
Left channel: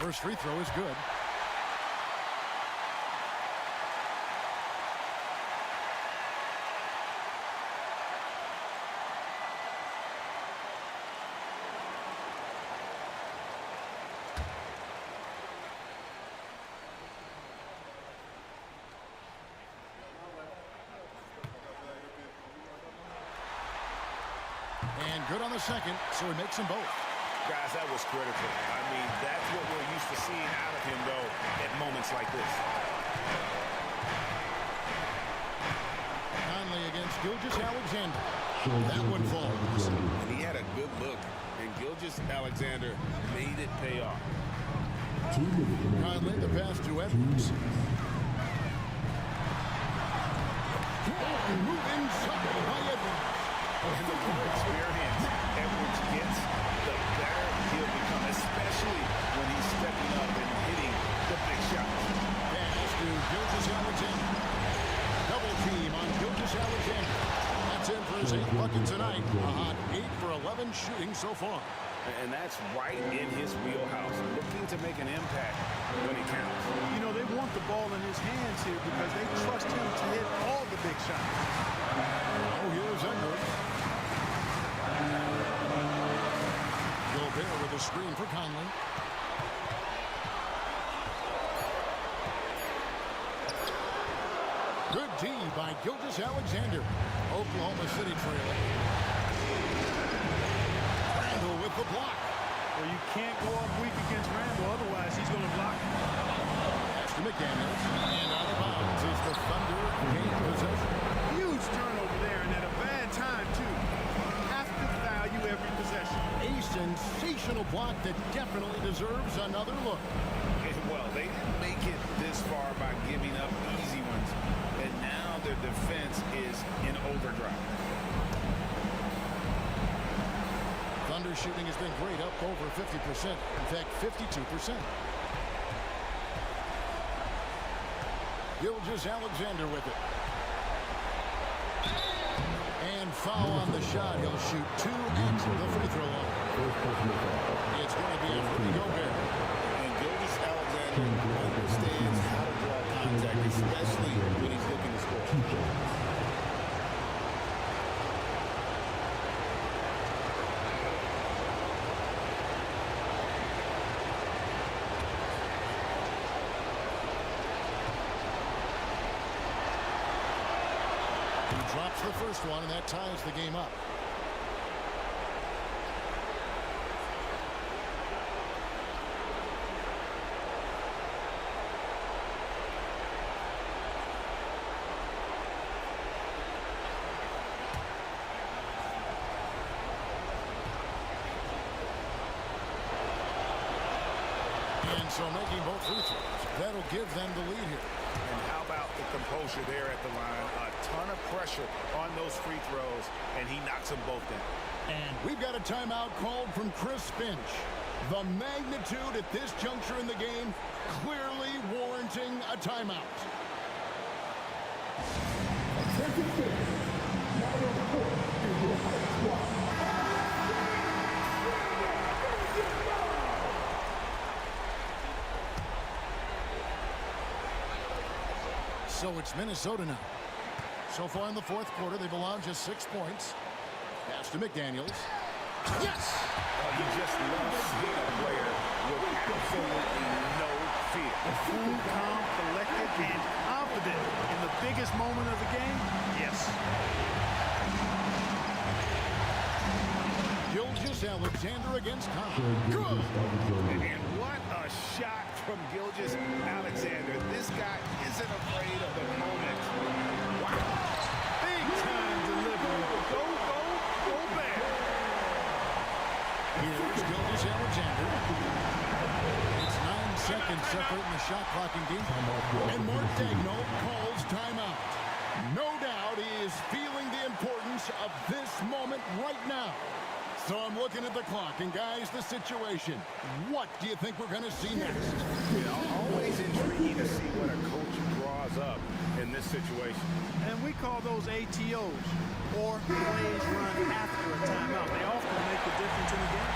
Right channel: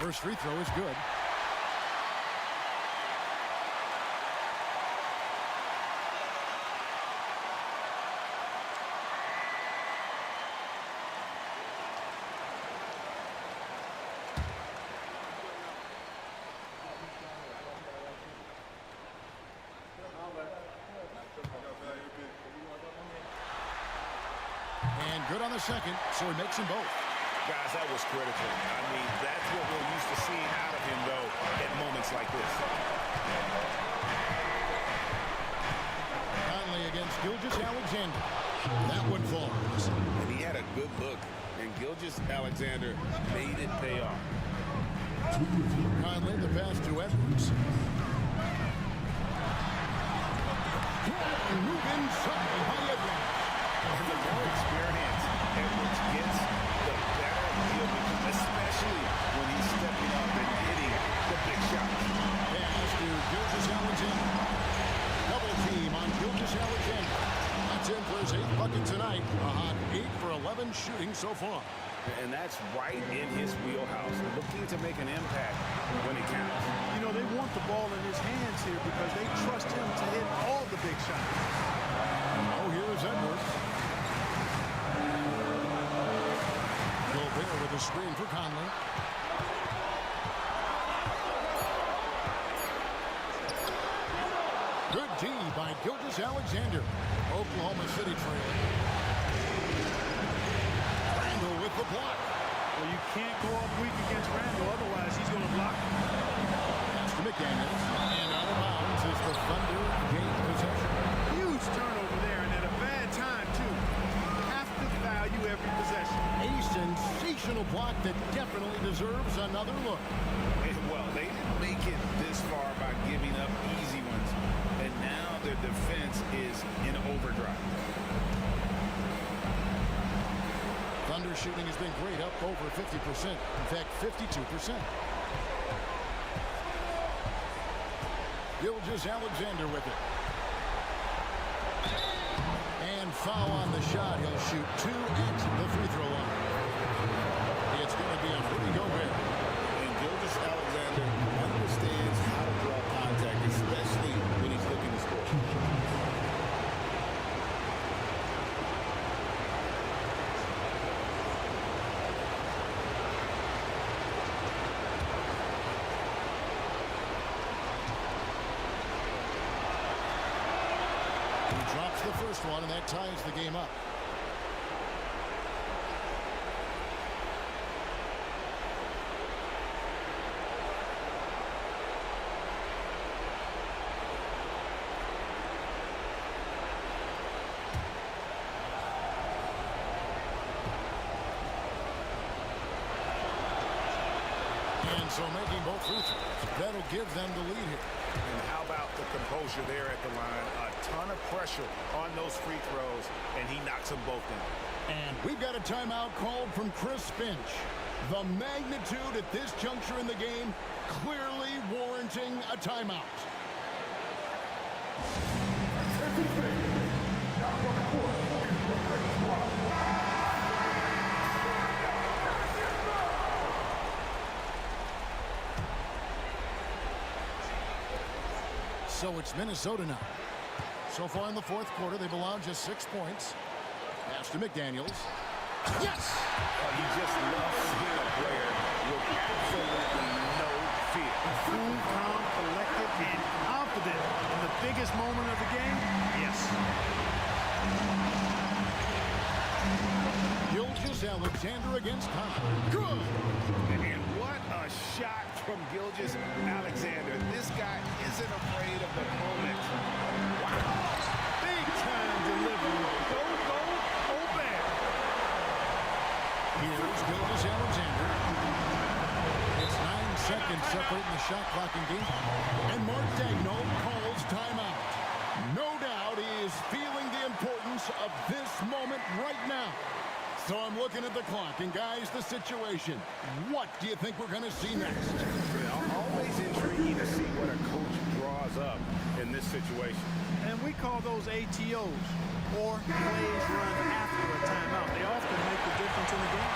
First free throw is good. And good on the second, so he makes them both. Guys, that was critical. I mean, that's what we're used to seeing out of him, though, at moments like this. Conley against Gilgeous-Alexander. That one falls. And he had a good look, and Gilgeous-Alexander made it pay off. Conley, the pass to Edwards. Move inside by Edwards. And the more experience Edwards gets, the better he'll become, especially when he's stepping up and hitting the big shots. Pass to Gilgeous-Alexander. Double team on Gilgeous-Alexander. That's in for his 8th bucket tonight. A hot 8 for 11 shooting so far. And that's right in his wheelhouse, looking to make an impact when it counts. You know, they want the ball in his hands here because they trust him to hit all the big shots. Oh, here's Edwards. Gobert with a screen for Conley. Good D by Gilgeous-Alexander. Oklahoma City trailing. Randall with the block. Well, you can't go up weak against Randall, otherwise he's going to block. Pass to McDaniels. And out of bounds as the Thunder gain possession. Huge turnover there, and at a bad time, too. Have to value every possession. A sensational block that definitely deserves another look. Well, they didn't make it this far by giving up easy ones, and now their defense is in overdrive. Thunder shooting has been great, up over 50%. In fact, 52%. Gilgeous-Alexander with it. And foul on the shot. He'll shoot 2 at the free throw line. It's going to be on Rudy Gobert. And Gilgeous-Alexander understands how to draw contact, especially when he's looking to score. He drops the first one, and that ties the game up. And so making both free throws, that'll give them the lead here. And how about the composure there at the line? A ton of pressure on those free throws, and he knocks them both in. And we've got a timeout called from Chris Finch. The magnitude at this juncture in the game clearly warranting a timeout. So it's Minnesota now. So far in the fourth quarter, they've allowed just 6 points. Pass to McDaniels. Yes! You just love seeing a player with absolutely no fear. Cool, calm, collected, and confident in the biggest moment of the game. Yes. Gilgeous-Alexander against Conley. Good! And what a shot from Gilgeous-Alexander. This guy isn't afraid of the moment. Wow. Gilgeous-Alexander. It's 9 seconds separating the shot clock and game. And Mark Daigneault calls timeout. No doubt he is feeling the importance of this moment right now. So I'm looking at the clock, and guys, the situation. What do you think we're going to see next? Yeah, always intriguing to see what a coach draws up in this situation. And we call those ATOs, or plays run after a timeout. They often make the difference in the game.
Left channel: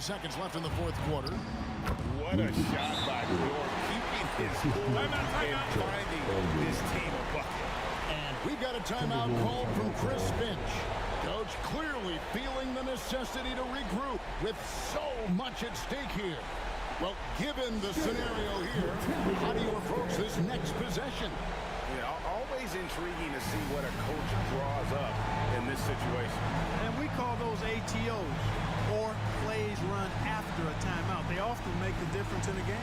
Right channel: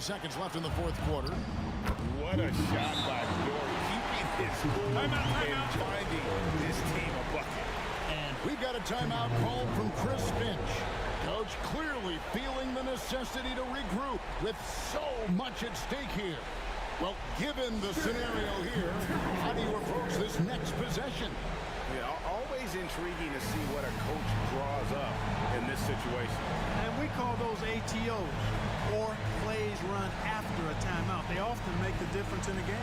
Seconds left in the fourth quarter. What a shot by Dort, keeping his cool and finding his team a bucket. And we've got a timeout called from Chris Finch. Coach clearly feeling the necessity to regroup with so much at stake here. Well, given the scenario here, how do you approach this next possession? Yeah, always intriguing to see what a coach draws up in this situation. And we call those ATOs, or plays run after a timeout. They often make the difference in a game.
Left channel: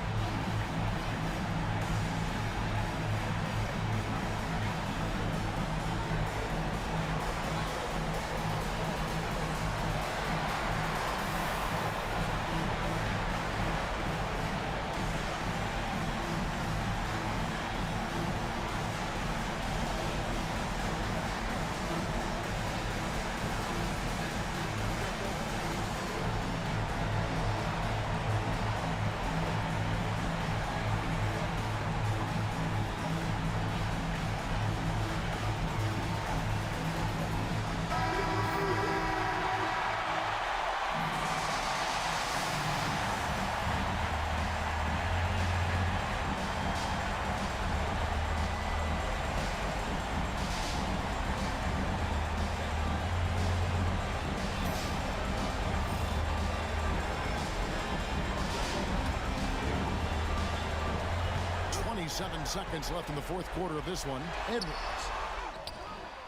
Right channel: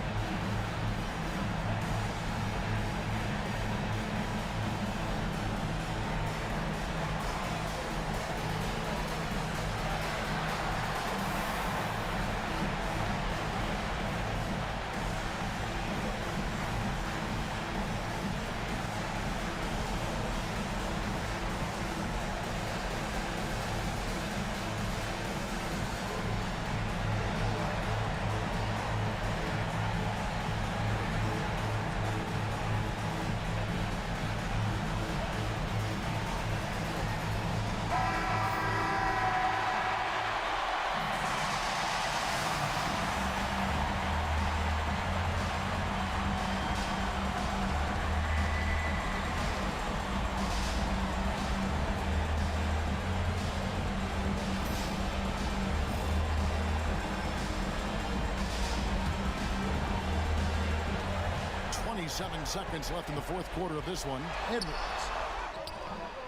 Seconds left in the fourth quarter of this one. Edwards.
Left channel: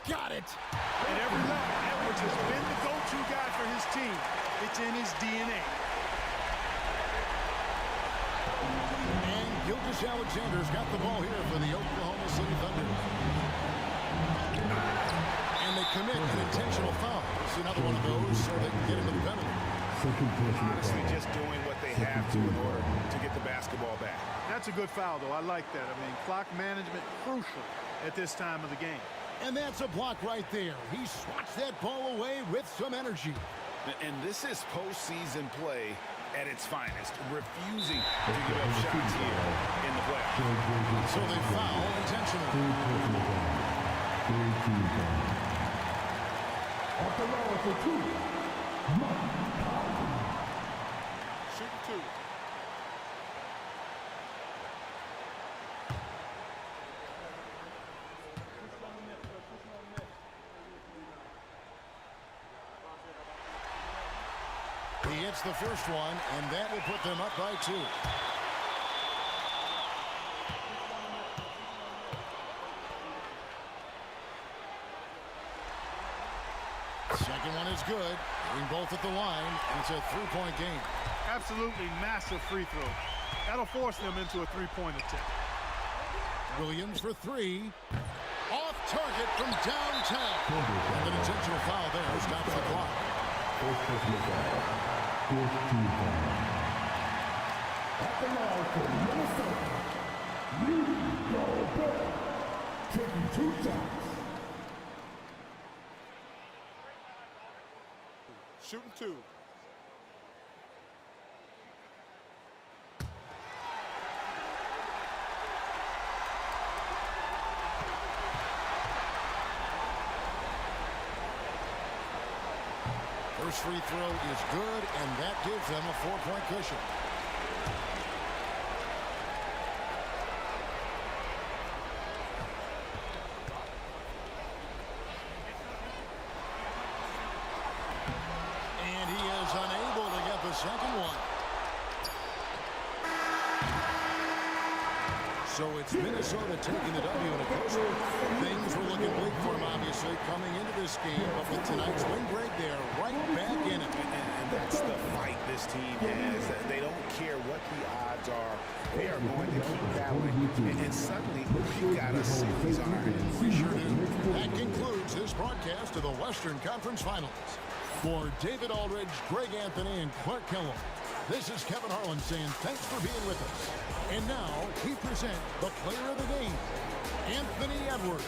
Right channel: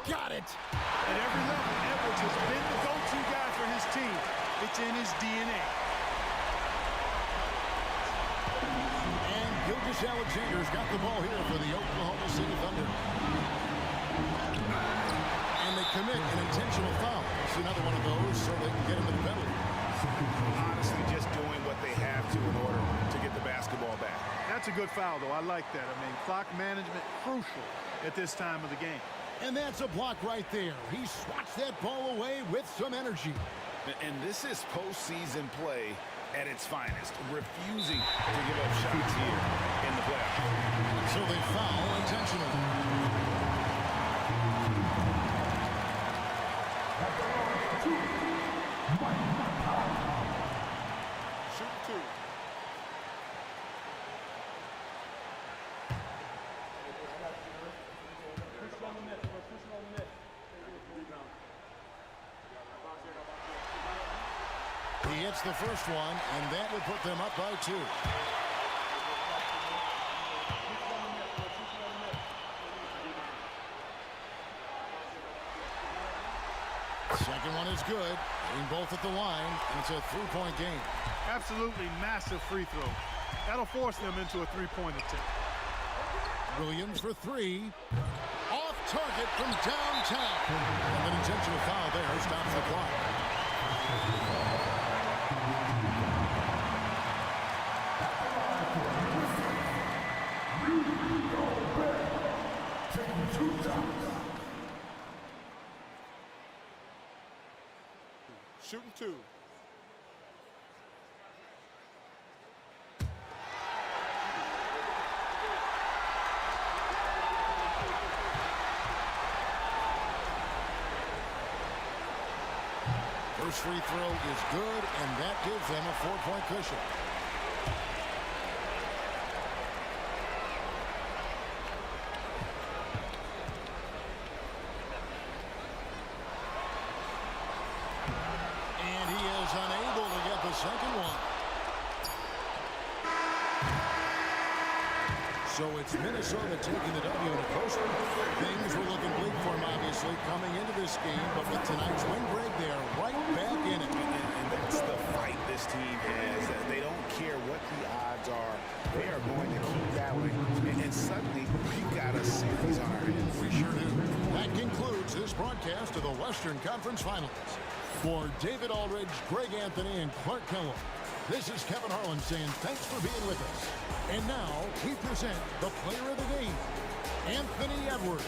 Got it. At every level, Edwards has been the go-to guy for his team. It's in his DNA. And Gilgeous-Alexander's got the ball here for the Oklahoma City Thunder. And they commit an intentional foul. We'll see another one of those so they can get into the penalty. Honestly, just doing what they have to in order to get the basketball back. That's a good foul, though. I like that. I mean, clock management crucial at this time of the game. And that's a block right there. He swats that ball away with some energy. And this is postseason play at its finest, refusing to give up shots here in the playoffs. So they foul intentionally. At the line for two, Mike. Shooting two. He hits the first one, and that will put them up by 2. Second one is good. Hitting both at the line, and it's a three-point game. Absolutely massive free throw. That'll force them into a three-point attempt. Williams for 3. Off target from downtown. And an intentional foul there stops the clock. At the line for Minnesota, Rudy Gobert, taking 2 shots. Shooting 2. First free throw is good, and that gives them a 4-point cushion. And he is unable to get the second one. So it's Minnesota taking the W in a close one. Things were looking bleak for them, obviously, coming into this game. But with tonight's win, Greg, they are right back in it. And that's the fight this team has. They don't care what the odds are. They are going to keep battling. And suddenly, we've got a series on our hands. We sure do. That concludes this broadcast of the Western Conference Finals. For David Aldridge, Greg Anthony, and Clark Kellogg, this is Kevin Harlan saying thanks for being with us. And now we present the player of the game, Anthony Edwards.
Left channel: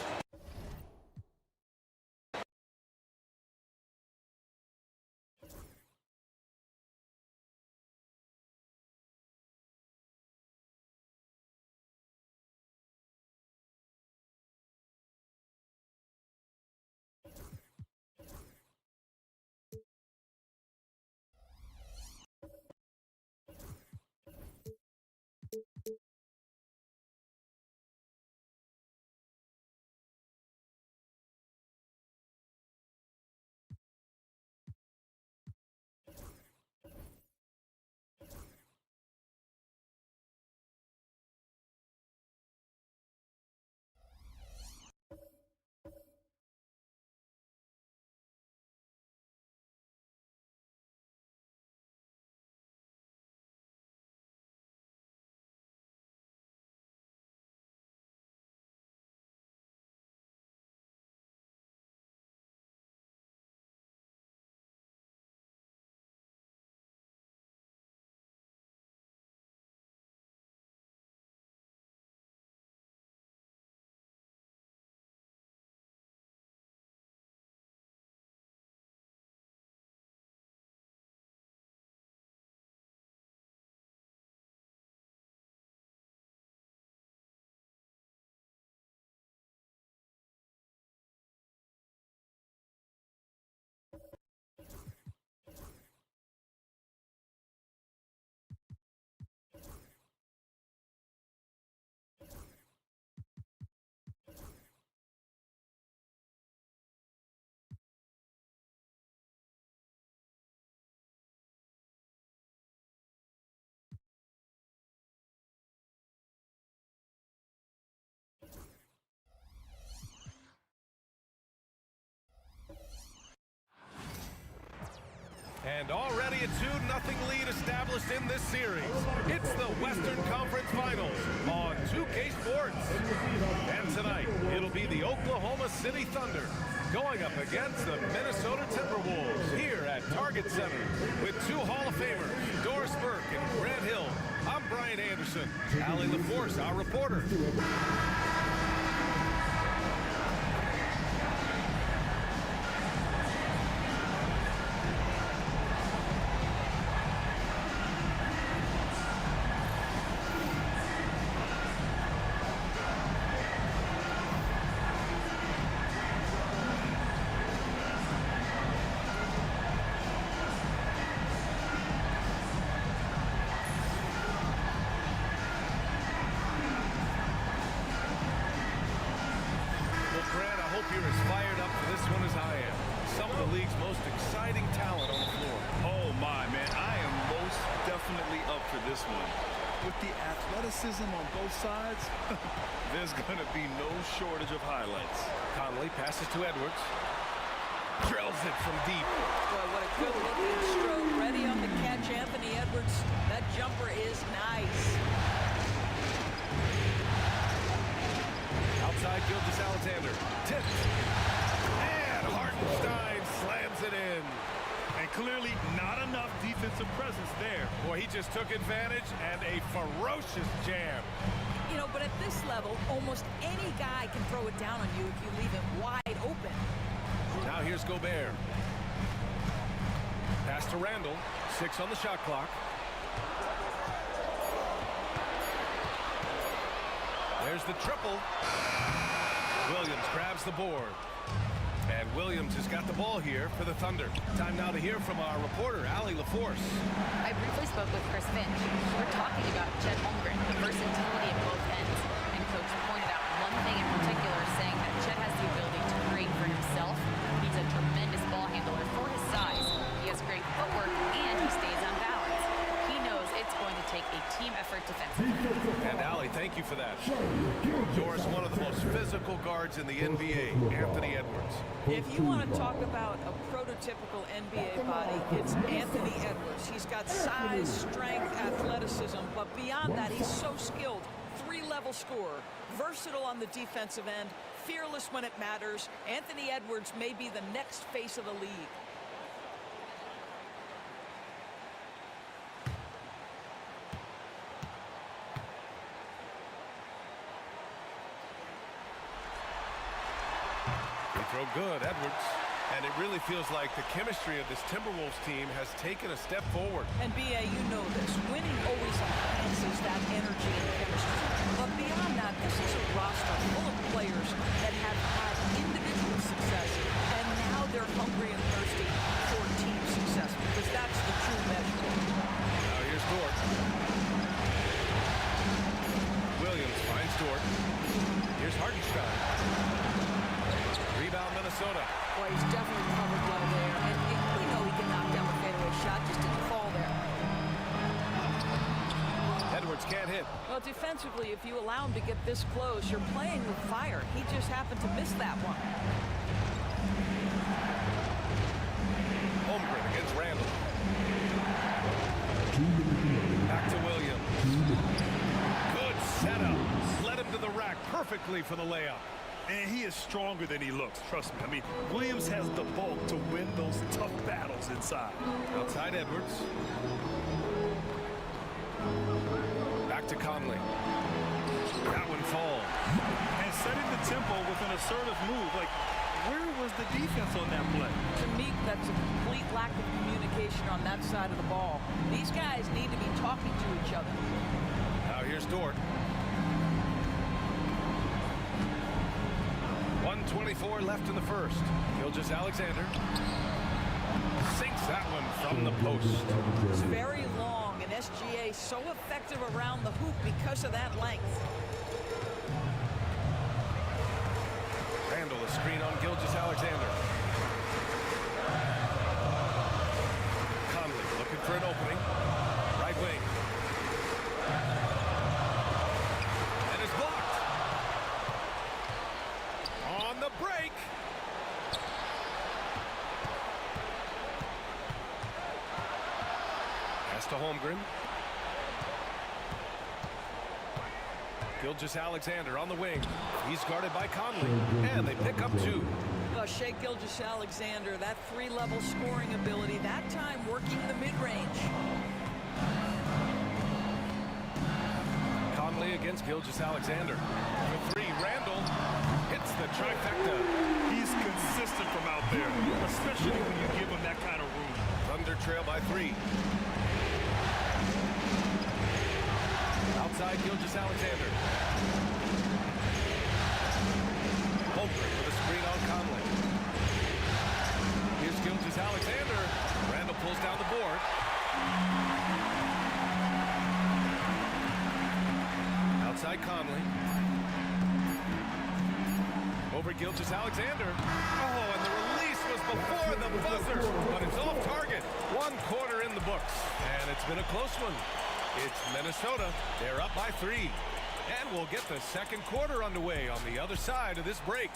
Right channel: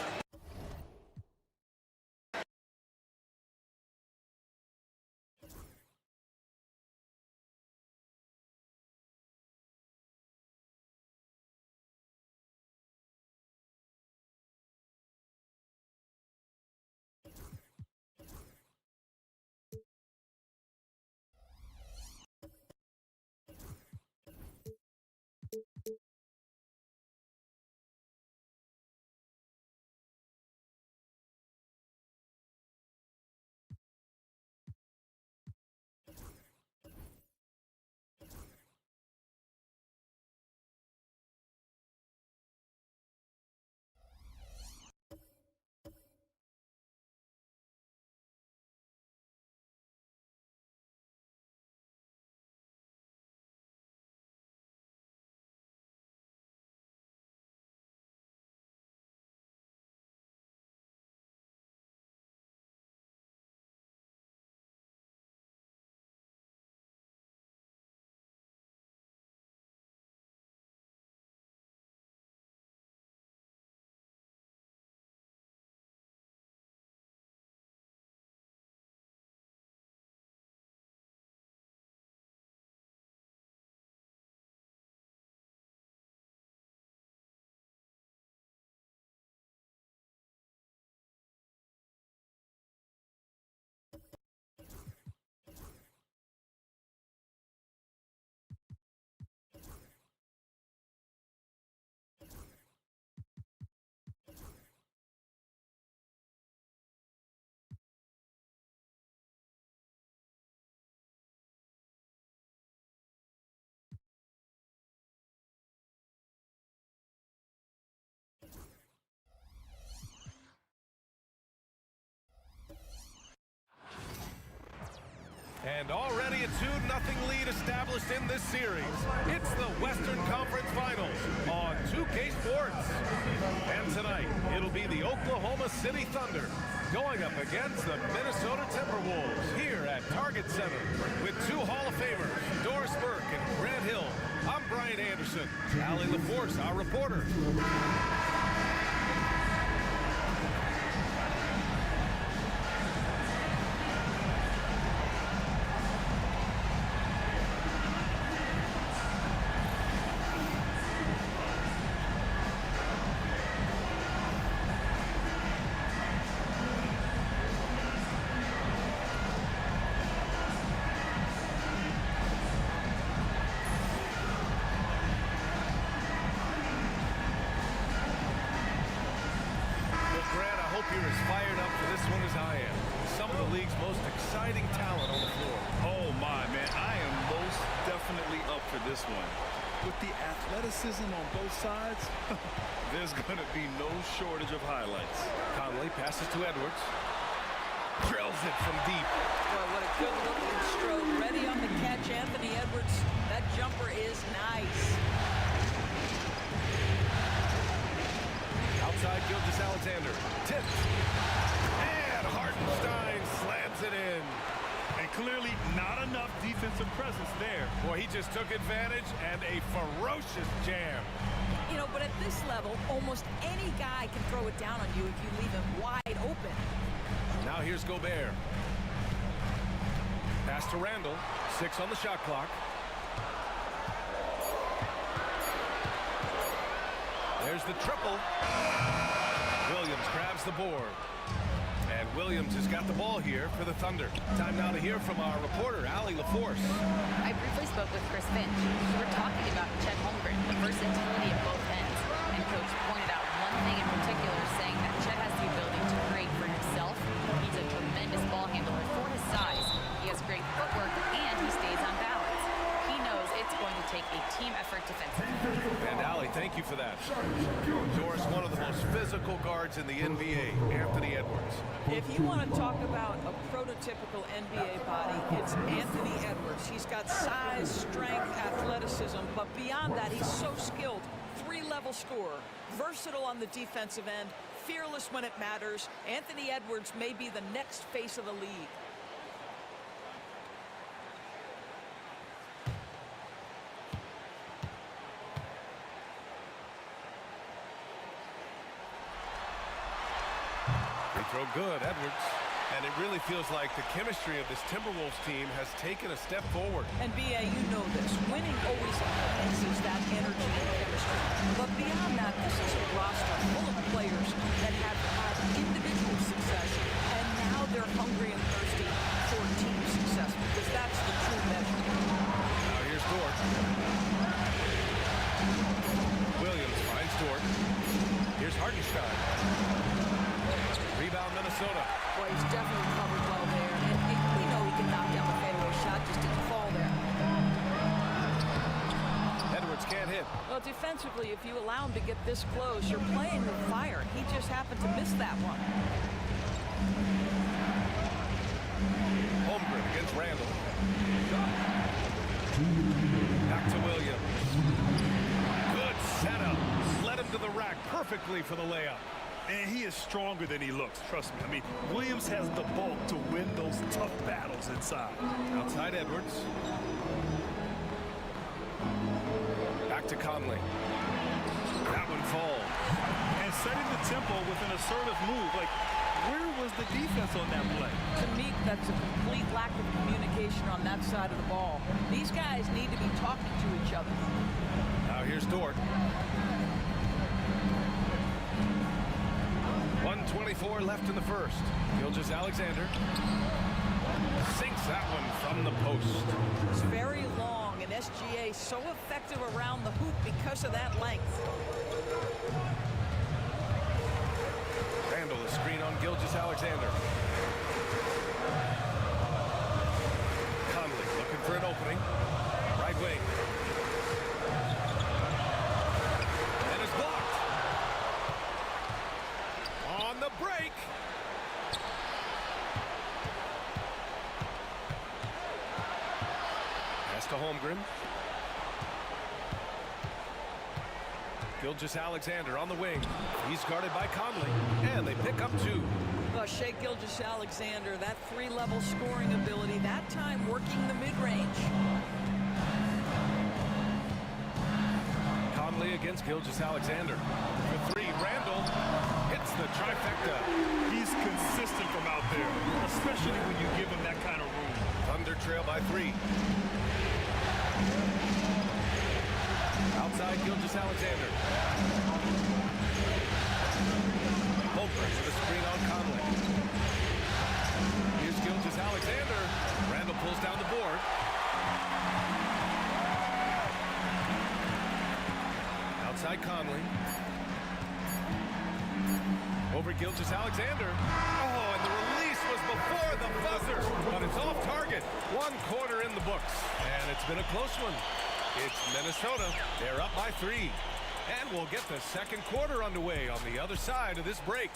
And already a 2-0 lead established in this series. It's the Western Conference Finals on 2K Sports. And tonight, it'll be the Oklahoma City Thunder going up against the Minnesota Timberwolves here at Target Center with two Hall of Famers, Doris Burke and Grant Hill. I'm Brian Anderson. Allie LaForce, our reporter. You're as fired up for this one as I am. Some of the league's most exciting talent on the floor. Oh my, man, I am most definitely up for this one. With the athleticism on both sides, there's going to be no shortage of highlights. Conley passes to Edwards. Drills it from deep. Boy, what a good-looking stroke. Ready on the catch, Anthony Edwards. That jumper is nice. Outside Gilgeous-Alexander. Tipped. And Hartenstein slams it in. And clearly not enough defensive presence there. Boy, he just took advantage and a ferocious jam. You know, but at this level, almost any guy can throw it down on you if you leave him wide open. Now here's Gobert. Pass to Randall. 6 on the shot clock. There's the triple. Williams grabs the board. And Williams has got the ball here for the Thunder. Time now to hear from our reporter, Allie LaForce. I briefly spoke with Chris Finch. We were talking about Chet Holmgren, the versatility of both ends. And Coach pointed out one thing in particular, saying that Chet has the ability to create for himself. He's a tremendous ball handler for his size. He has great footwork, and he stays on balance. He knows it's going to take a team effort defensively. And Allie, thank you for that. Doris, one of the most physical guards in the NBA, Anthony Edwards. If you want to talk about a prototypical NBA body, it's Anthony Edwards. He's got size, strength, athleticism, but beyond that, he's so skilled. Three-level scorer, versatile on the defensive end, fearless when it matters. Anthony Edwards may be the next face of the league. Throw good, Edwards. And it really feels like the chemistry of this Timberwolves team has taken a step forward. And B.A., you know this. Winning always enhances that energy and chemistry. But beyond that, this is a roster full of players that have had individual success, and now they're hungry and thirsty for team success, because that's the true measure. Now here's Dort. Williams finds Dort. Here's Hartenstein. Rebound, Minnesota. Boy, he's definitely covered well there. And we know he can knock down the fadeaway shot. Just didn't fall there. Edwards can't hit. Well, defensively, if you allow him to get this close, you're playing with fire. He just happened to miss that one. Holmgren against Randall. Back to Williams. Good setup. Led him to the rack perfectly for the layup. And he is stronger than he looks, trust me. I mean, Williams has the bulk to win those tough battles inside. Outside Edwards. Back to Conley. That one falls. And setting the tempo with an assertive move. Like, where was the defense on that play? To me, that's a complete lack of communication on that side of the ball. These guys need to be talking to each other. Now here's Dort. 1:24 left in the first. Gilgeous-Alexander sinks that one from the post. It's very long, and SGA so effective around the hoop because of that length. Randall, a screen on Gilgeous-Alexander. Conley looking for an opening. Right wing. And it's blocked. On the break. Pass to Holmgren. Gilgeous-Alexander on the wing. He's guarded by Conley. And they pick up two. Shai Gilgeous-Alexander, that three-level scoring ability, that time working the mid-range. Conley against Gilgeous-Alexander. For three, Randall hits the trifecta. He's consistent from out there, especially when you give him that kind of room. Thunder trail by three. Outside Gilgeous-Alexander. Holmgren with a screen on Conley. Here's Gilgeous-Alexander. Randall pulls down the board. Outside Conley. Over Gilgeous-Alexander. Oh, and the release was before the buzzer, but it's off target. 1 quarter in the books, and it's been a close one. It's Minnesota. They're up by 3. And we'll get the second quarter underway on the other side of this break.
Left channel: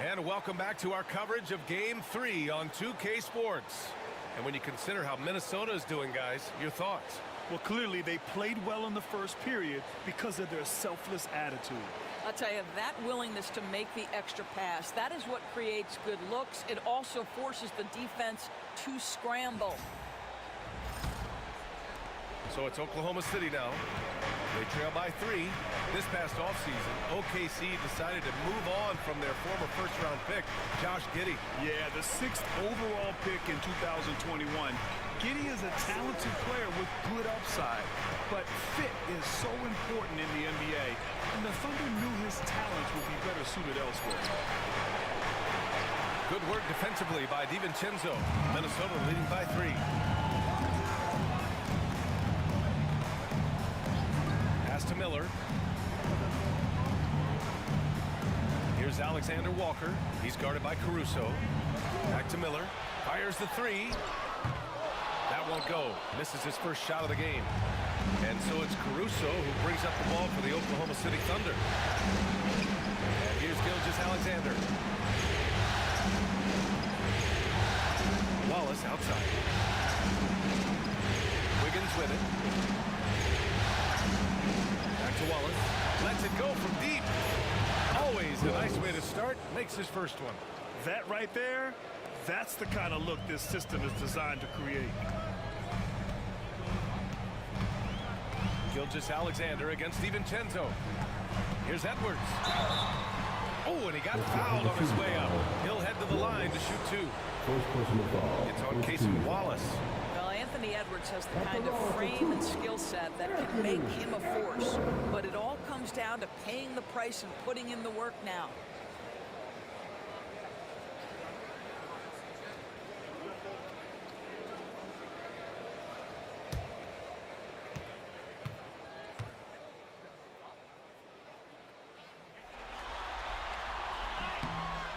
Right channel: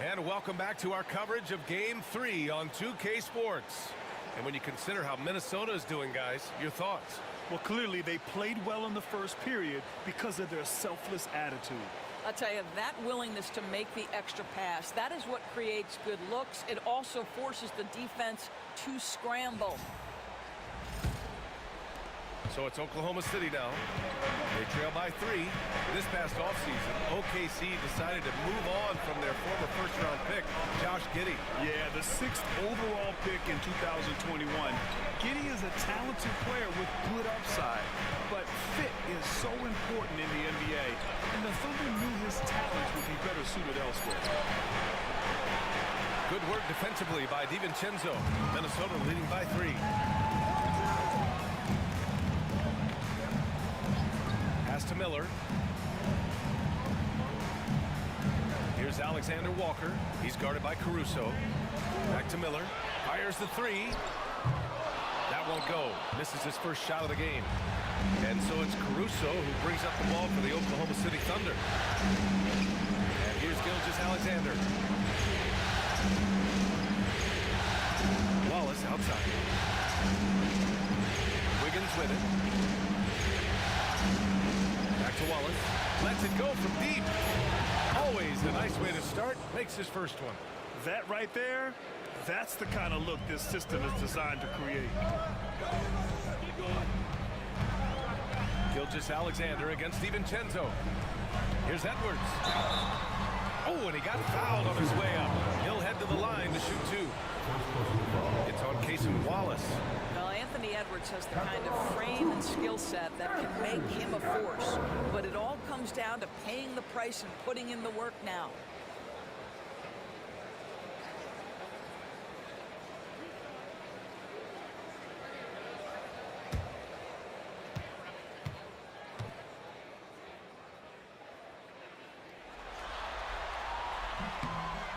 And welcome back to our coverage of Game 3 on 2K Sports. And when you consider how Minnesota is doing, guys, your thoughts? Well, clearly they played well in the first period because of their selfless attitude. I'll tell you, that willingness to make the extra pass, that is what creates good looks. It also forces the defense to scramble. So it's Oklahoma City now. They trail by 3. This past offseason, OKC decided to move on from their former first-round pick, Josh Giddey. Yeah, the 6th overall pick in 2021. Giddey is a talented player with good upside, but fit is so important in the NBA, and the Thunder knew his talents would be better suited elsewhere. Good work defensively by DiVincenzo. Minnesota leading by 3. to Miller. Here's Alexander Walker. He's guarded by Caruso. Back to Miller. Fires the three. That won't go. Misses his first shot of the game. And so it's Caruso who brings up the ball for the Oklahoma City Thunder. And here's Gilgeous-Alexander. Wallace outside. Wiggins with it. Back to Wallace. Lets it go from deep. Always a nice way to start. Makes his first one. That right there, that's the kind of look this system is designed to create. Gilgeous-Alexander against DiVincenzo. Here's Edwards. Oh, and he got fouled on his way up. He'll head to the line to shoot two. It's on Cason Wallace. Well, Anthony Edwards has the kind of frame and skill set that can make him a force. But it all comes down to paying the price and putting in the work now.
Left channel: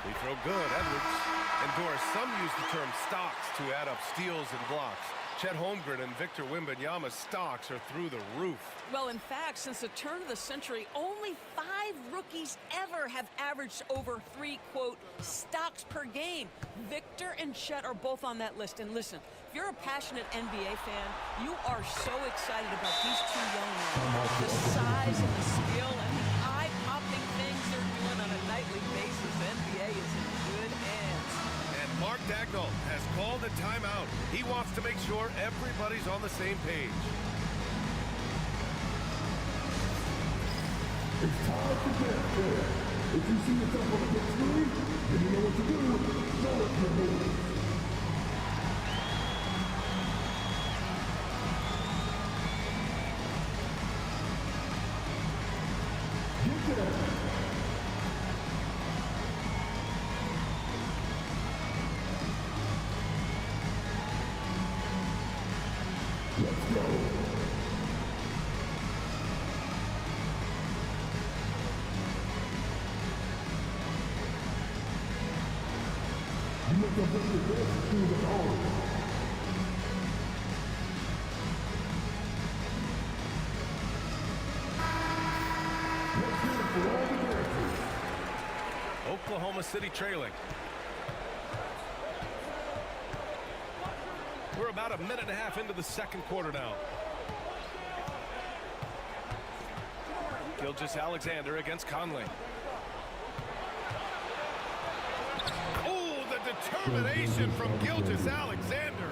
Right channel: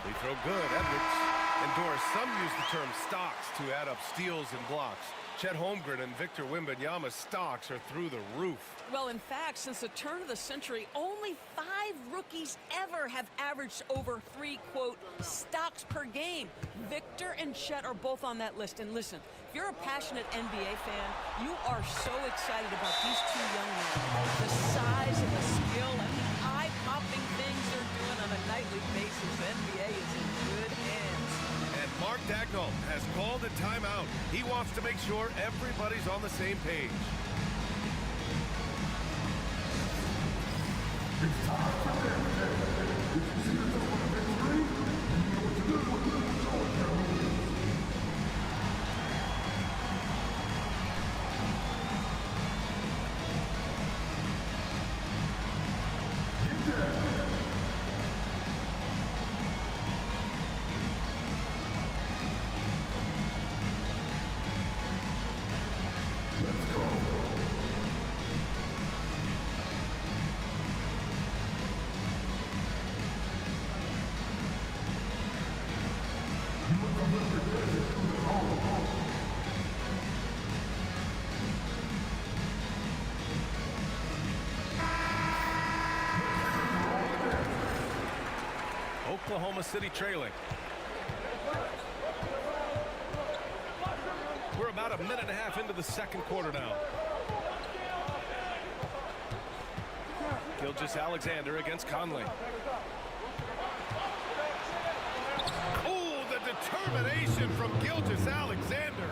Free throw good, Edwards. And Doris, some use the term stocks to add up steals and blocks. Chet Holmgren and Victor Wembanyama's stocks are through the roof. Well, in fact, since the turn of the century, only 5 rookies ever have averaged over 3, quote, stocks per game. Victor and Chet are both on that list. And listen, if you're a passionate NBA fan, you are so excited about these two young men. The size and the skill and the eye-popping things they're doing on a nightly basis. The NBA is in good hands. And Mark Dagnall has called a timeout. He wants to make sure everybody's on the same page. It's time for this. If you see yourself on the big screen, then you know what to do. Show us your moves. Get there. Let's go. You must have left your hands as soon as it's over. Oklahoma City trailing. We're about a minute and a half into the second quarter now. Gilgeous-Alexander against Conley. Oh, the determination from Gilgeous-Alexander.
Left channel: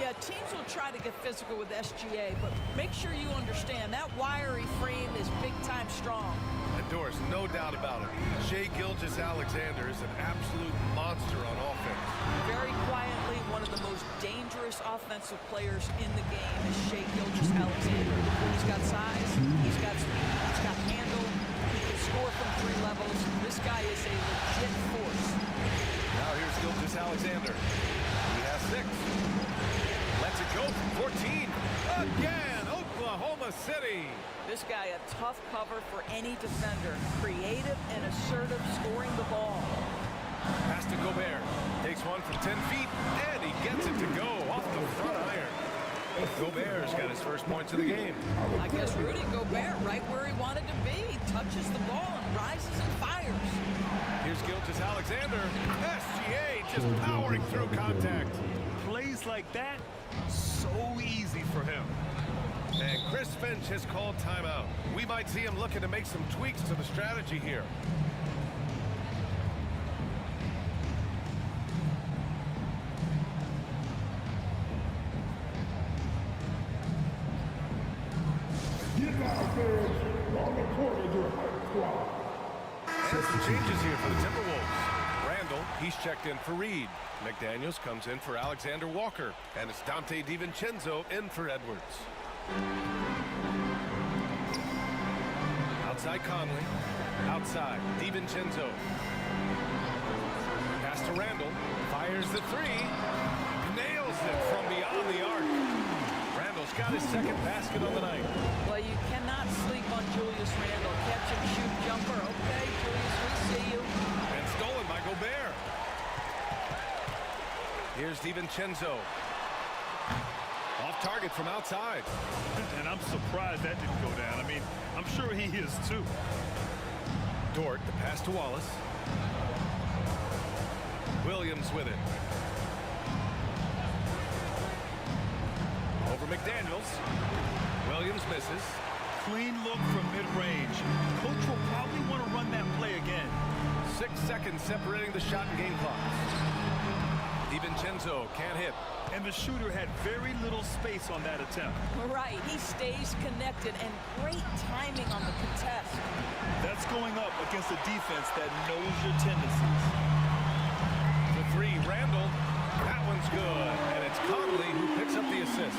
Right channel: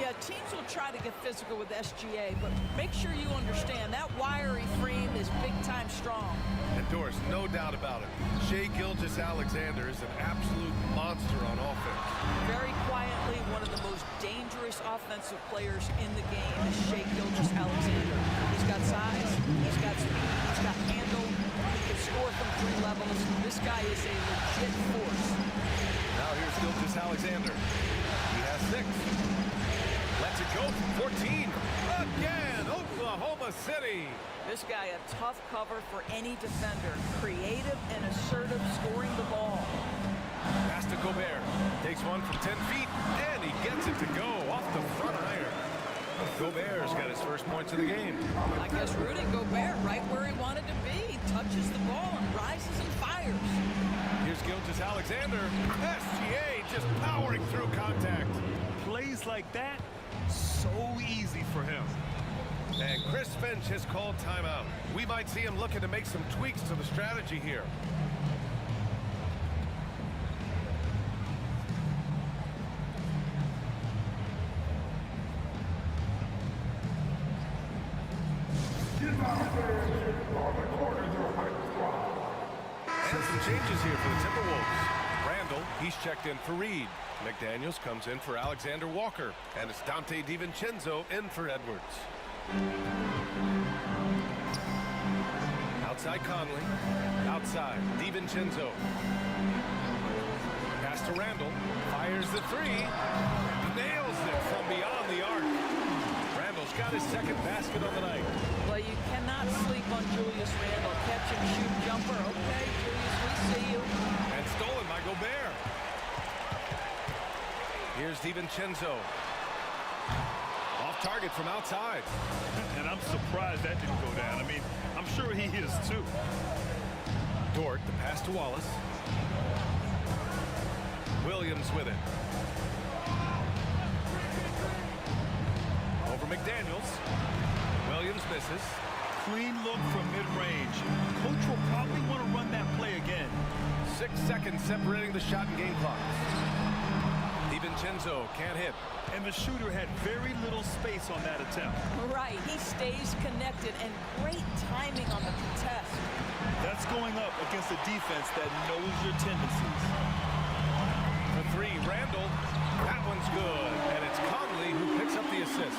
Yeah, teams will try to get physical with SGA, but make sure you understand that wiry frame is big-time strong. And Doris, no doubt about it, Shai Gilgeous-Alexander is an absolute monster on offense. Very quietly, one of the most dangerous offensive players in the game is Shai Gilgeous-Alexander. He's got size, he's got speed, he's got handle, he can score from 3 levels. This guy is a legit force. Now here's Gilgeous-Alexander. He has 6. Lets it go from 14. Again, Oklahoma City. This guy a tough cover for any defender. Creative and assertive scoring the ball. Pass to Gobert. Takes one from 10 feet, and he gets it to go off the front iron. Gobert's got his first points of the game. I guess Rudy Gobert right where he wanted to be. Touches the ball and rises and fires. Here's Gilgeous-Alexander. SGA just powering through contact. Plays like that, so easy for him. And Chris Finch has called timeout. We might see him looking to make some tweaks to the strategy here. And some changes here for the Timberwolves. Randall, he's checked in for Reed. McDaniels comes in for Alexander Walker. And it's Dante DiVincenzo in for Edwards. Outside Conley. Outside DiVincenzo. Pass to Randall. Fires the 3. Nails it from beyond the arc. Randall's got his second basket on the night. Well, you cannot sleep on Julius Randle. Catch and shoot jumper. Okay, Julius, we see you. And stolen by Gobert. Here's DiVincenzo. Off target from outside. And I'm surprised that didn't go down. I mean, I'm sure he is too. Dort, the pass to Wallace. Williams with it. Over McDaniels. Williams misses. Clean look from mid-range. Coach will probably want to run that play again. 6 seconds separating the shot and game clock. DiVincenzo can't hit. And the shooter had very little space on that attempt. Right, he stays connected and great timing on the contest. That's going up against a defense that knows your tendencies. For three, Randall. That one's good. And it's Conley who picks up the assist.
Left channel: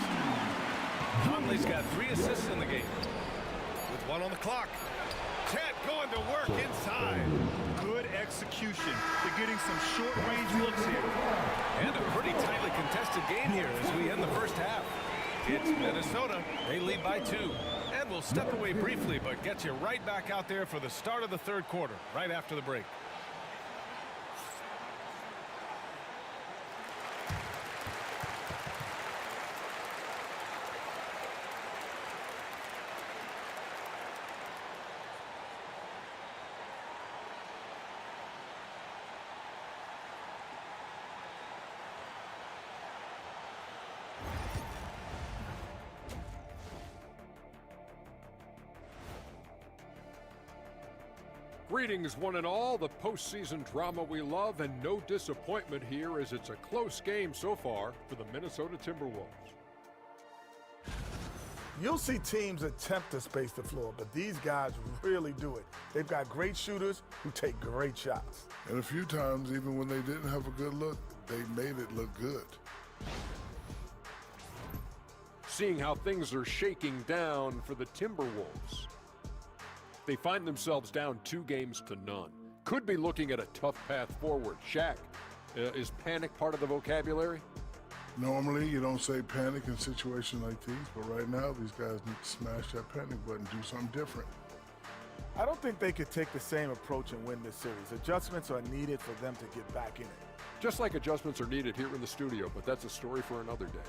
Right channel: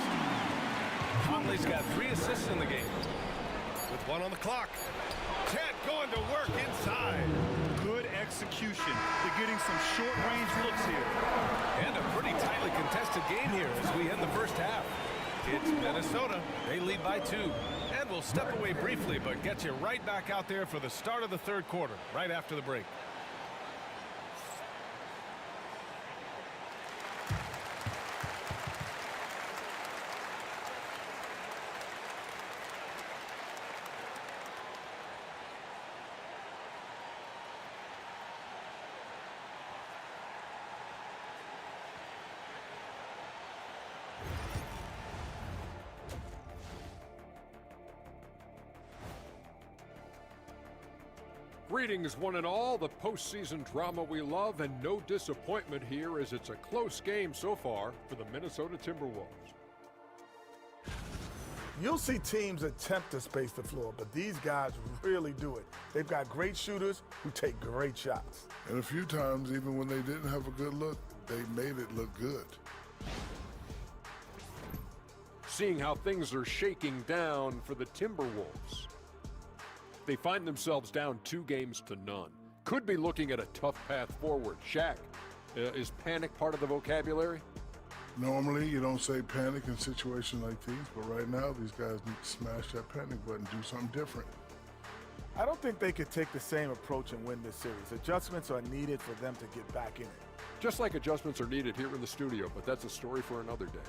Conley's got 3 assists in the game. With 1 on the clock. Ted going to work inside. Good execution. They're getting some short-range looks here. And a pretty tightly contested game here as we end the first half. It's Minnesota. They lead by 2. And we'll step away briefly, but get you right back out there for the start of the third quarter, right after the break. Greetings, one and all. The postseason drama we love, and no disappointment here as it's a close game so far for the Minnesota Timberwolves. You'll see teams attempt to space the floor, but these guys really do it. They've got great shooters who take great shots. And a few times, even when they didn't have a good look, they made it look good. Seeing how things are shaking down for the Timberwolves. They find themselves down 2 games to none. Could be looking at a tough path forward. Shaq, is panic part of the vocabulary? Normally, you don't say panic in situations like these, but right now, these guys need to smash that panic button, do something different. I don't think they could take the same approach and win this series. Adjustments are needed for them to get back in it. Just like adjustments are needed here in the studio, but that's a story for another day.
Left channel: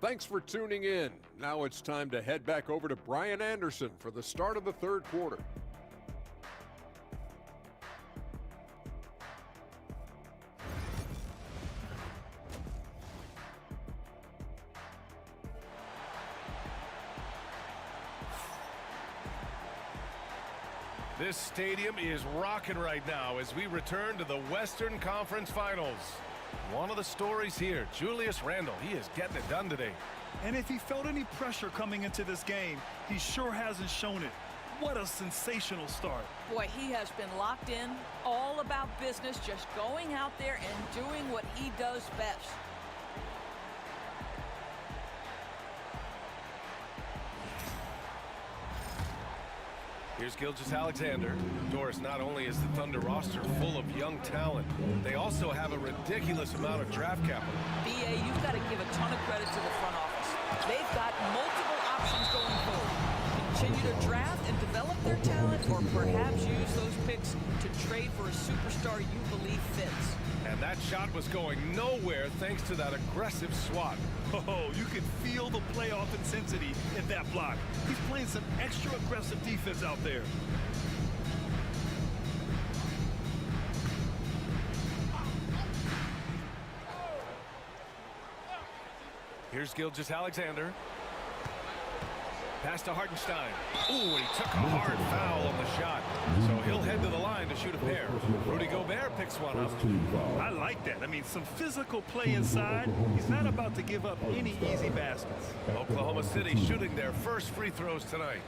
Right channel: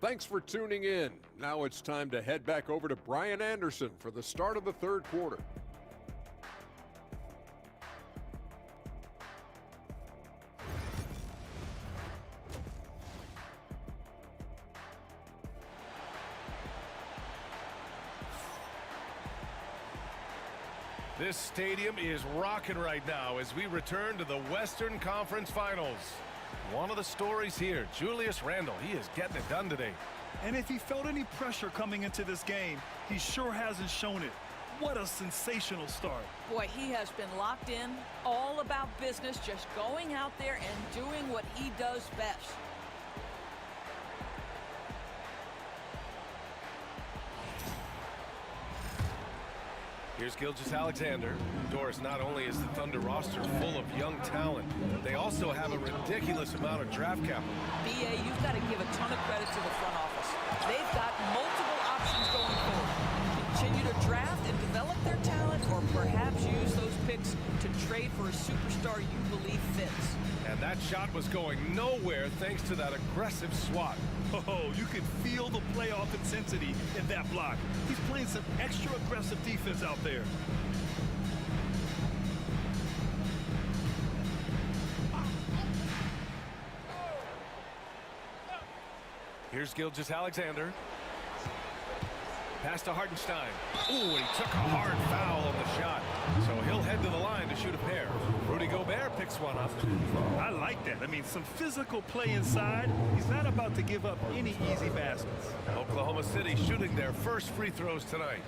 Thanks for tuning in. Now it's time to head back over to Brian Anderson for the start of the third quarter. This stadium is rocking right now as we return to the Western Conference Finals. One of the stories here, Julius Randle, he is getting it done today. And if he felt any pressure coming into this game, he sure hasn't shown it. What a sensational start. Boy, he has been locked in, all about business, just going out there and doing what he does best. Here's Gilgeous-Alexander. Doris, not only is the Thunder roster full of young talent, they also have a ridiculous amount of draft capital. BA, you've got to give a ton of credit to the front office. They've got multiple options going forward. Continue to draft and develop their talent, or perhaps use those picks to trade for a superstar you believe fits. And that shot was going nowhere thanks to that aggressive swat. Oh, you could feel the playoff intensity in that block. He's playing some extra aggressive defense out there. Here's Gilgeous-Alexander. Pass to Hartenstein. Ooh, and he took a hard foul on the shot. So he'll head to the line to shoot a pair. Rudy Gobert picks one up. I like that. I mean, some physical play inside. He's not about to give up any easy baskets. Oklahoma City shooting their first free throws tonight.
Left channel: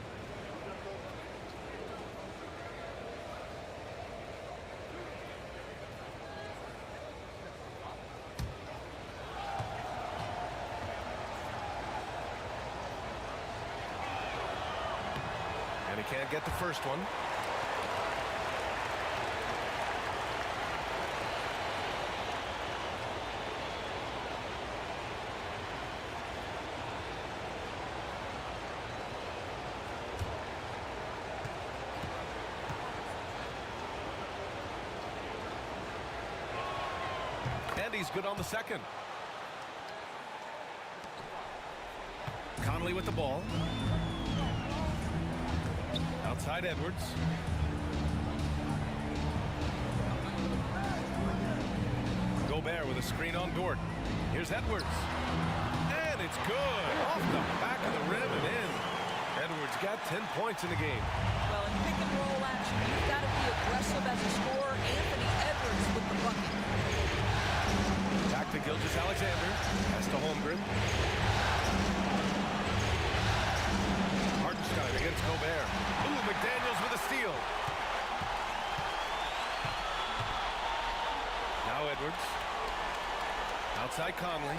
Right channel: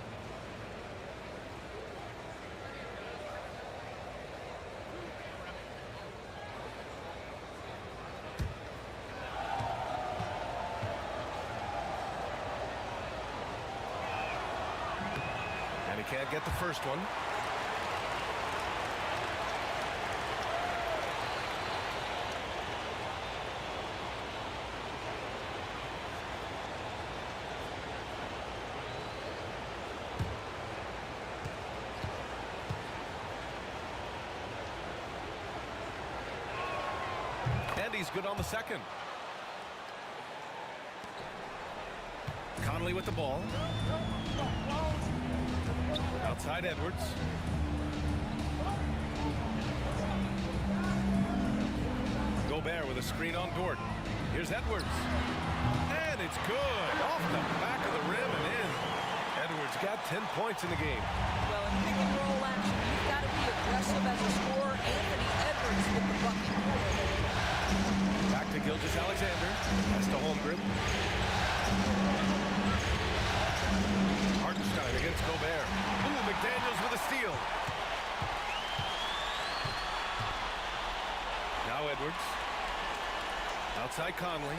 And he can't get the first one. And he's good on the second. Conley with the ball. Outside Edwards. Gobert with a screen on Dort. Here's Edwards. And it's good. Off the back of the rim and in. Edwards got 10 points in the game. Well, in pick and roll action, you've got to be aggressive as a scorer. Anthony Edwards with the bucket. Back to Gilgeous-Alexander. Pass to Holmgren. Hartenstein against Gobert. Ooh, McDaniels with a steal. Now Edwards. Outside Conley.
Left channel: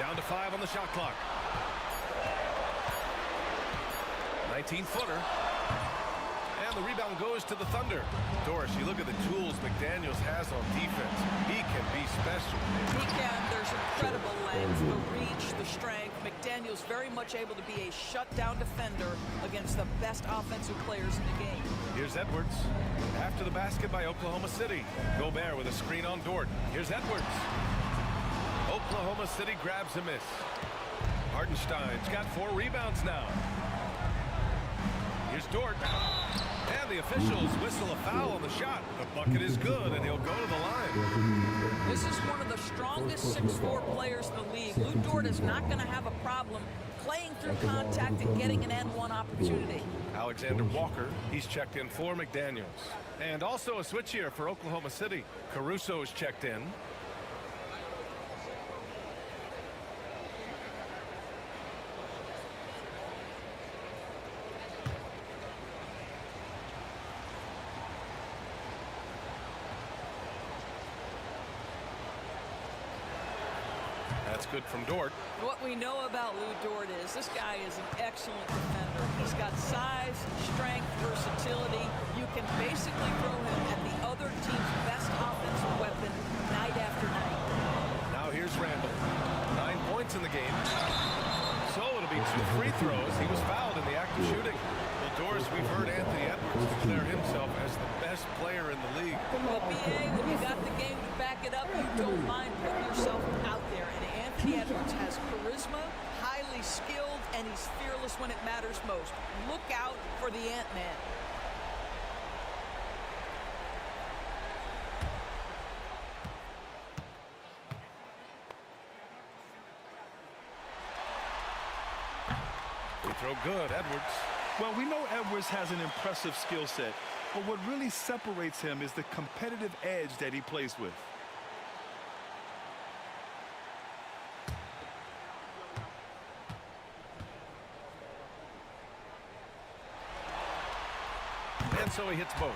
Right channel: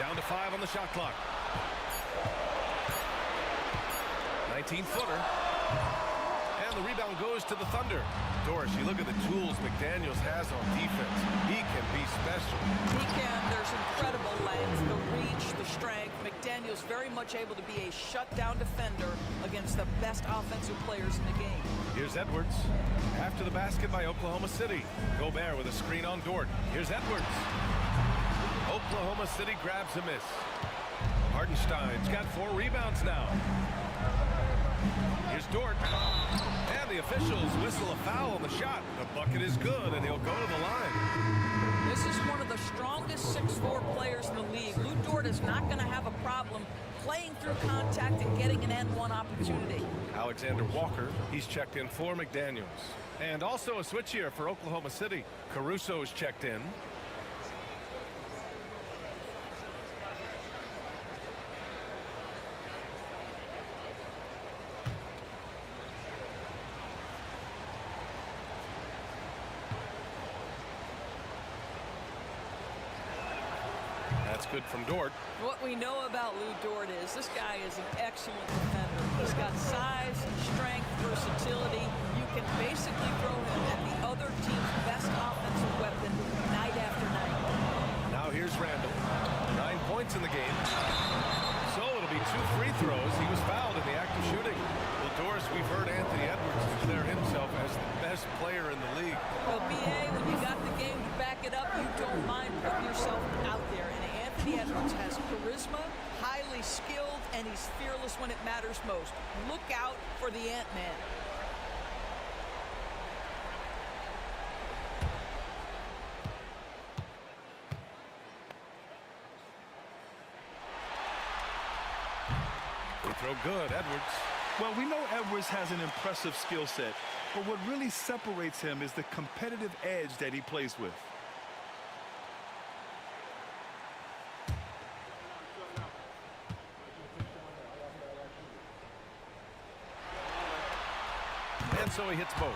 Down to 5 on the shot clock. 19-footer. And the rebound goes to the Thunder. Doris, you look at the tools McDaniels has on defense. He can be special. He can. There's incredible length, the reach, the strength. McDaniels very much able to be a shutdown defender against the best offensive players in the game. Here's Edwards. After the basket by Oklahoma City. Gobert with a screen on Dort. Here's Edwards. Oklahoma City grabs a miss. Hartenstein's got 4 rebounds now. Here's Dort. And the officials whistle a foul on the shot. The bucket is good, and he'll go to the line. This is one of the strongest 6'4" players in the league. Lou Dort is not going to have a problem playing through contact and getting an N1 opportunity. Alexander Walker, he's checked in for McDaniels. And also a switch here for Oklahoma City. Caruso is checked in. That's good from Dort. What we know about Lou Dort is this guy is an excellent defender. He's got size, strength, versatility. You can basically throw him at the other team's best offensive weapon night after night. Now here's Randall. 9 points in the game. So it'll be 2 free throws. He was fouled in the act of shooting. Well, Doris, we've heard Anthony Edwards declare himself as the best player in the league. Well, BA, when you got the game to back it up, you don't mind putting yourself out there. And Anthony Edwards has charisma, highly skilled, and he's fearless when it matters most. Look out for the Ant-Man. Free throw good, Edwards. Well, we know Edwards has an impressive skill set, but what really separates him is the competitive edge that he plays with. And so he hits both.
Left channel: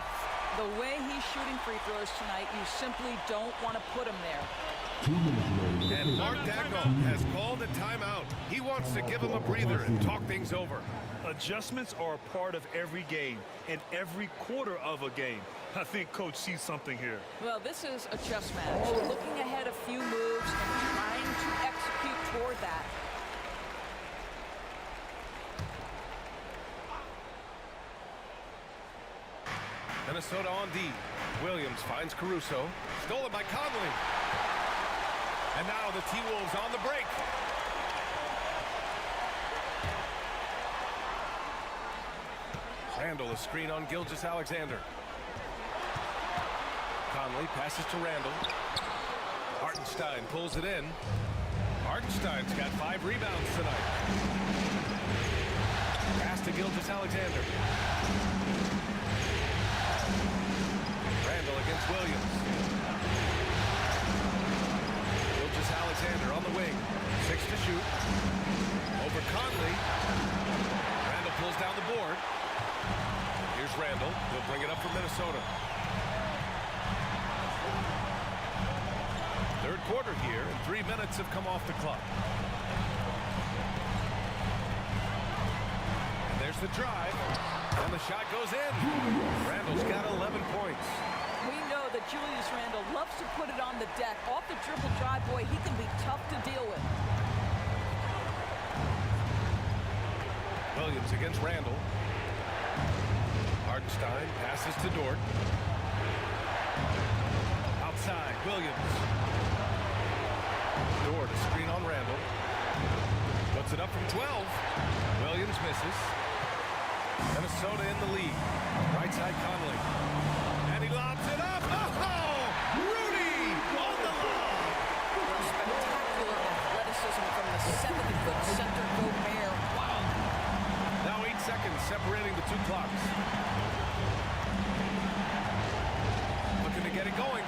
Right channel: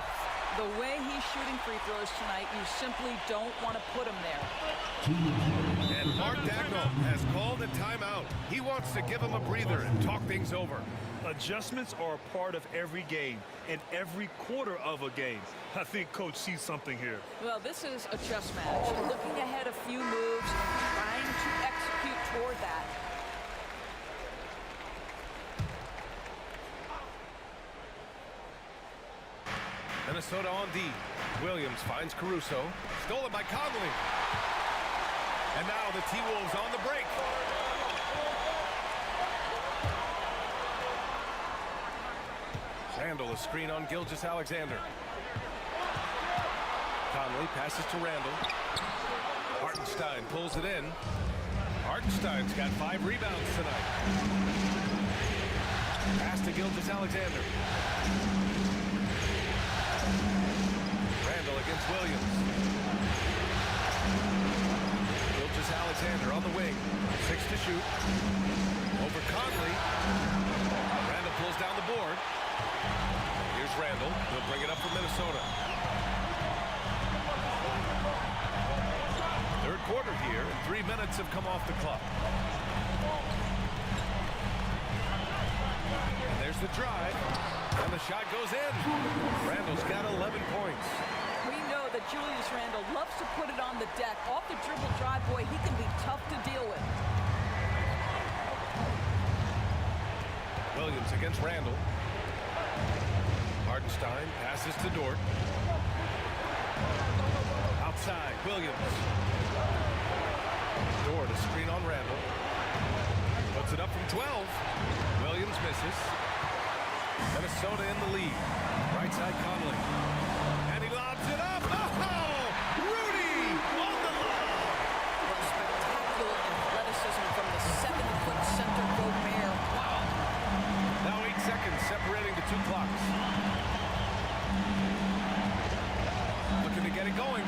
The way he's shooting free throws tonight, you simply don't want to put him there. And Mark Dagnall has called a timeout. He wants to give him a breather and talk things over. Adjustments are a part of every game and every quarter of a game. I think Coach sees something here. Well, this is a chess match. Looking ahead a few moves and trying to execute toward that. Minnesota on D. Williams finds Caruso. Stolen by Conley. And now the T-Wolves on the break. Randall, a screen on Gilgeous-Alexander. Conley passes to Randall. Hartenstein pulls it in. Hartenstein's got 5 rebounds tonight. Pass to Gilgeous-Alexander. Randall against Williams. Gilgeous-Alexander on the wing. 6 to shoot. Over Conley. Randall pulls down the board. Here's Randall. He'll bring it up for Minnesota. Third quarter here, and 3 minutes have come off the clock. And there's the drive. And the shot goes in. Randall's got 11 points. We know that Julius Randle loves to put it on the deck. Off the dribble drive, boy, he can be tough to deal with. Williams against Randall. Hartenstein passes to Dort. Outside, Williams. Dort, a screen on Randall. Puts it up from 12. Williams misses. Minnesota in the lead. Right side, Conley. And he lobs it up. Oh! Rudy on the lob. Well, spectacular athleticism from the 7-foot center Gobert. Wow. Now 8 seconds separating the two clocks. Looking to get it going.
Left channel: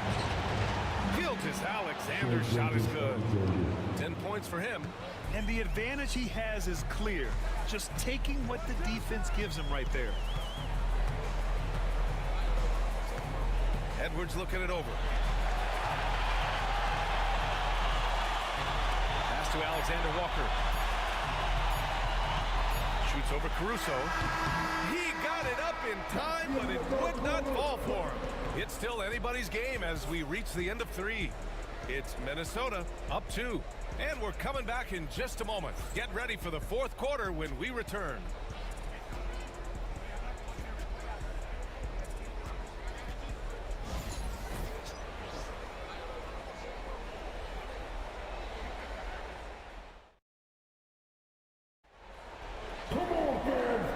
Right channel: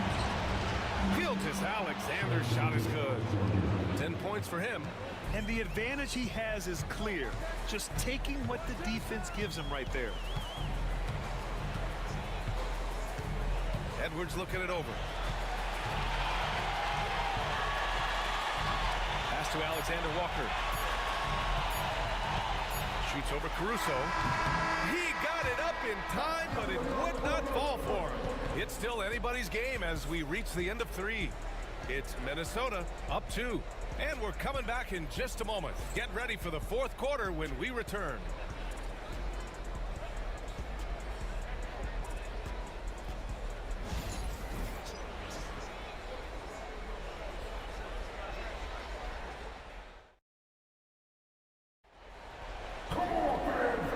Gilgeous-Alexander's shot is good. 10 points for him. And the advantage he has is clear. Just taking what the defense gives him right there. Edwards looking it over. Pass to Alexander Walker. Shoots over Caruso. He got it up in time, but it would not fall for him. It's still anybody's game as we reach the end of 3. It's Minnesota up 2. And we're coming back in just a moment. Get ready for the fourth quarter when we return.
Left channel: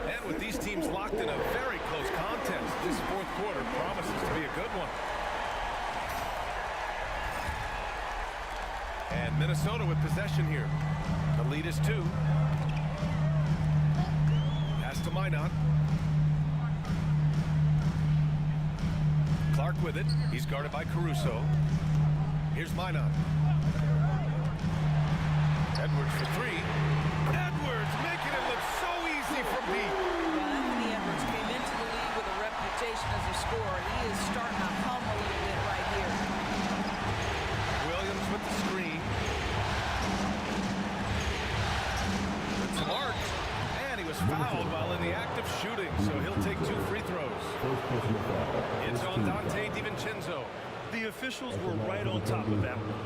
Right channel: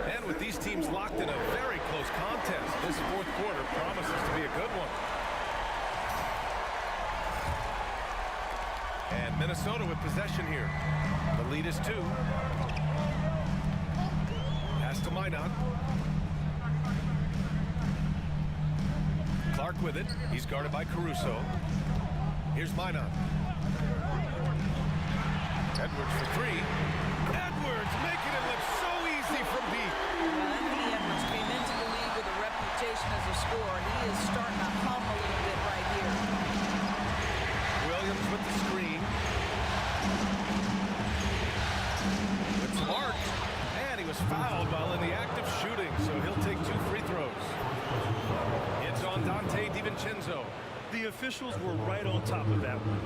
And with these teams locked in a very close contest, this fourth quarter promises to be a good one. And Minnesota with possession here. The lead is 2. Pass to Minot. Clark with it. He's guarded by Caruso. Here's Minot. Edwards for 3. Edwards making it look so easy from deep. Well, Anthony Edwards came into the league with a reputation as a scorer. He is starting to hum a little bit right here. Williams with the screen. With some arc. And he was fouled while in the act of shooting, so he'll take 2 free throws. It's on Dante DiVincenzo. The officials were right on top of that one.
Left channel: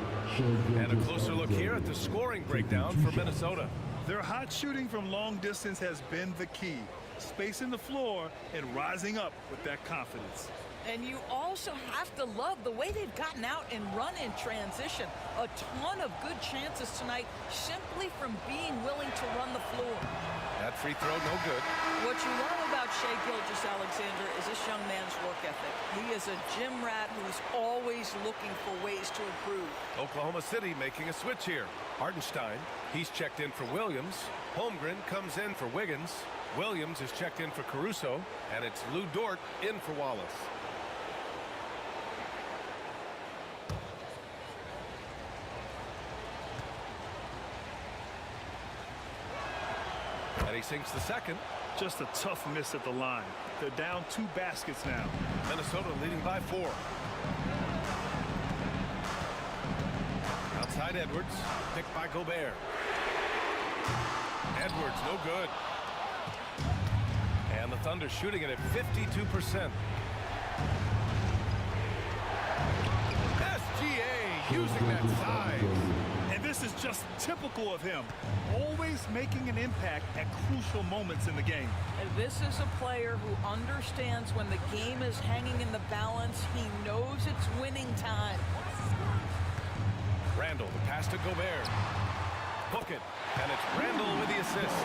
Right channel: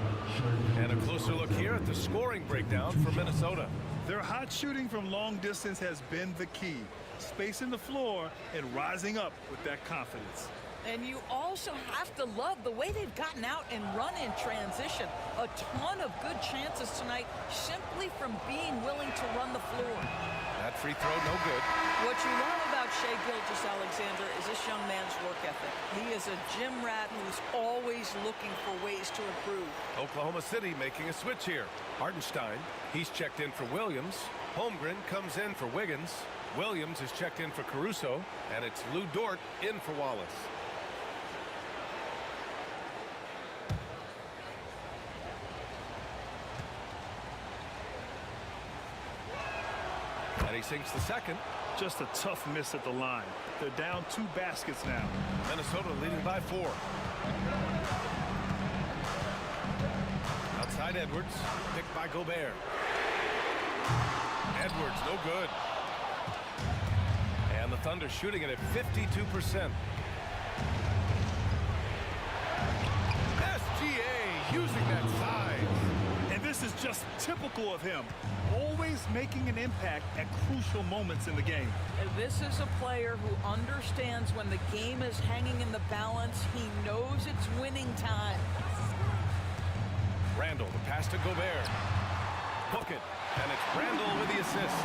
And a closer look here at the scoring breakdown for Minnesota. Their hot shooting from long distance has been the key. Spacing the floor and rising up with that confidence. And you also have to love the way they've gotten out and run in transition. A ton of good chances tonight simply from being willing to run the floor. That free throw, no good. What you love about Shai Gilgeous-Alexander is this young man's work ethic. He is a gym rat who's always looking for ways to improve. Oklahoma City making a switch here. Hartenstein, he's checked in for Williams. Holmgren comes in for Wiggins. Williams is checked in for Caruso. And it's Lou Dort in for Wallace. And he sinks the second. Just a tough miss at the line. They're down 2 baskets now. Minnesota leading by 4. Outside Edwards, picked by Gobert. Edwards, no good. And the Thunder shooting it at 52%. SGA using that size. And this is just typical of him. Always making an impact at crucial moments in the game. And this is a player who understands when the game is hanging in the balance. He knows it's winning time. Randall, the pass to Gobert. Book it. And it's Randall with the assist.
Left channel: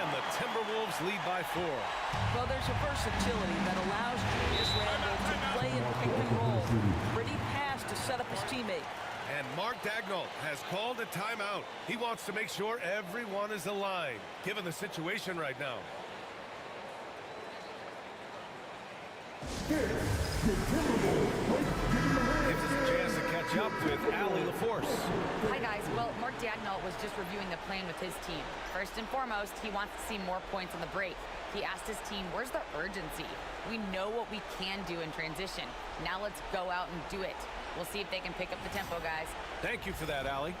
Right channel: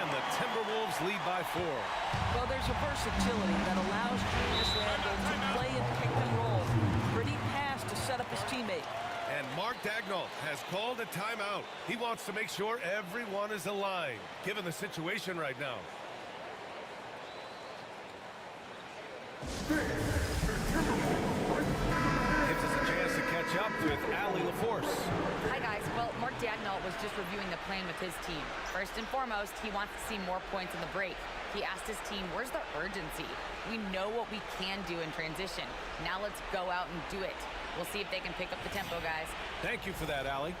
And the Timberwolves lead by 4. Well, there's a versatility that allows Julius Randall to play in pick and roll. Pretty pass to set up his teammate. And Mark Daigneault has called a timeout. He wants to make sure everyone is aligned, given the situation right now. Gives us a chance to catch up with Allie LaForce. Hi, guys. Well, Mark Daigneault was just reviewing the plan with his team. First and foremost, he wants to see more points in the break. He asked his team, where's the urgency? We know what we can do in transition. Now let's go out and do it. We'll see if they can pick up the tempo, guys. Thank you for that, Allie.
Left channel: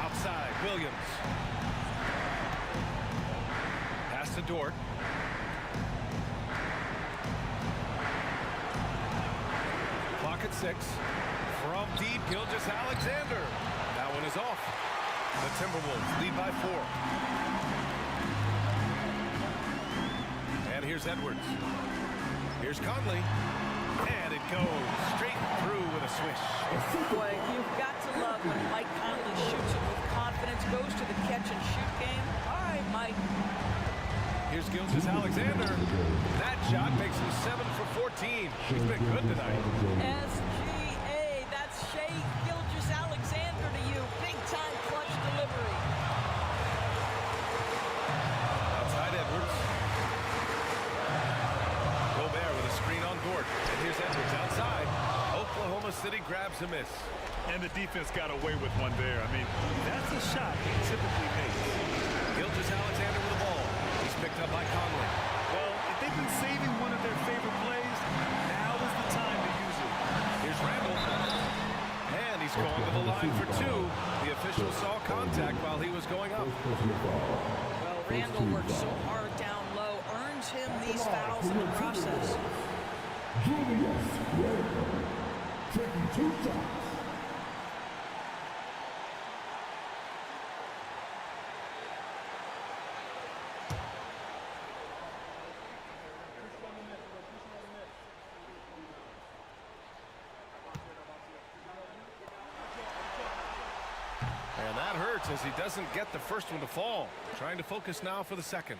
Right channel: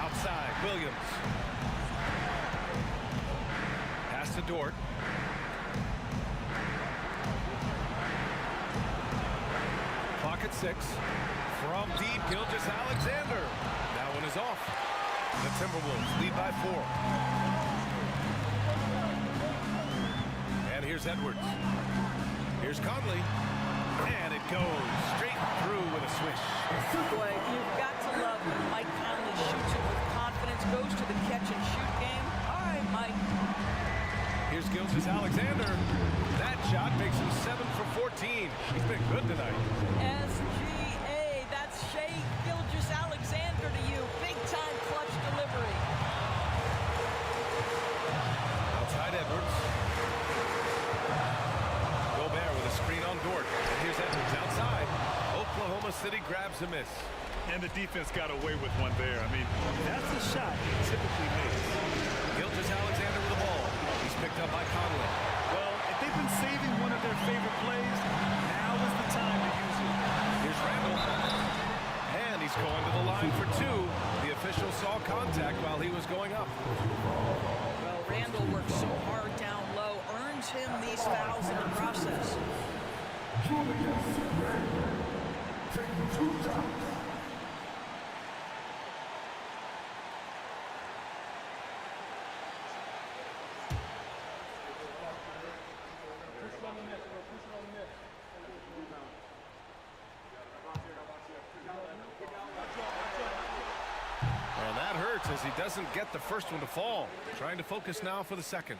Outside, Williams. Pass to Dort. Clock at 6. From deep, Gilgeous-Alexander. That one is off. The Timberwolves lead by 4. And here's Edwards. Here's Conley. And it goes straight through with a swish. Boy, you've got to love when Mike Conley shoots it with confidence, goes to the catch-and-shoot game. All right, Mike. Here's Gilgeous-Alexander. That shot makes him 7 for 14. He's been good tonight. SGA, that's Shai Gilgeous-Alexander to you. Big-time clutch delivery. Outside Edwards. Gobert with a screen on Dort. And here's Edwards outside. Oklahoma City grabs a miss. And the defense got away with one there. I mean, that's a shot he typically makes. Gilgeous-Alexander with the ball. He's picked up by Conley. Well, if they've been saving one of their favorite plays, now is the time to use it. Here's Randall. And he's going to the line for 2. The official saw contact while he was going up. Well, Randall worked so hard down low, earns him these fouls in the process. Julius Randle taking 2 shots. And that hurts as he doesn't get the first one to fall. Trying to focus now for the second.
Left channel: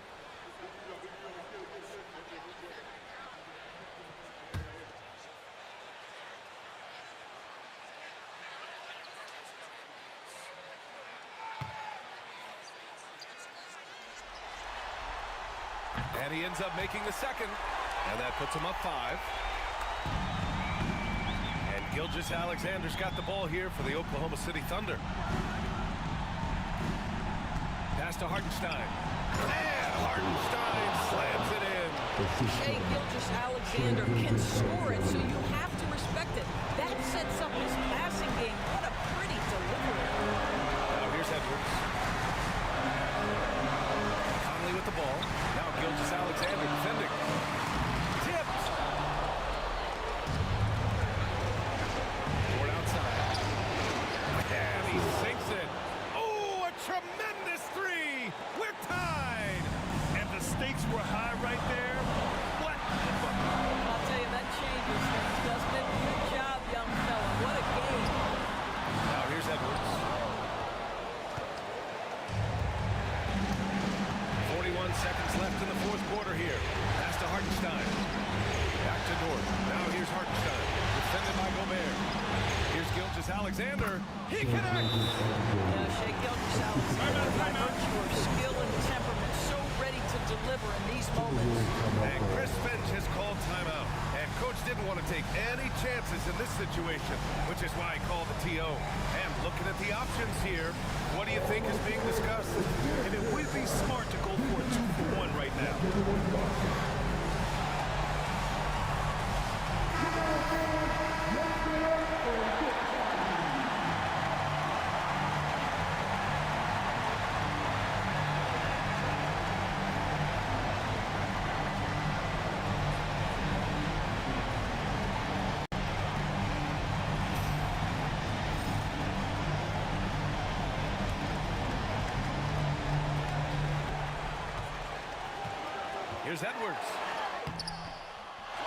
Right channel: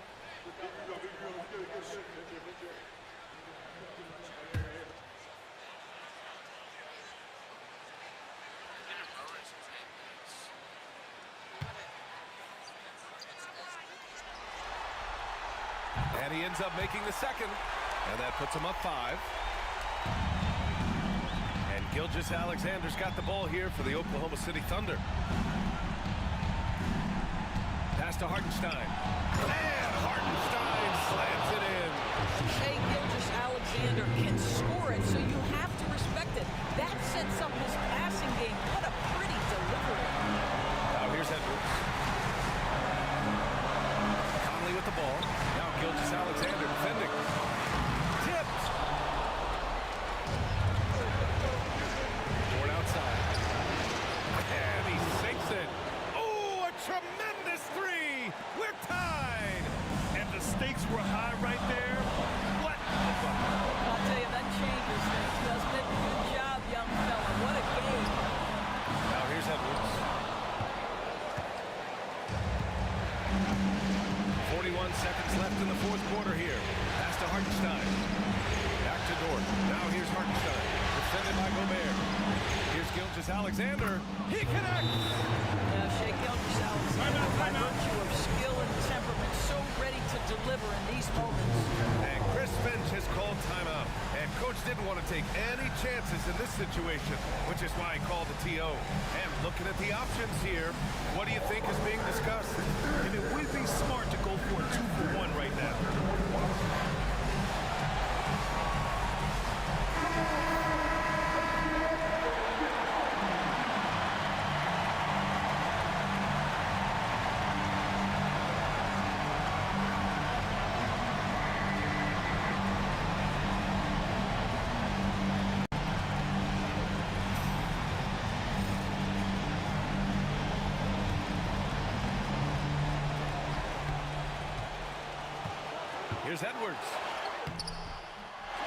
And he ends up making the second. And that puts him up 5. And Gilgeous-Alexander's got the ball here for the Oklahoma City Thunder. Pass to Hartenstein. And Hartenstein slams it in. Shai Gilgeous-Alexander can score it, so you have to respect it. That sets up his passing game. What a pretty delivery. Now here's Edwards. Conley with the ball. Now Gilgeous-Alexander defending. Tipped. Toward outside. And he sinks it. Oh, a tremendous 3. We're tied. And the stakes were high right there. What a bucket. I'll tell you, that changes things, doesn't it? Good job, young fella. What a game. Now here's Edwards. 41 seconds left in the 4th quarter here. Pass to Hartenstein. Back to Dort. Now here's Hartenstein. Defended by Gobert. Here's Gilgeous-Alexander. He connects. Now, Shai Gilgeous-Alexander, by virtue of skill and temperament, so ready to deliver in these moments. And Chris Finch has called timeout. And Coach didn't want to take any chances in this situation, which is why he called the TO. And looking at the options here, what do you think is being discussed? And it would be smart to go for a 2-for-1 right now. Here's Edwards.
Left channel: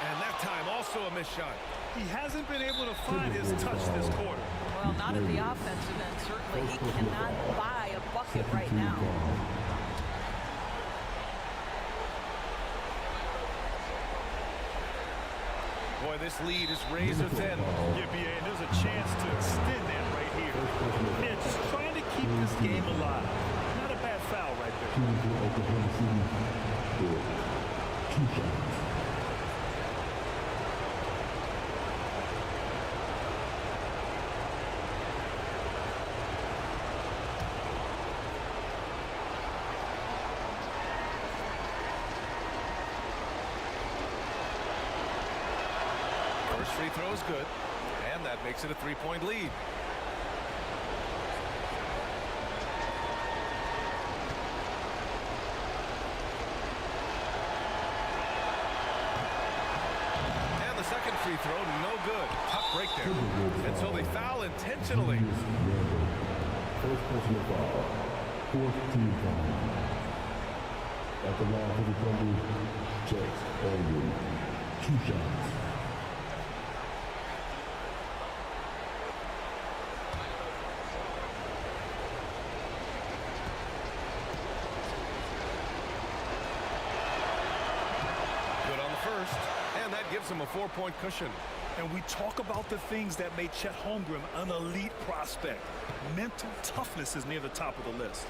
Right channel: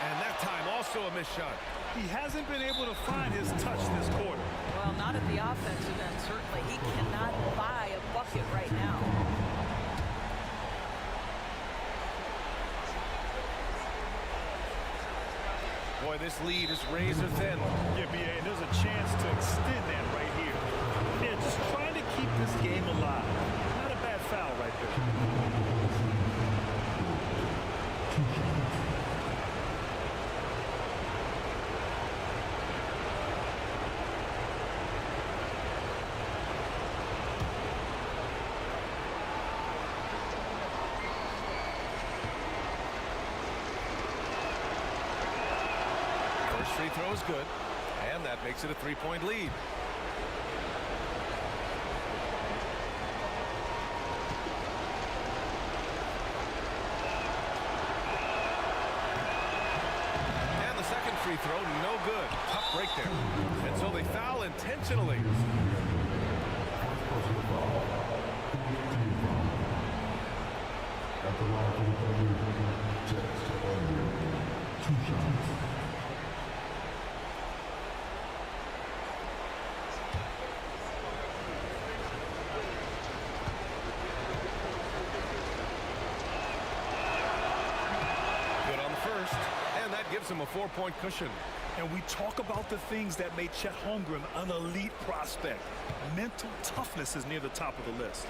And that time also a missed shot. He hasn't been able to find his touch this quarter. Well, not at the offensive end. Certainly, he cannot buy a bucket right now. Boy, this lead is razor thin. Yeah, BA, and there's a chance to extend that right here. Yeah, just trying to keep this game alive. Not a bad foul right there. First free throw is good, and that makes it a 3-point lead. And the second free throw, no good. Tough break there. And so they foul intentionally. First personal foul. Fourth team foul. At the line for the Thunder, Jets Holmgren. 2 shots. Good on the first, and that gives him a 4-point cushion. And we talk about the things that made Chet Holmgren an elite prospect. Mental toughness is near the top of the list.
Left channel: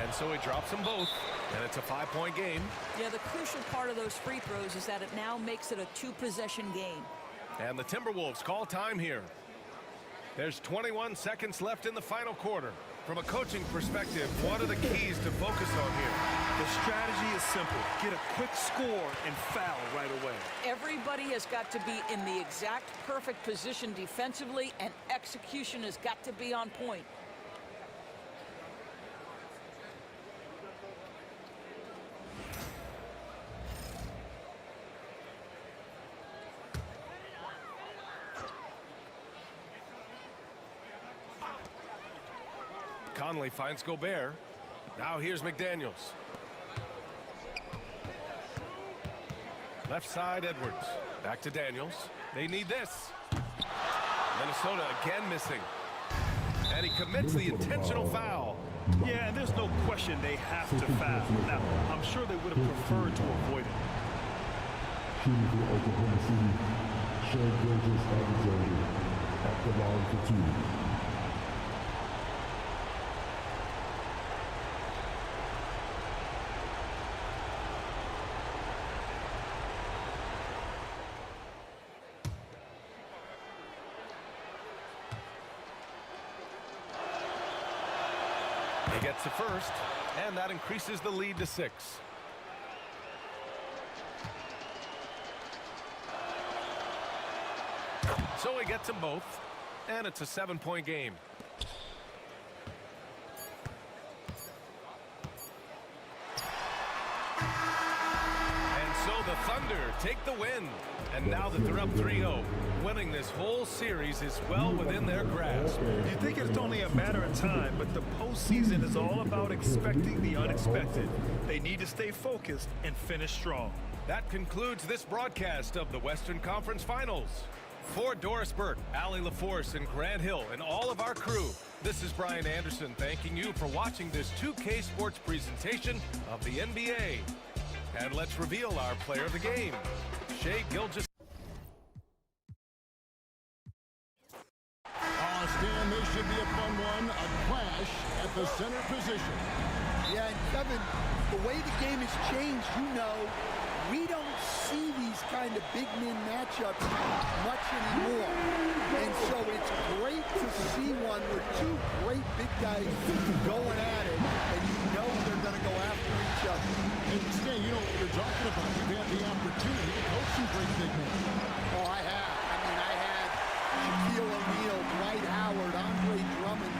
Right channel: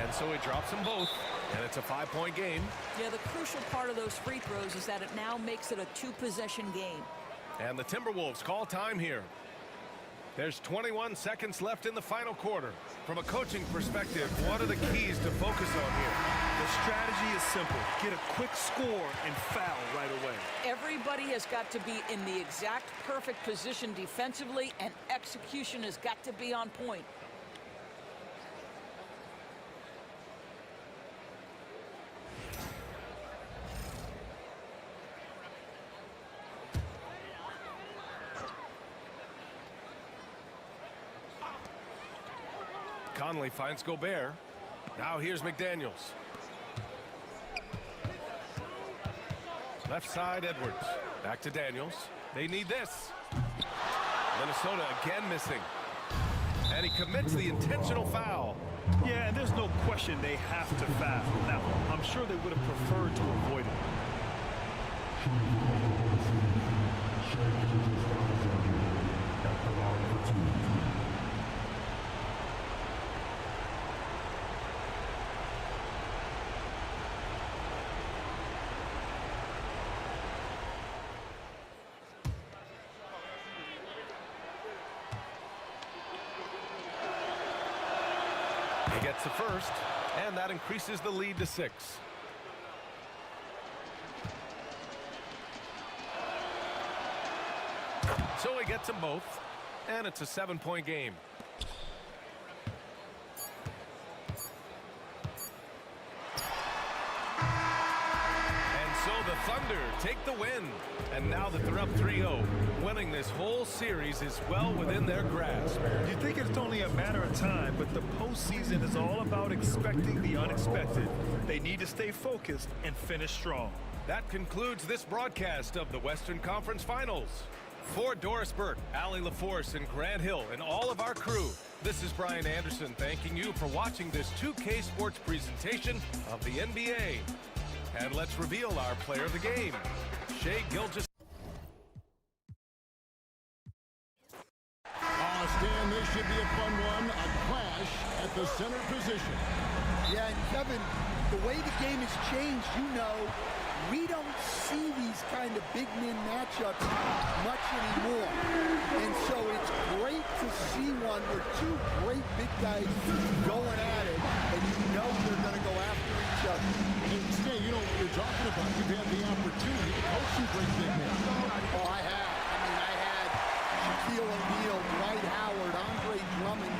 And so he drops them both, and it's a 5-point game. Yeah, the crucial part of those free throws is that it now makes it a 2-possession game. And the Timberwolves call time here. There's 21 seconds left in the final quarter. From a coaching perspective, what are the keys to focus on here? The strategy is simple. Get a quick score and foul right away. Everybody has got to be in the exact perfect position defensively, and execution has got to be on point. Conley finds Gobert. Now here's McDaniels. Left side, Edwards. Back to Daniels. They need this. Minnesota again missing. And he commits the intentional foul. Yeah, and there's no question they have to foul. Now, I'm sure they would have preferred to avoid it. Shooting for Oklahoma City, Shai Gilgeous-Alexander. At the line for 2. He gets the first, and that increases the lead to 6. So he gets them both, and it's a 7-point game. And so the Thunder take the win. And now that they're up 3-0, winning this whole series is well within their grasp. You think it's only a matter of time, but the postseason is all about expecting the unexpected. They need to stay focused and finish strong. That concludes this broadcast of the Western Conference Finals. For Doris Burke, Allie LaForce, and Grant Hill, and all of our crew, this is Brian Anderson thanking you for watching this 2K Sports presentation of the NBA. And let's reveal our player of the game, Shai Gilgeous. Stan, this should be a fun one. A clash at the center position. Yeah, and Kevin, the way the game has changed, you know, we don't see these kind of big men matchups much anymore. And so it's great to see one where 2 great big guys going at it, and you know they're going to go after each other. And Stan, you know what you're talking about. You've had the opportunity to coach some great big men. Oh, I have. I mean, I had Shaquille O'Neal, Dwight Howard, Andre Drummond.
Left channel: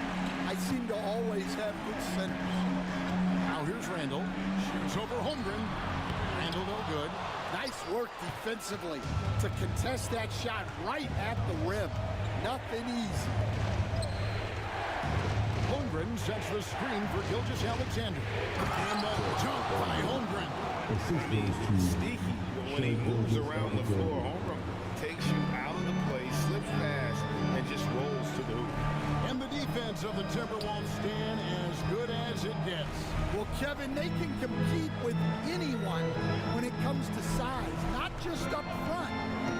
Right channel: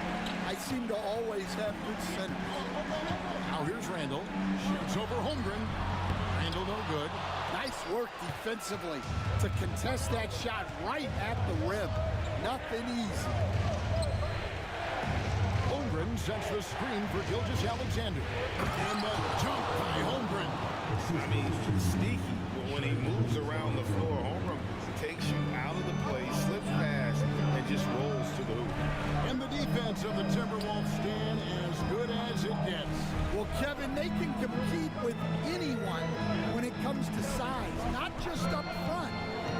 I seem to always have good centers. Now here's Randall. Shoots over Holmgren. Randall no good. Nice work defensively to contest that shot right at the rim. Nothing easy. Holmgren sets the screen for Gilgeous-Alexander. And the jump by Holmgren. I mean, sneaky. When he moves around the floor, Holmgren takes you out of the play, slips past, and just rolls to the hoop. And the defense of the Timberwolves, Stan, as good as it gets. Well, Kevin, they can compete with anyone when it comes to size, not just up front,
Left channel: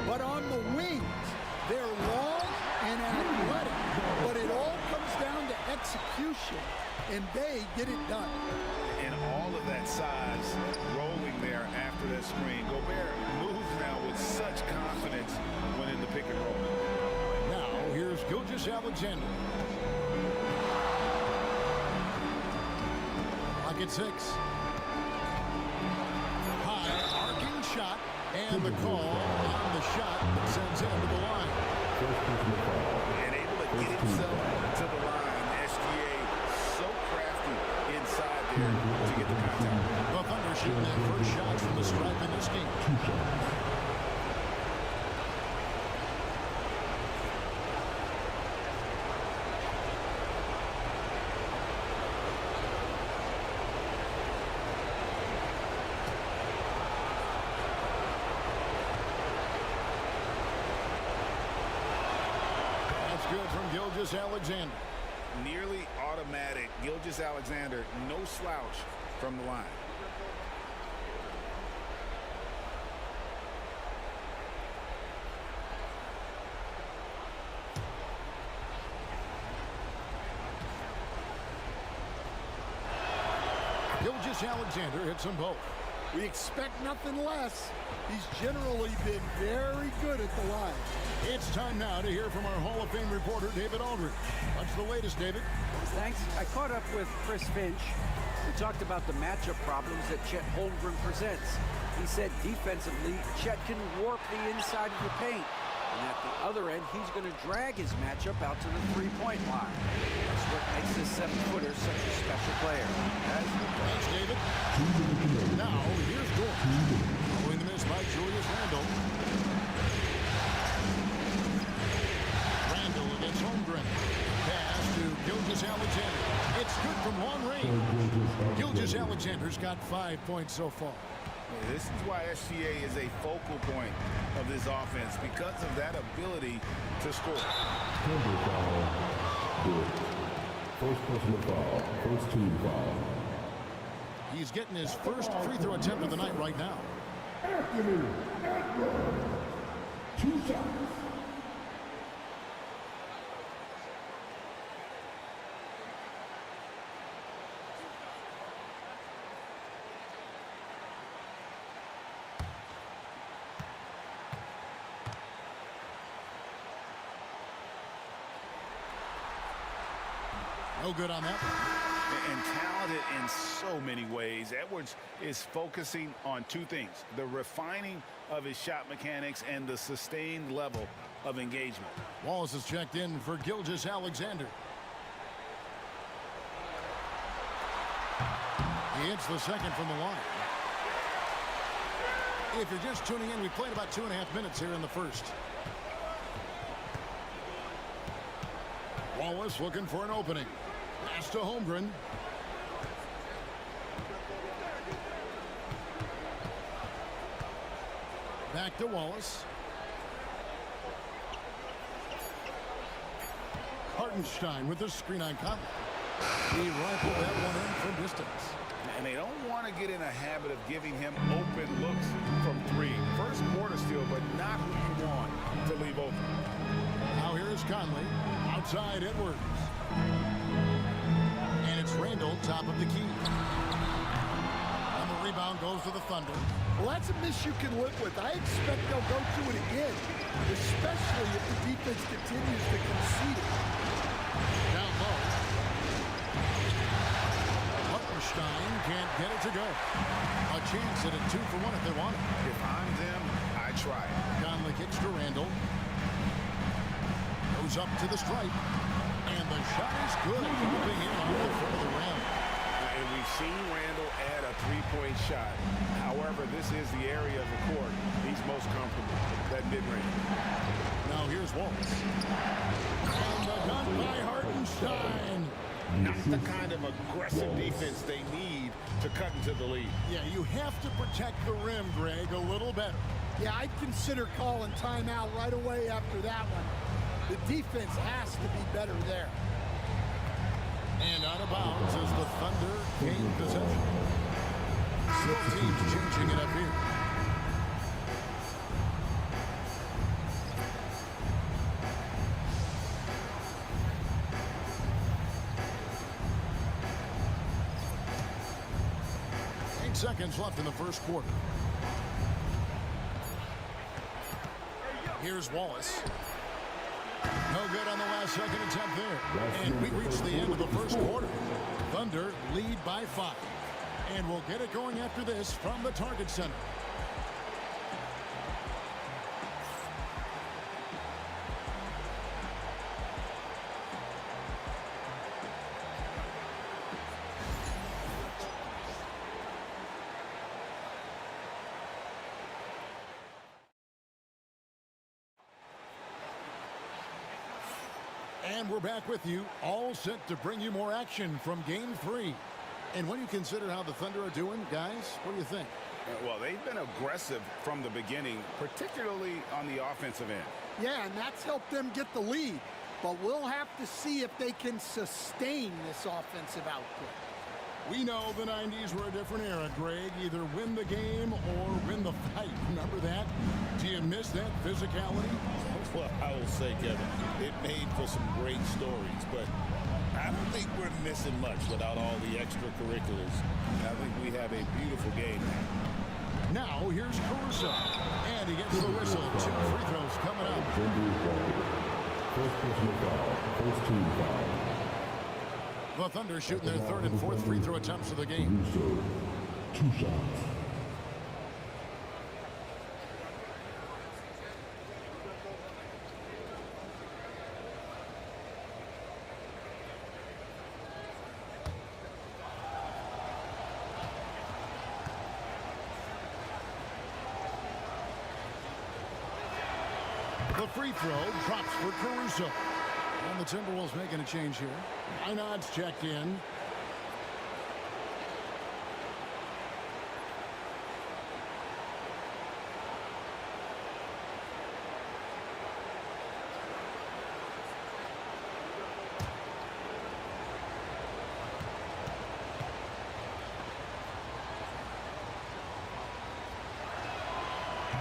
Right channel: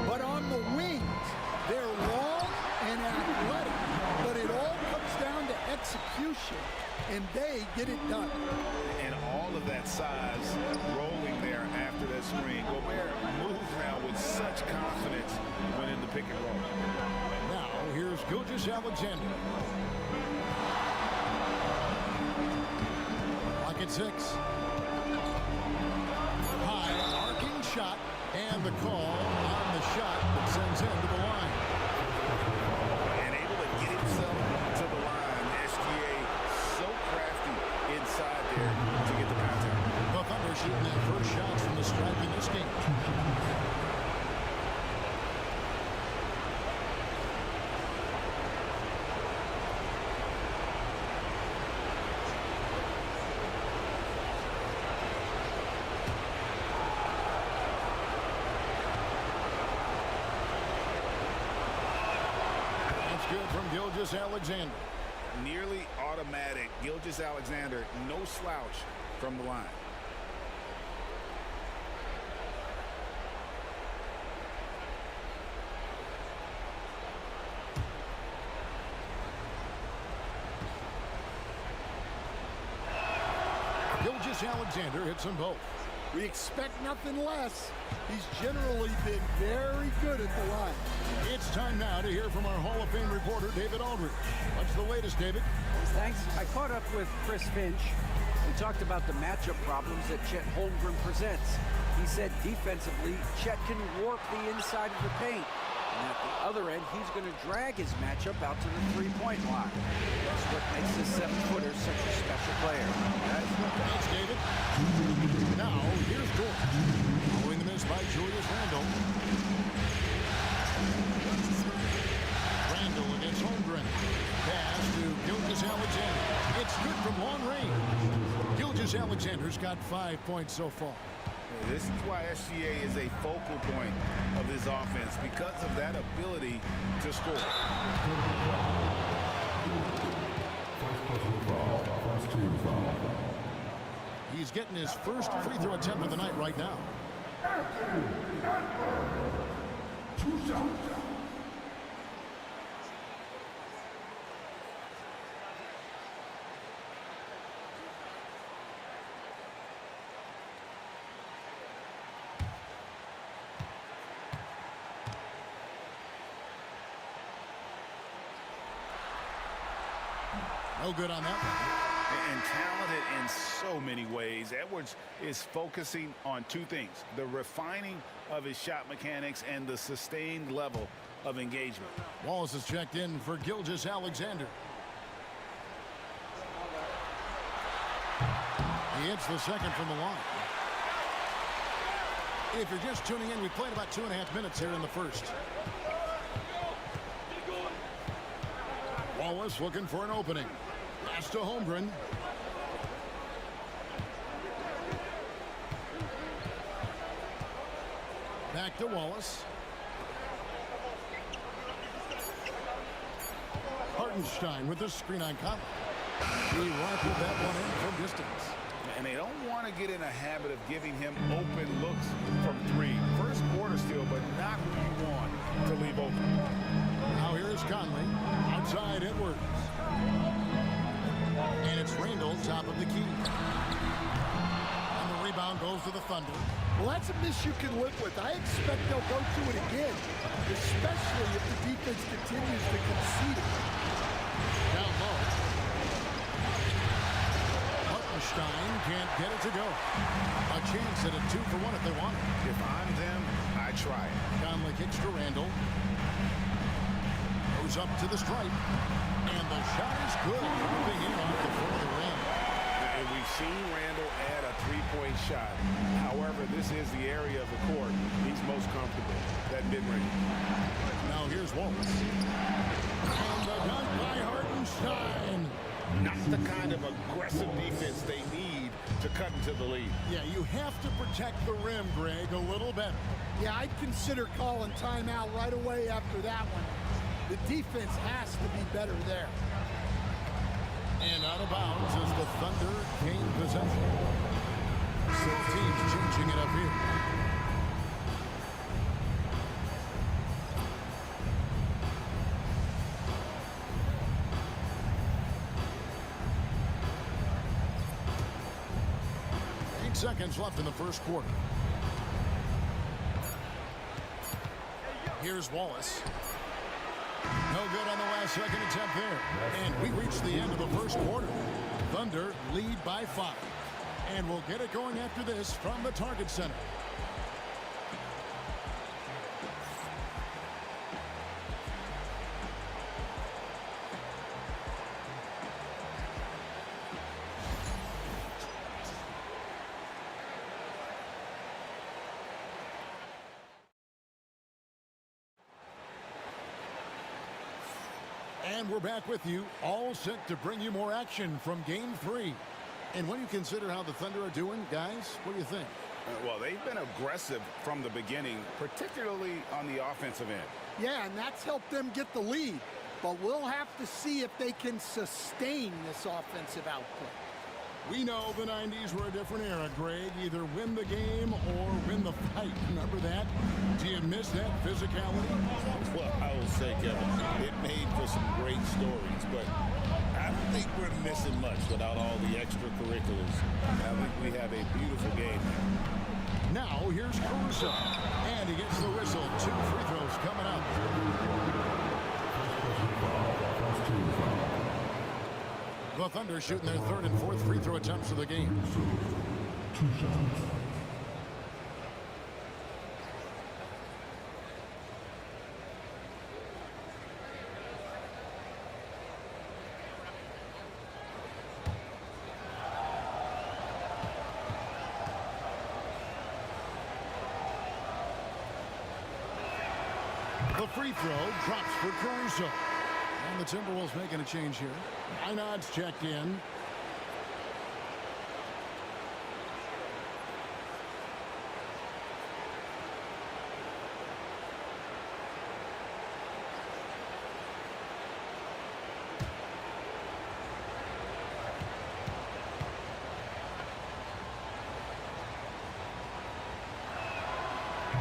but on the wings. They're long and athletic, but it all comes down to execution, and they get it done. And all of that size rolling there after that screen. Gobert moves now with such confidence when in the pick and roll. Now, here's Gilgeous-Alexander. Clock at 6. High, arcing shot, and the call on the shot that sends him to the line. And able to get himself to the line. SGA so crafty inside there to get the contact. The Thunder shooting their first shots from the stripe in this game. good from Gilgeous-Alexander. Nearly automatic. Gilgeous-Alexander, no slouch from the line. Gilgeous-Alexander hits them both. We expect nothing less. He's generally been very good at the line. It's time now to hear from our Hall of Fame reporter, David Aldridge. What's the latest, David? Thanks. I caught up with Chris Finch. We talked about the matchup problems that Chet Holmgren presents. He said defensively, Chet can warp the inside of the paint. And at the other end, he's going to drag his matchup out to the three-point line. That's what makes this 7-footer such a special player. Thanks, David. Now, here's Dort. Following the miss by Julius Randle. Randle against Holmgren. Pass to Gilgeous-Alexander. It's good from long range. Gilgeous-Alexander's got 5 points so far. This is why SGA is a focal point of this offense, because of that ability to score. First personal foul, first team foul. He's getting his first free throw attempt of the night right now. Anthony Edwards. 2 shots. No good on that one. And talented in so many ways. Edwards is focusing on 2 things: the refining of his shot mechanics and the sustained level of engagement. Wallace is checked in for Gilgeous-Alexander. He hits the second from the line. If you're just tuning in, we played about 2.5 minutes here in the first. Wallace looking for an opening. Pass to Holmgren. Back to Wallace. Hartenstein with the screen on Conley. He rifled that one in from distance. And they don't want to get in a habit of giving him open looks from 3. First quarter still, but not who you want to leave open. Now here's Conley. Outside Edwards. And it's Randle, top of the key. And the rebound goes to the Thunder. Well, that's a miss you can live with. I expect they'll go to it again, especially if the defense continues to concede it. Down low. Hartenstein can't get it to go. A chance at a 2 for 1 if they want it. If I'm them, I try it. Conley kicks to Randle. Goes up to the stripe. And the shot is good, dropping in off the front of the rim. And we've seen Randle add a 3-point shot. However, this is the area of the court he's most comfortable, that mid-range. Now here's Wallace. And the dunk by Hartenstein. Not the kind of aggressive defense they need to cut into the lead. Yeah, you have to protect the rim, Greg, a little better. Yeah, I'd consider calling timeout right away after that one. The defense has to be better there. And out of bounds as the Thunder gain possession. Both teams changing it up here. Seconds left in the first quarter. Here's Wallace. No good on the last second attempt there. And we reach the end of the first quarter. Thunder lead by 5. And we'll get it going after this from the Target Center. And we're back with you, all set to bring you more action from Game 3. And when you consider how the Thunder are doing, guys, what do you think? Well, they've been aggressive from the beginning, particularly on the offensive end. Yeah, and that's helped them get the lead. but we'll have to see if they can sustain this offensive output. We know the 90s were a different era, Greg. Either win the game or win the fight. Remember that? Do you miss that physicality? Well, I will say, Kevin, it made for some great stories, but I don't think we're missing much without all the extracurriculars. I think we have a beautiful game now. Now, here's Caruso. And he gets the whistle. 2 free throws coming up. First personal foul. First team foul. The Thunder shooting their 3rd and 4th free throw attempts of the game. Caruso. 2 shots. The free throw drops for Caruso. And the Timberwolves making a change here. Einad's checked in.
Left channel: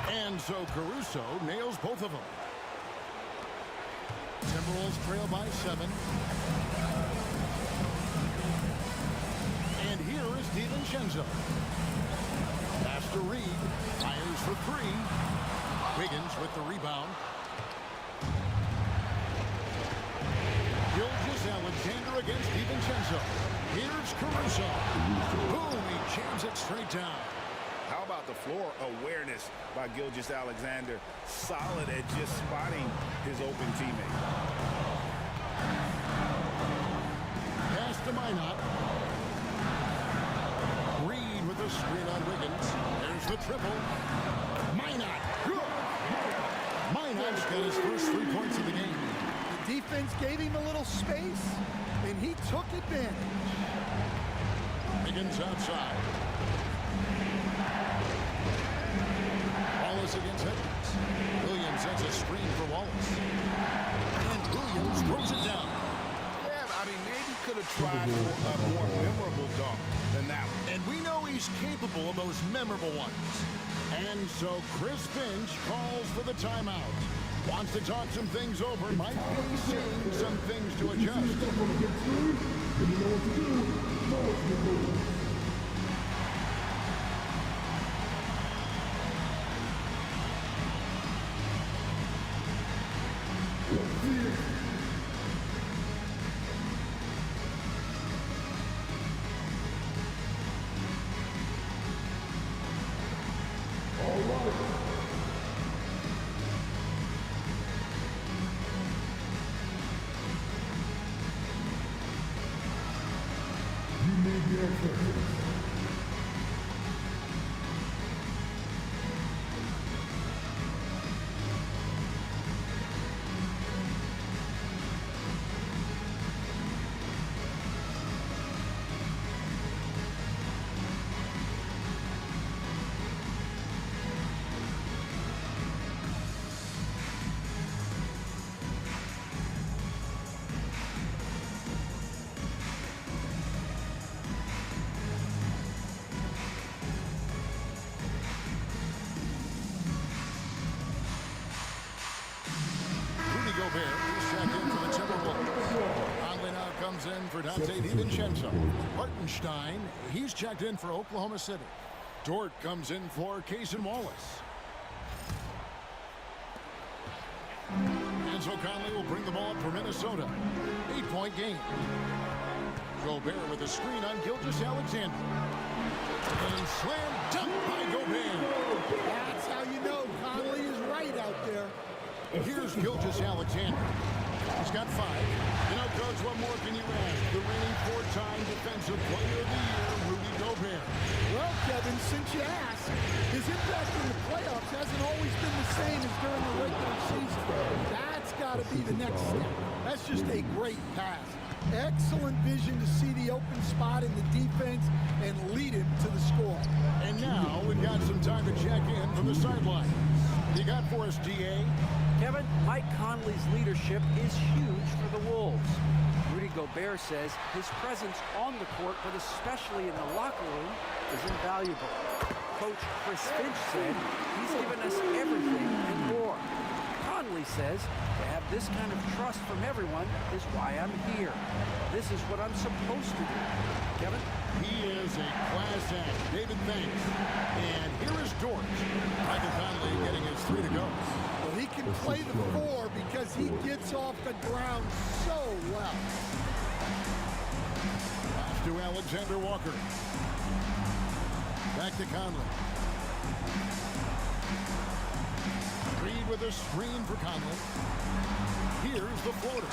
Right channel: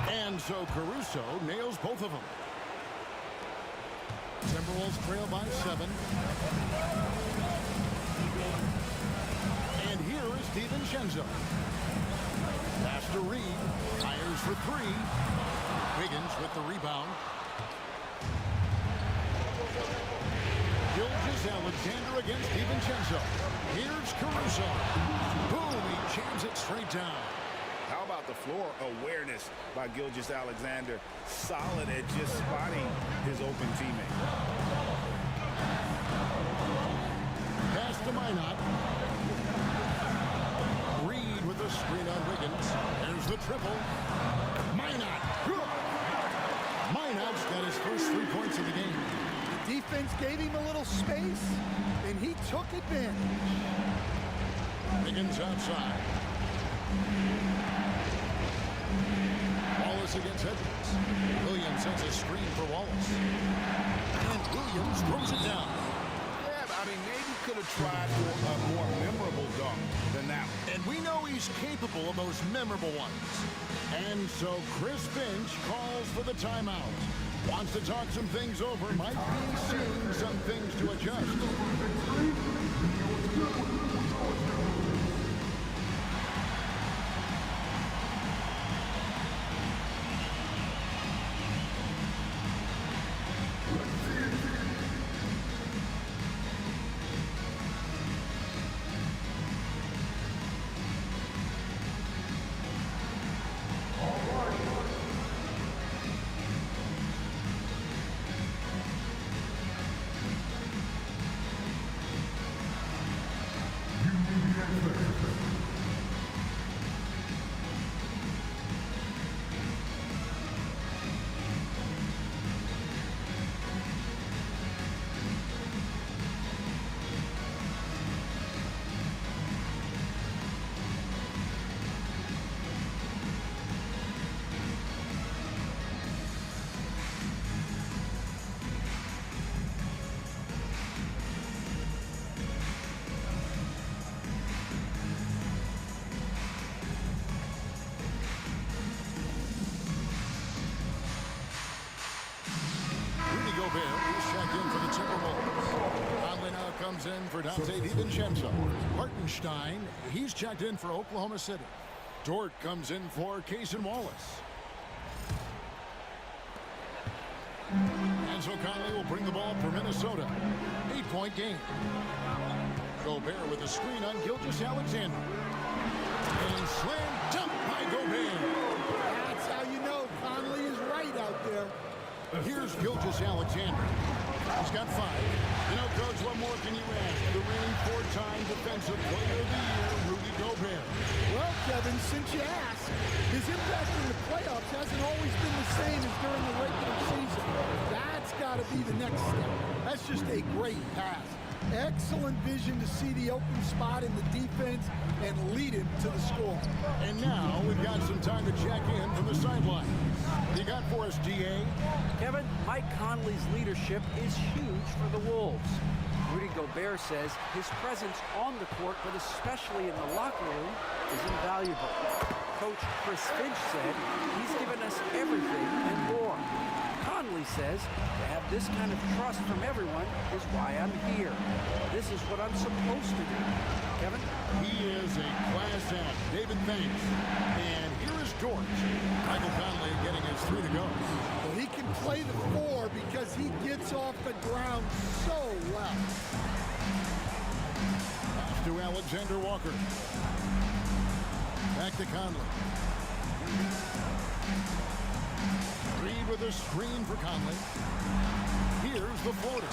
And so Caruso nails both of them. Timberwolves trail by 7. And here is DiVincenzo. Pass to Reed. Fires for 3. Wiggins with the rebound. Gilgeous-Alexander against DiVincenzo. Here's Caruso. Boom, he jams it straight down. How about the floor awareness by Gilgeous-Alexander? Solid at just spotting his open teammate. Pass to Minot. Reed with the screen on Wiggins. There's the triple. Minot. Good. Minot's got his first 3 points of the game. The defense gave him a little space, and he took advantage. Wiggins outside. Wallace against Edwards. Williams sends a screen for Wallace. And Williams throws it down. Yeah, I mean, maybe could have tried for a more memorable dunk than that one. And we know he's capable of those memorable ones. And so Chris Finch calls for the timeout. Wants to talk some things over. Might be seeing some things to adjust. Gobert is checked in for the Timberwolves. Conley now comes in for Dante DiVincenzo. Hartenstein, he's checked in for Oklahoma City. Dort comes in for Cason Wallace. And so Conley will bring the ball up for Minnesota. 8-point game. Gobert with a screen on Gilgeous-Alexander. And slam dunk by Gobert. That's how you know Conley is right out there. Here's Gilgeous-Alexander. He's got 5. You know, Coach, what more can you ask? The reigning 4-time Defensive Player of the Year, Rudy Gobert. Well, Kevin, since you asked, his impact in the playoffs hasn't always been the same as during the regular season. That's got to be the next step. That's just a great pass. Excellent vision to see the open spot in the defense and lead him to the score. And now we've got some time to check in from the sideline. What do you got for us, GA? Kevin, Mike Conley's leadership is huge for the Wolves. Rudy Gobert says his presence on the court, but especially in the locker room, is invaluable. Coach Chris Finch said he's given us everything and more. Conley says to have this kind of trust from everyone is why I'm here. This is what I'm supposed to do. Kevin? He is a class act. David, thanks. And here is Dort. Michael Conley getting his 3 to go. Well, he can play the 4 because he gets off the ground so well. Pass to Alexander Walker. Back to Conley. Reed with a screen for Conley. Here's the floater.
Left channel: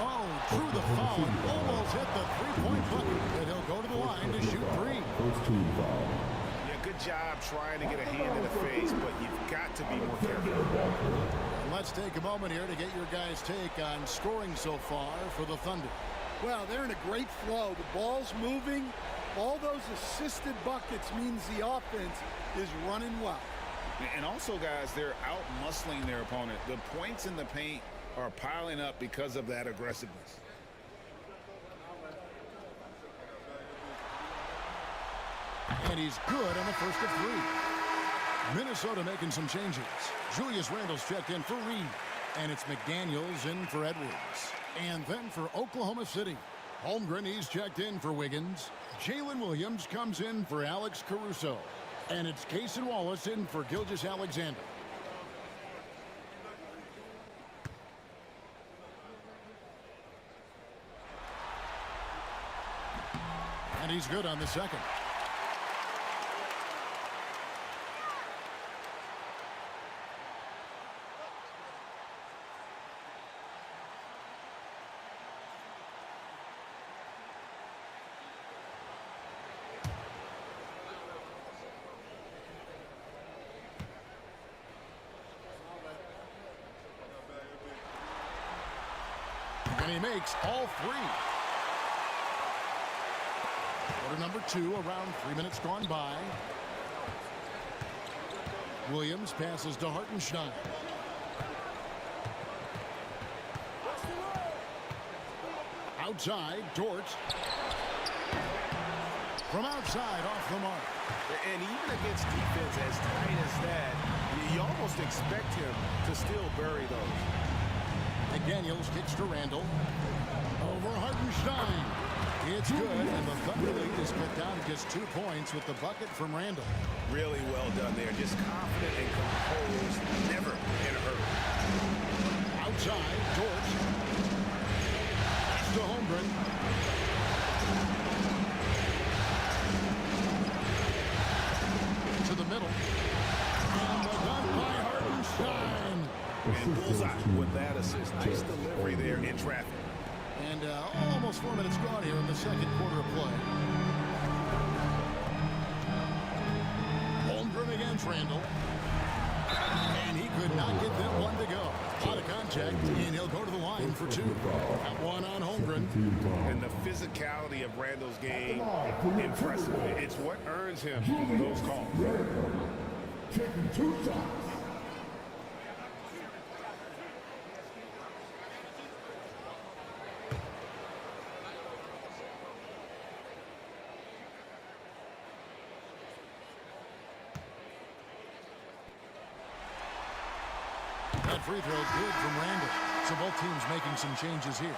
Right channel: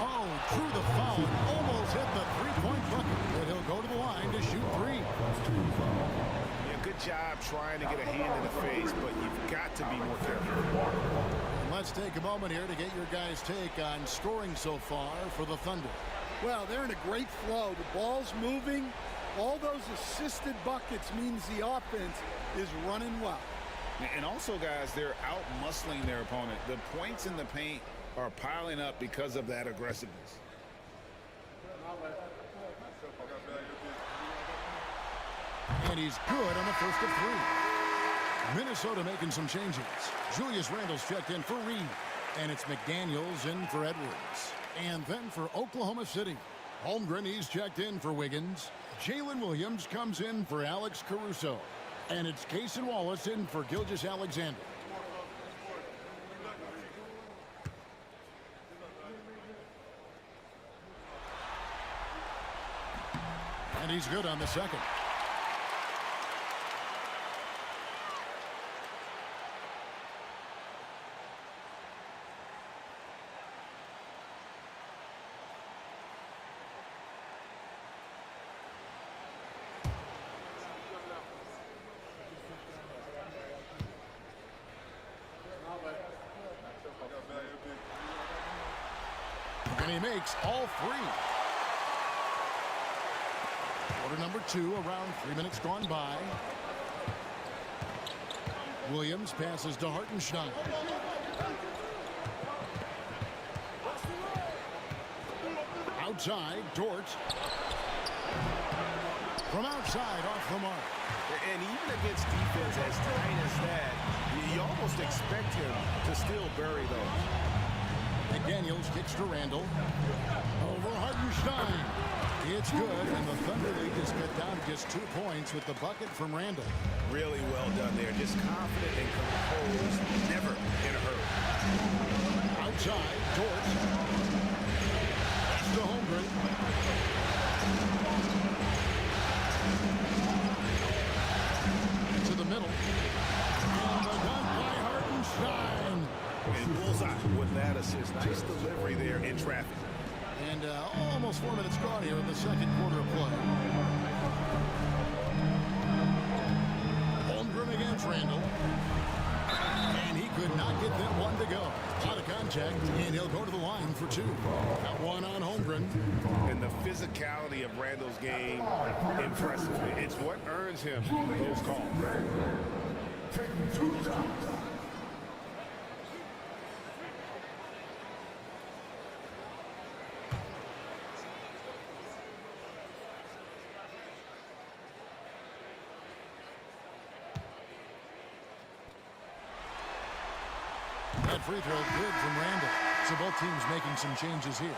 Oh, drew the foul and almost hit the three-point bucket. But he'll go to the line to shoot 3. Yeah, good job trying to get a hand in the face, but you've got to be more careful. And let's take a moment here to get your guys' take on scoring so far for the Thunder. Well, they're in a great flow. The ball's moving. All those assisted buckets means the offense is running well. And also, guys, they're out-muscling their opponent. The points in the paint are piling up because of that aggressiveness. And he's good on the first of 3. Minnesota making some changes. Julius Randle's checked in for Reed. And it's McDaniels in for Edwards. And then for Oklahoma City, Holmgren, he's checked in for Wiggins. Jalen Williams comes in for Alex Caruso. And it's Cason Wallace in for Gilgeous-Alexander. And he's good on the second. And he makes all 3. Quarter number 2, around 3 minutes gone by. Williams passes to Hartenstein. Outside, Dort. From outside, off the mark. And even against defense as tight as that, you almost expect him to still bury those. McDaniels kicks to Randle. Over Hartenstein. It's good, and the Thunder lead is cut down to just 2 points with the bucket from Randle. Really well done there. Just confident and composed, never in a hurry. Outside, Dort. Pass to Holmgren. To the middle. And the dunk by Hartenstein. And bullseye with that assist. Nice delivery there in traffic. And almost 4 minutes gone here in the second quarter of play. Holmgren against Randle. And he could not get that one to go. A lot of contact, and he'll go to the line for 2. That one on Holmgren. And the physicality of Randle's game, impressive. It's what earns him those calls. Taking 2 shots. That free throw good from Randle. So both teams making some changes here.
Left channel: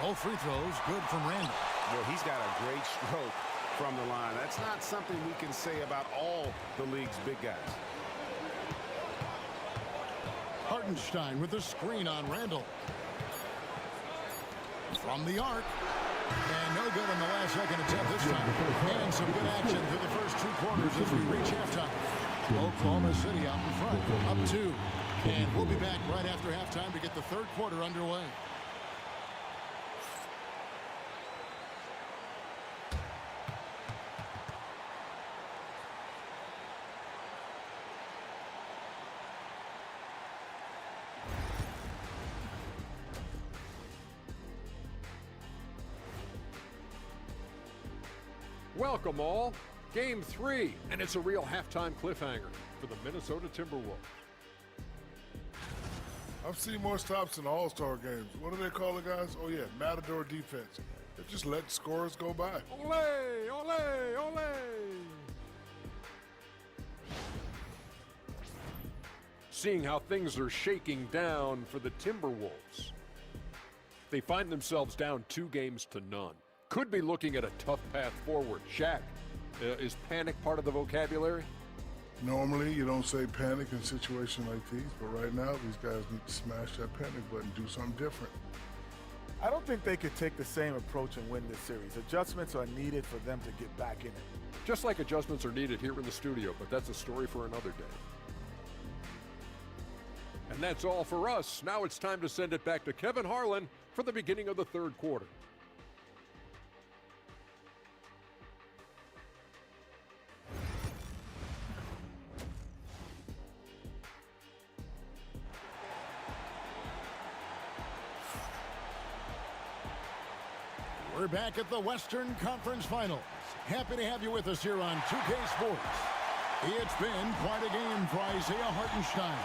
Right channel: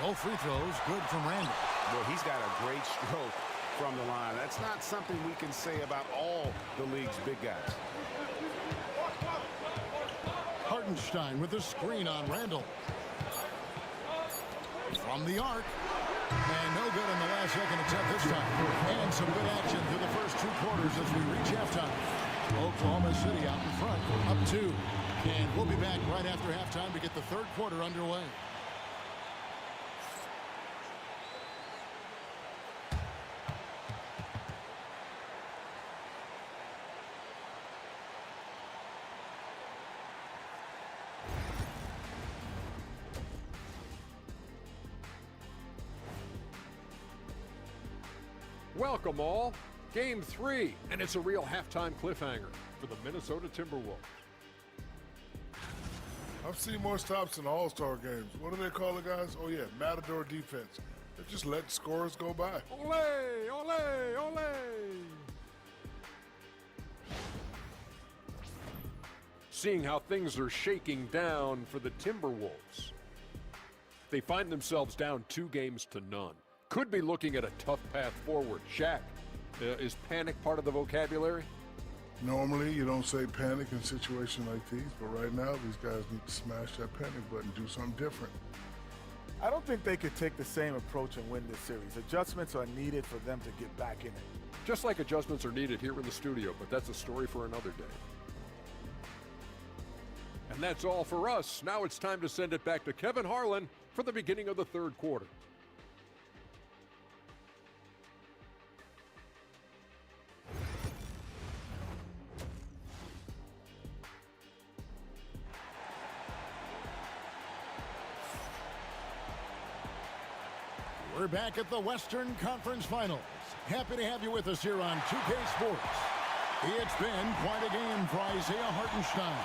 Both free throws good from Randle. Well, he's got a great stroke from the line. That's not something we can say about all the league's big guys. Hartenstein with the screen on Randle. From the arc. And no good on the last second attempt this time. And some good action through the first 2 quarters as we reach halftime. Oklahoma City out in front, up 2. And we'll be back right after halftime to get the third quarter underway. Welcome all. Game 3, and it's a real halftime cliffhanger for the Minnesota Timberwolves. I've seen more stops in All-Star games. What do they call it, guys? Oh, yeah, Matador defense. They're just letting scores go by. Ole, ole, ole. Seeing how things are shaking down for the Timberwolves. They find themselves down 2 games to none. Could be looking at a tough path forward. Shaq, is panic part of the vocabulary? Normally, you don't say panic in situations like these, but right now, these guys need to smash that panic button, do something different. I don't think they could take the same approach and win this series. Adjustments are needed for them to get back in it. Just like adjustments are needed here in the studio, but that's a story for another day. And that's all for us. Now it's time to send it back to Kevin Harlan for the beginning of the 3rd quarter. We're back at the Western Conference Finals. Happy to have you with us here on 2K Sports. It's been quite a game for Isaiah Hartenstein.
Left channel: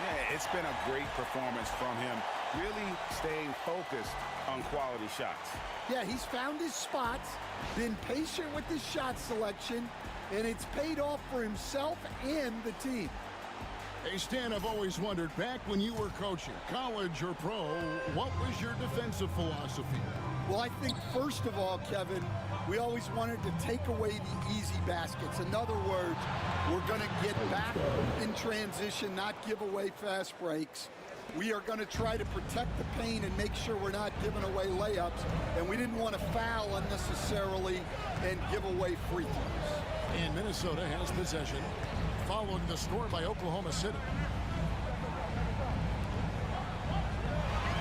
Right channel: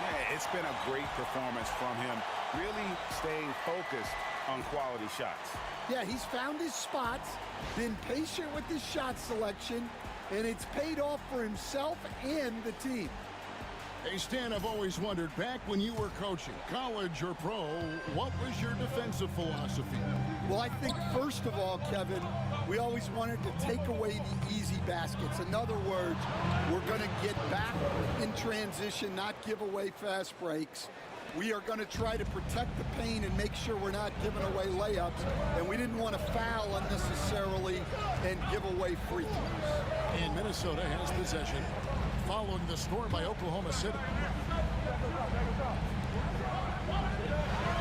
Yeah, it's been a great performance from him, really staying focused on quality shots. Yeah, he's found his spots, been patient with his shot selection, and it's paid off for himself and the team. Hey, Stan, I've always wondered, back when you were coaching, college or pro, what was your defensive philosophy? Well, I think, first of all, Kevin, we always wanted to take away the easy baskets. In other words, we're going to get back in transition, not give away fast breaks. We are going to try to protect the paint and make sure we're not giving away layups, and we didn't want to foul unnecessarily and give away free throws. And Minnesota has possession, following the score by Oklahoma City.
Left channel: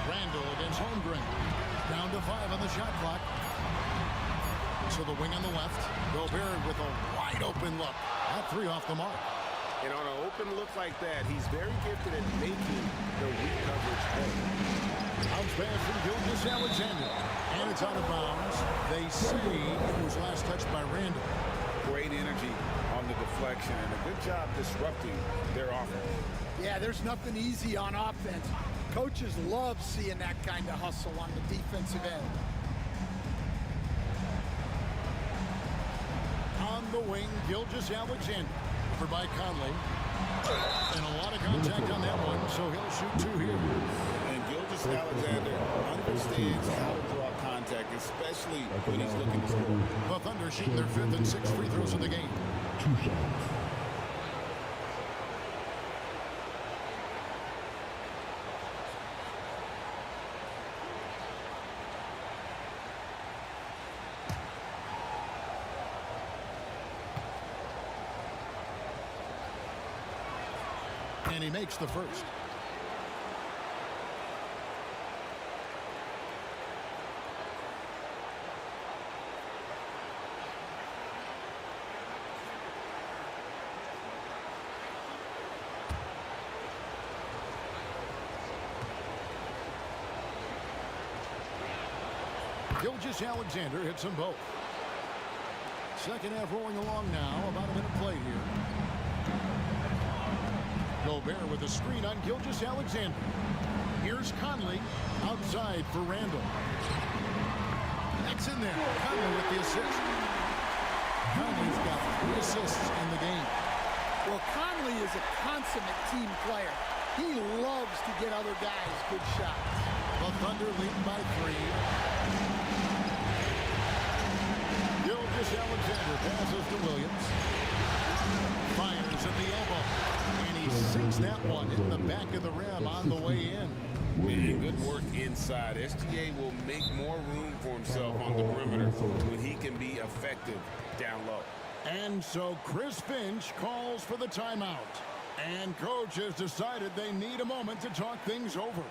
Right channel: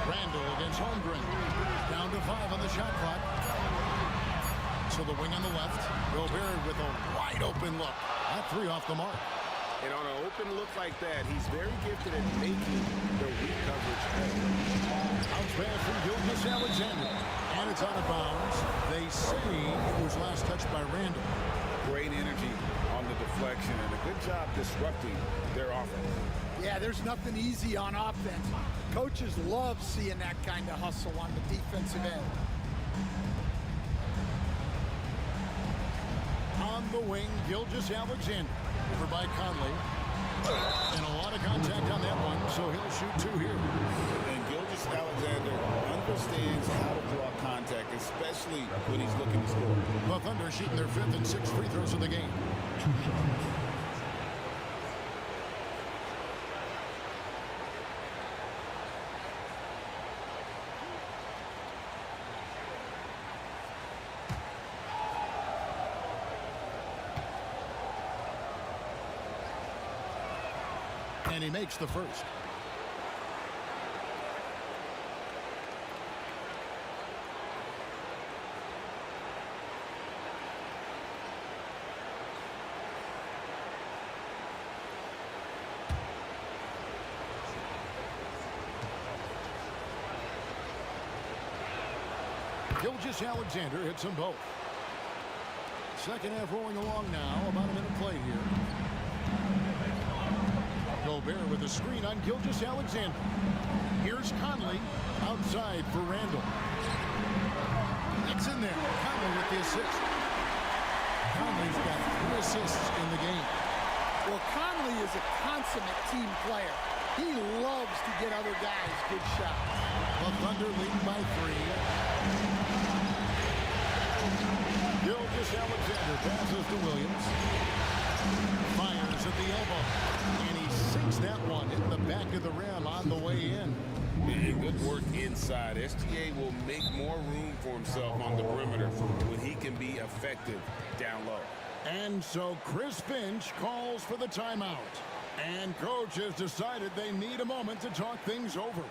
Randall against Holmgren. Down to 5 on the shot clock. So the wing on the left. Gobert with a wide open look. That 3 off the mark. And on an open look like that, he's very gifted at making the weak coverage pay. Bounce pass from Gilgeous-Alexander. And it's out of bounds. They say it was last touched by Randall. Great energy on the deflection and a good job disrupting their offense. Yeah, there's nothing easy on offense. Coaches love seeing that kind of hustle on the defensive end. On the wing, Gilgeous-Alexander. Over by Conley. And a lot of contact on that one, so he'll shoot 2 here. And Gilgeous-Alexander understands how to draw contact, especially when he's looking to score. The Thunder shooting their 5th and 6th free throws of the game. 2 shots. And he makes the first. Gilgeous-Alexander hits them both. Second half rolling along now. About a minute played here. Gobert with a screen on Gilgeous-Alexander. Here's Conley outside for Randall. That's in there. Conley with the assist. Conley's got 3 assists in the game. Well, Conley is a consummate team player. He loves to get other guys good shots. The Thunder leading by 3. Gilgeous-Alexander passes to Williams. Fires at the elbow. And he sinks that one, hitting the back of the rim on the way in. And good work inside. SGA will make more room for himself on the perimeter when he can be effective down low. And so Chris Finch calls for the timeout. And coach has decided they need a moment to talk things over.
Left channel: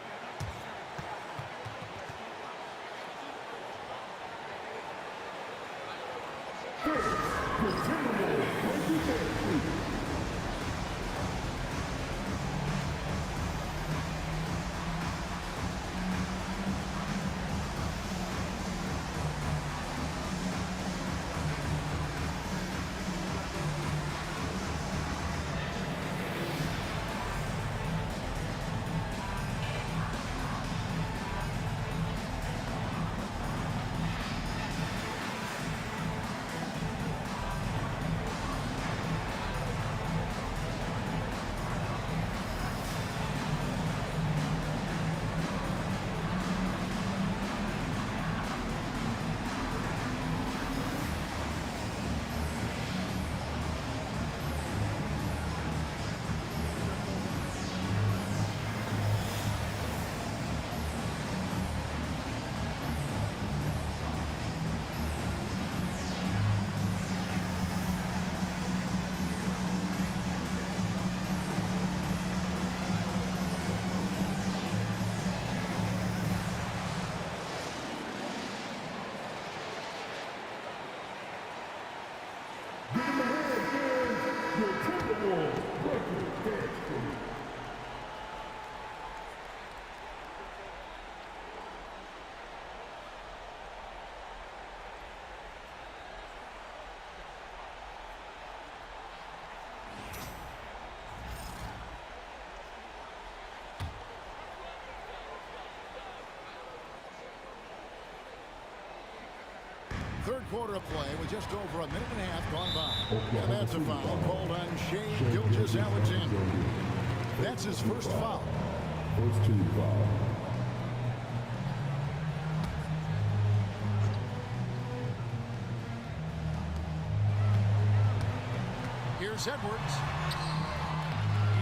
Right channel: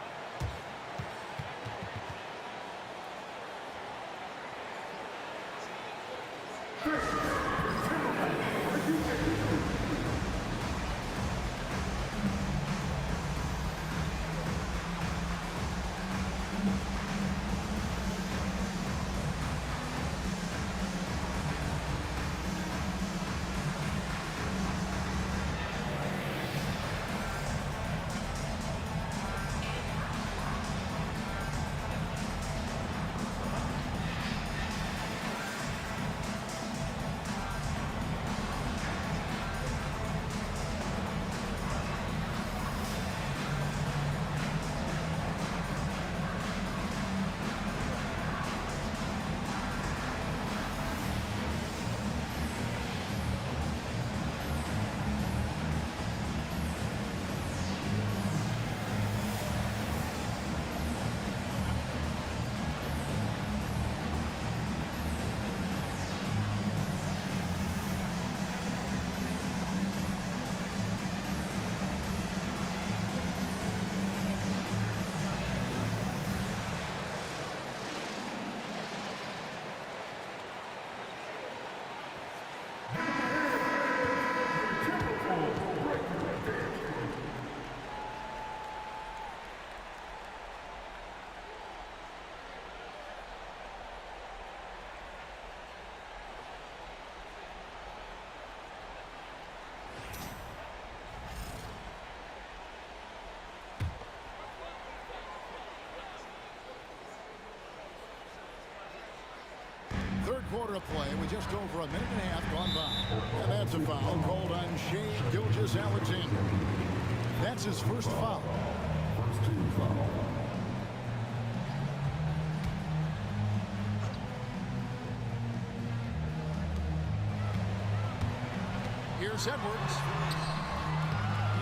Give them a hand, your Timberwolves breaking dance crew. Third quarter of play with just over a minute and a half gone by. And that's a foul called on Shai Gilgeous-Alexander. That's his first foul. First team foul. Here's Edwards.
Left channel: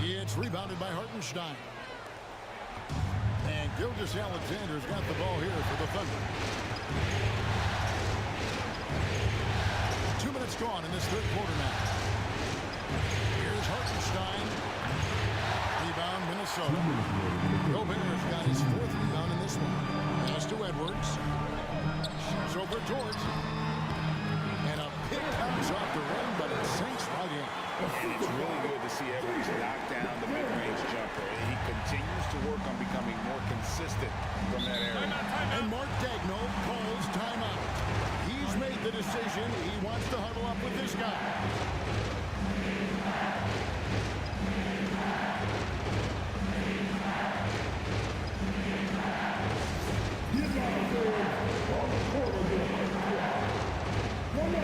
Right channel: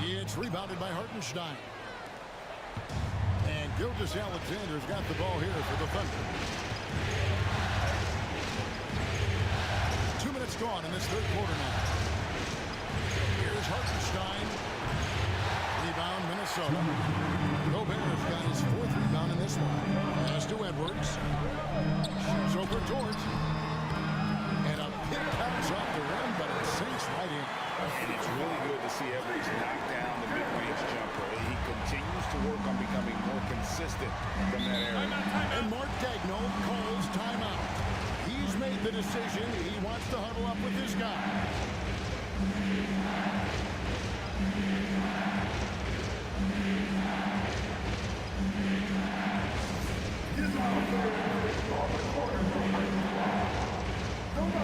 It's rebounded by Hartenstein. And Gilgeous-Alexander's got the ball here for the Thunder. 2 minutes gone in this third quarter now. Here's Hartenstein. Rebound, Minnesota. Gobert's got his fourth rebound in this one. Pass to Edwards. Shoots over George. And a pick comes off the rim, but it sinks right in. And it's really good to see Edwards knock down the mid-range jumper. He continues to work on becoming more consistent from that area. And Mark Daigneault calls timeout. He's made the decision. He wants to huddle up with this guy. He's on the corner of the right. Come on,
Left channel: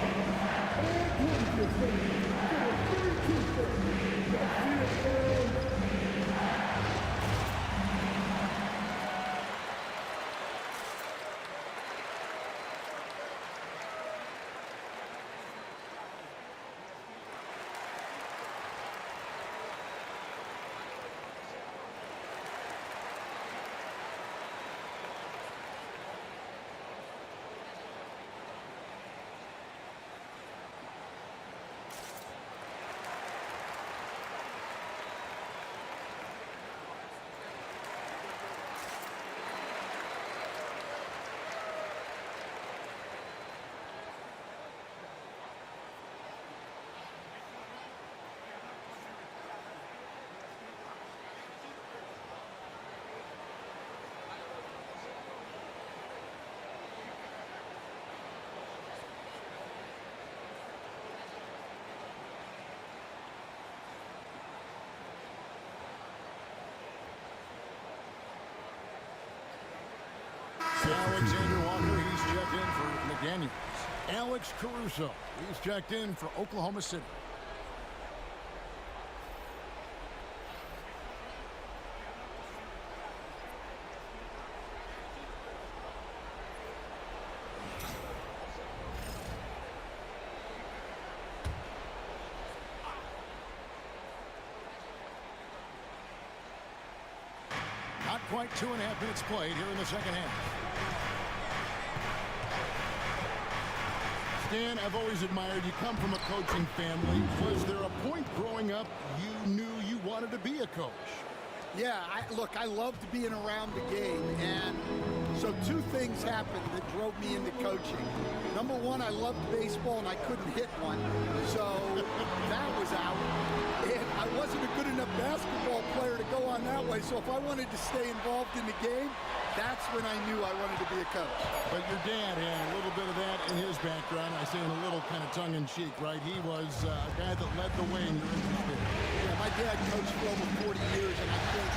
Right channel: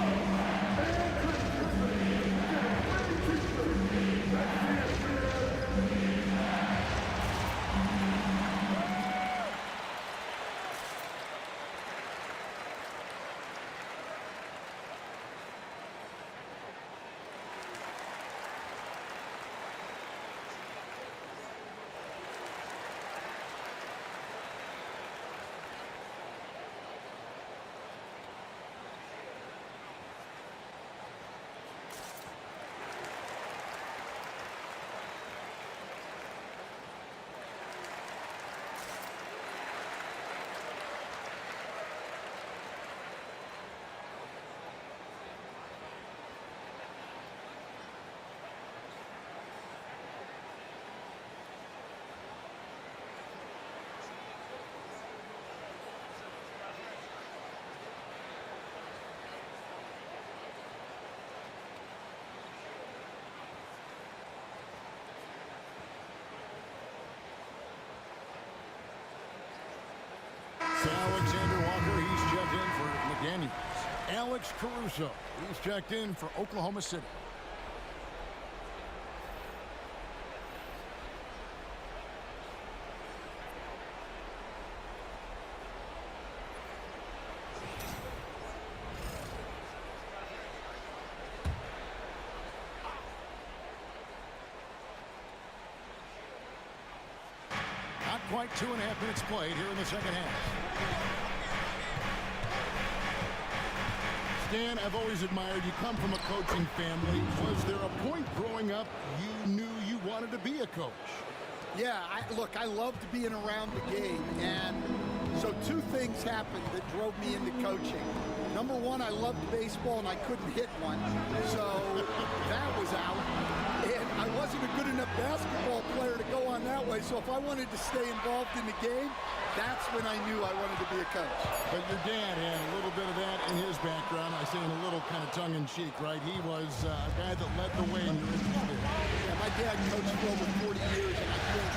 and drink this thing. Get a free t-shirt. That's it, man. Alexander Walker, he's checked in for McDaniels. Alex Caruso, he's checked in for Oklahoma City. Not quite 2.5 minutes played here in the second half. Stan, I've always admired you. Come from a coaching family. Was there a point growing up you knew you wanted to be a coach? Yeah, look, I loved being around the game, and so two things happened that drove me into coaching. Number one, I loved baseball, and I couldn't hit one, so that was out. And I wasn't a good enough basketball player to go on that way, so if I wanted to stay involved in the game, that's when I knew I wanted to be a coach. But your dad had a little bit of that in his background. I say in a little kind of tongue-in-cheek, right? He was a guy that led the way in your interest there. Yeah, my dad coached for over 40 years, and I think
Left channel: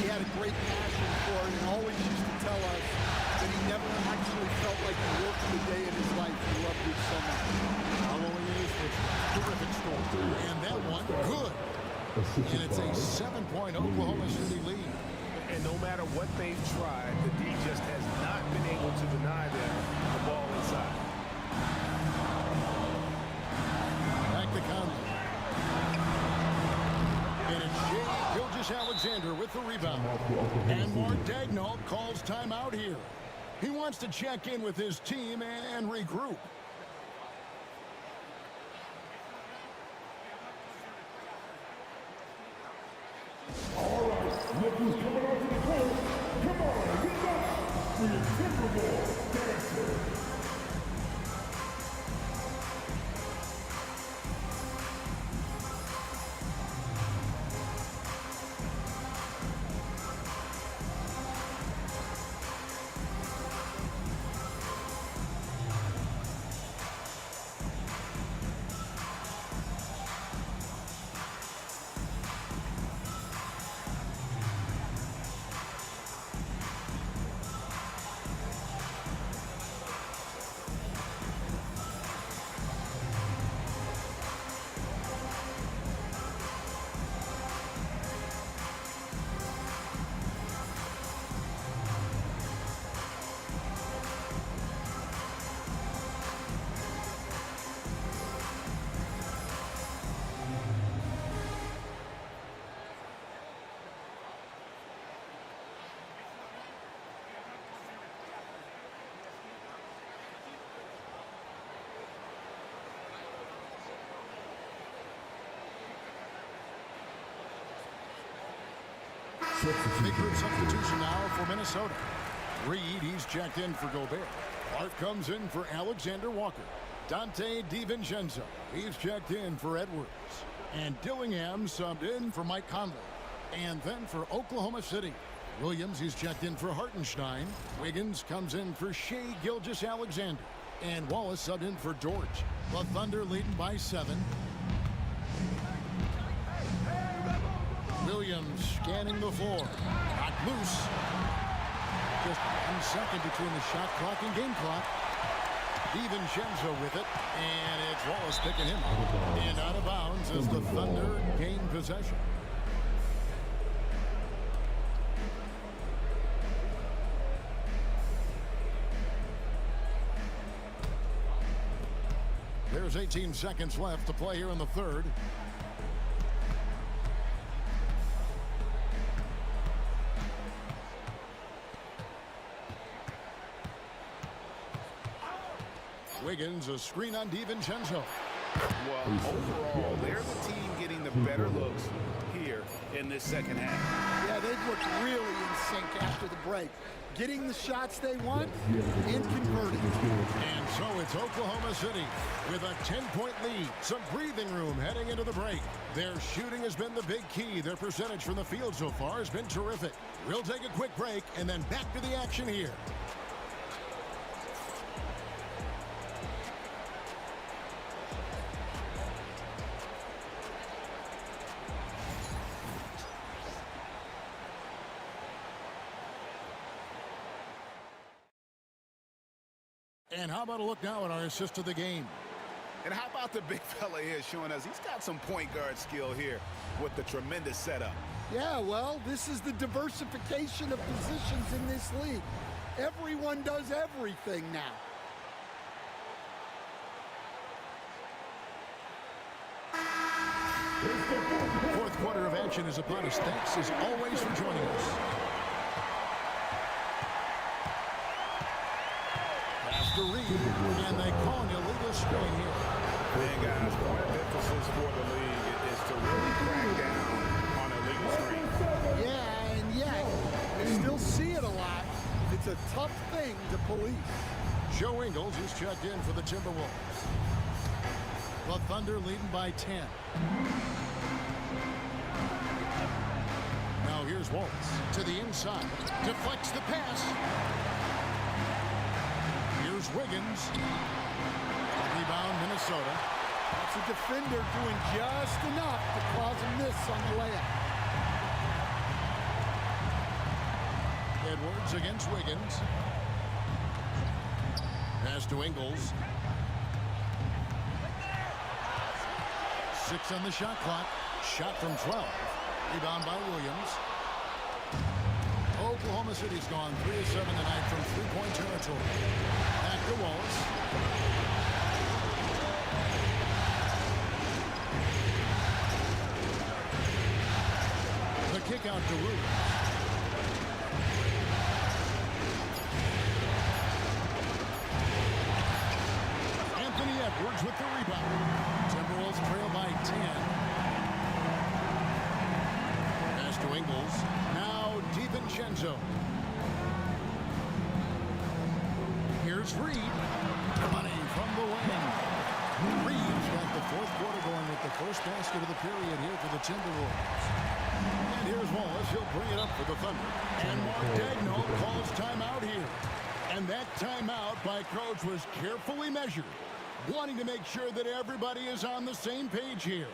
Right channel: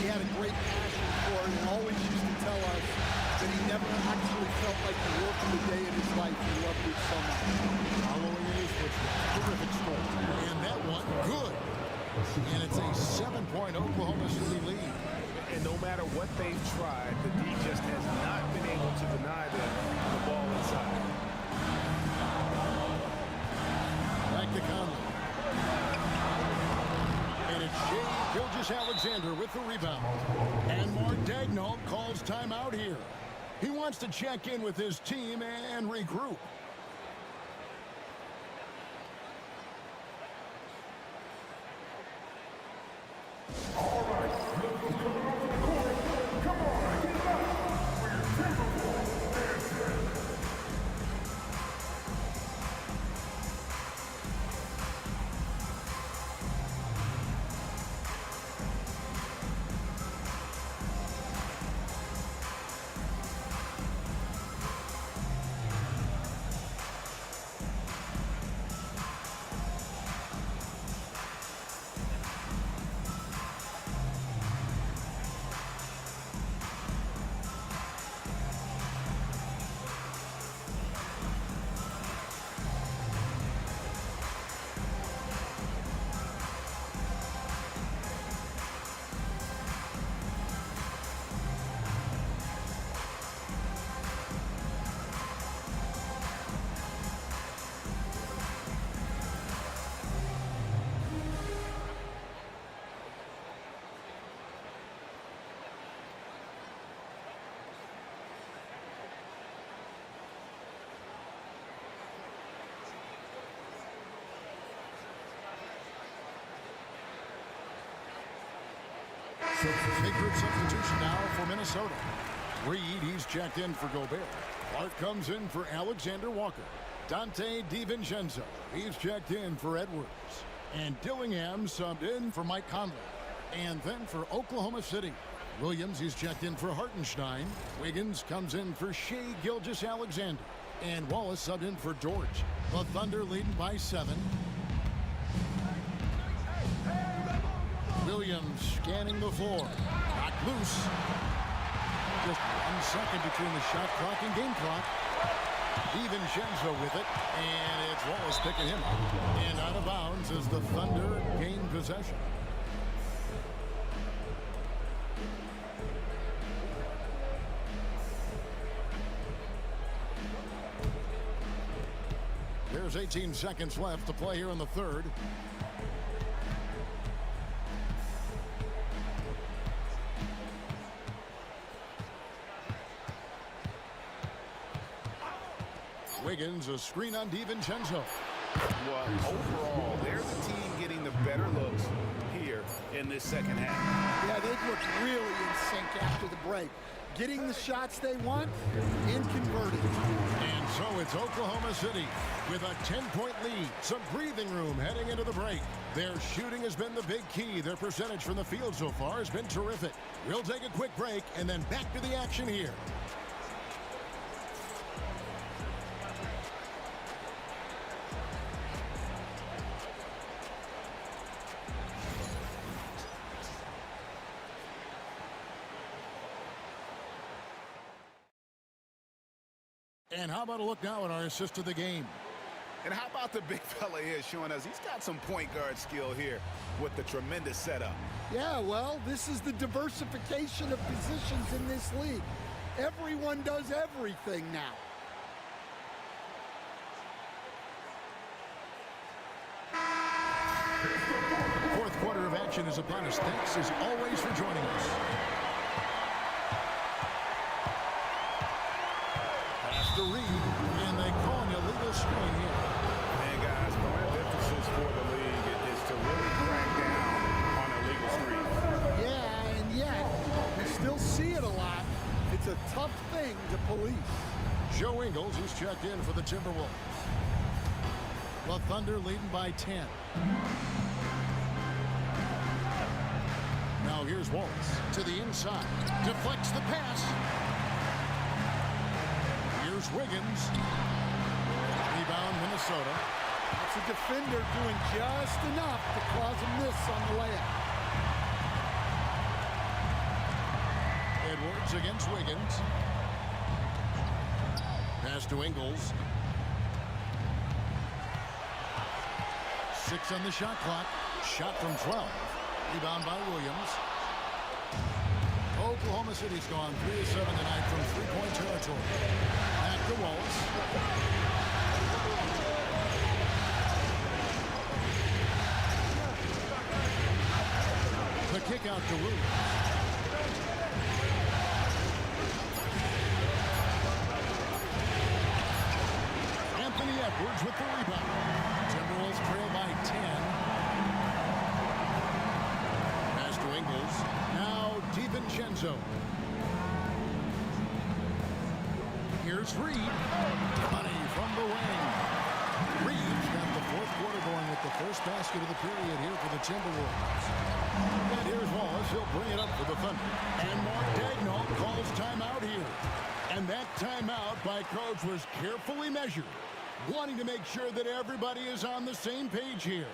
he had a great passion for it and always used to tell us that he never actually felt like he worked a day in his life. He loved it so much. Following in his footsteps, terrific score. And that one, good. And it's a 7-point Oklahoma City lead. And no matter what they've tried, the D just has not been able to deny them the ball inside. Back to Conley. And it's Shai Gilgeous-Alexander with the rebound. And Mark Daigneault calls timeout here. He wants to check in with his team and regroup. All right, look who's coming out to the corner. Come on, get up for your Timberwolves dancers. Big group substitution now for Minnesota. Reed, he's checked in for Gobert. Clark comes in for Alexander Walker. Dante DiVincenzo, he's checked in for Edwards. And Dillingham subbed in for Mike Conley. And then for Oklahoma City, Williams, he's checked in for Hartenstein. Wiggins comes in for Shai Gilgeous-Alexander. And Wallace subbed in for George. The Thunder leading by 7. Williams scanning the floor. Knocked loose. Just 1 second between the shot clock and game clock. DiVincenzo with it. And it's Wallace picking him up. And out of bounds as the Thunder gain possession. There's 18 seconds left to play here in the third. Wiggins, a screen on DiVincenzo. Well, overall, they're the team getting the better looks here in this second half. Yeah, they've looked really in sync after the break. Getting the shots they want and converting. And so it's Oklahoma City with a 10-point lead. Some breathing room heading into the break. Their shooting has been the big key. Their percentage from the field so far has been terrific. We'll take a quick break and then back to the action here. And how about a look now at our assist of the game? And how about the big fella here showing us he's got some point guard skill here with the tremendous setup. Yeah, well, this is the diversification of positions in this league. Everyone does everything now. Fourth quarter of action is upon us. Thanks as always for joining us. To Reed, and they call an illegal screen here. And guys, point of emphasis for the league is to really crack down on illegal screens. Yeah, and yet we still see it a lot. It's a tough thing to police. Joe Ingles, he's checked in for the Timberwolves. The Thunder leading by 10. Now here's Waltz to the inside. Deflects the pass. Here's Wiggins. Rebound, Minnesota. That's a defender doing just enough to cause a miss on the layup. Edwards against Wiggins. Pass to Ingles. 6 on the shot clock. Shot from 12. Rebound by Williams. Oklahoma City's gone 3 of 7 tonight from three-point territory. Back to Wallace. The kick out to Williams. Anthony Edwards with the rebound. Timberwolves trail by 10. Pass to Ingles. Now DiVincenzo. Here's Reed. Money from the wing. Reed's got the fourth quarter going with the first basket of the period here for the Timberwolves. And here's Wallace. He'll bring it up for the Thunder. And Mark Daigneault calls timeout here. And that timeout by Coach was carefully measured, wanting to make sure that everybody is on the same page here.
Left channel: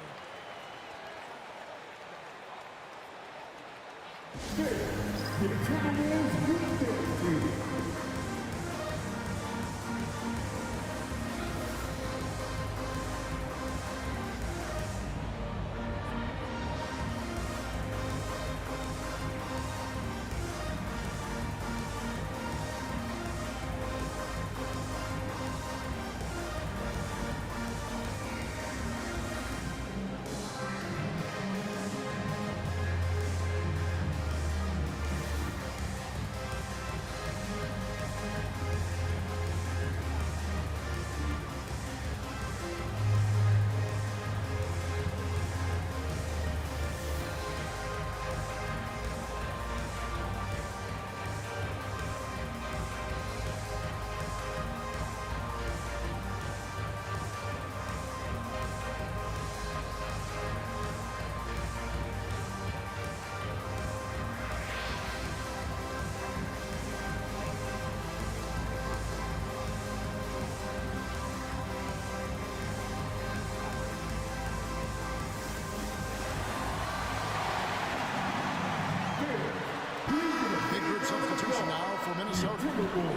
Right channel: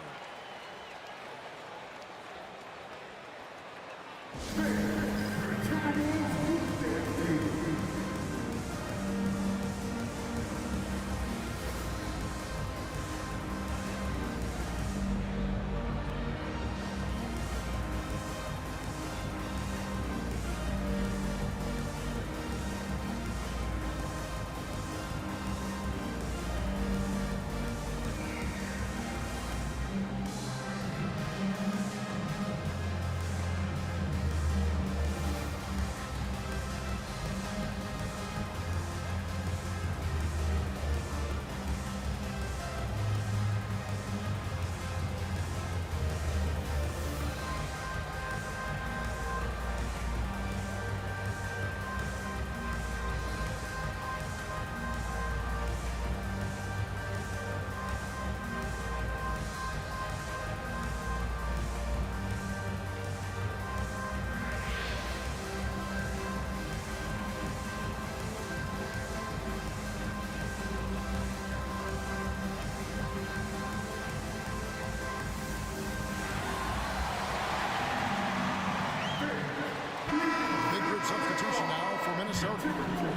substitution now for Minnesota.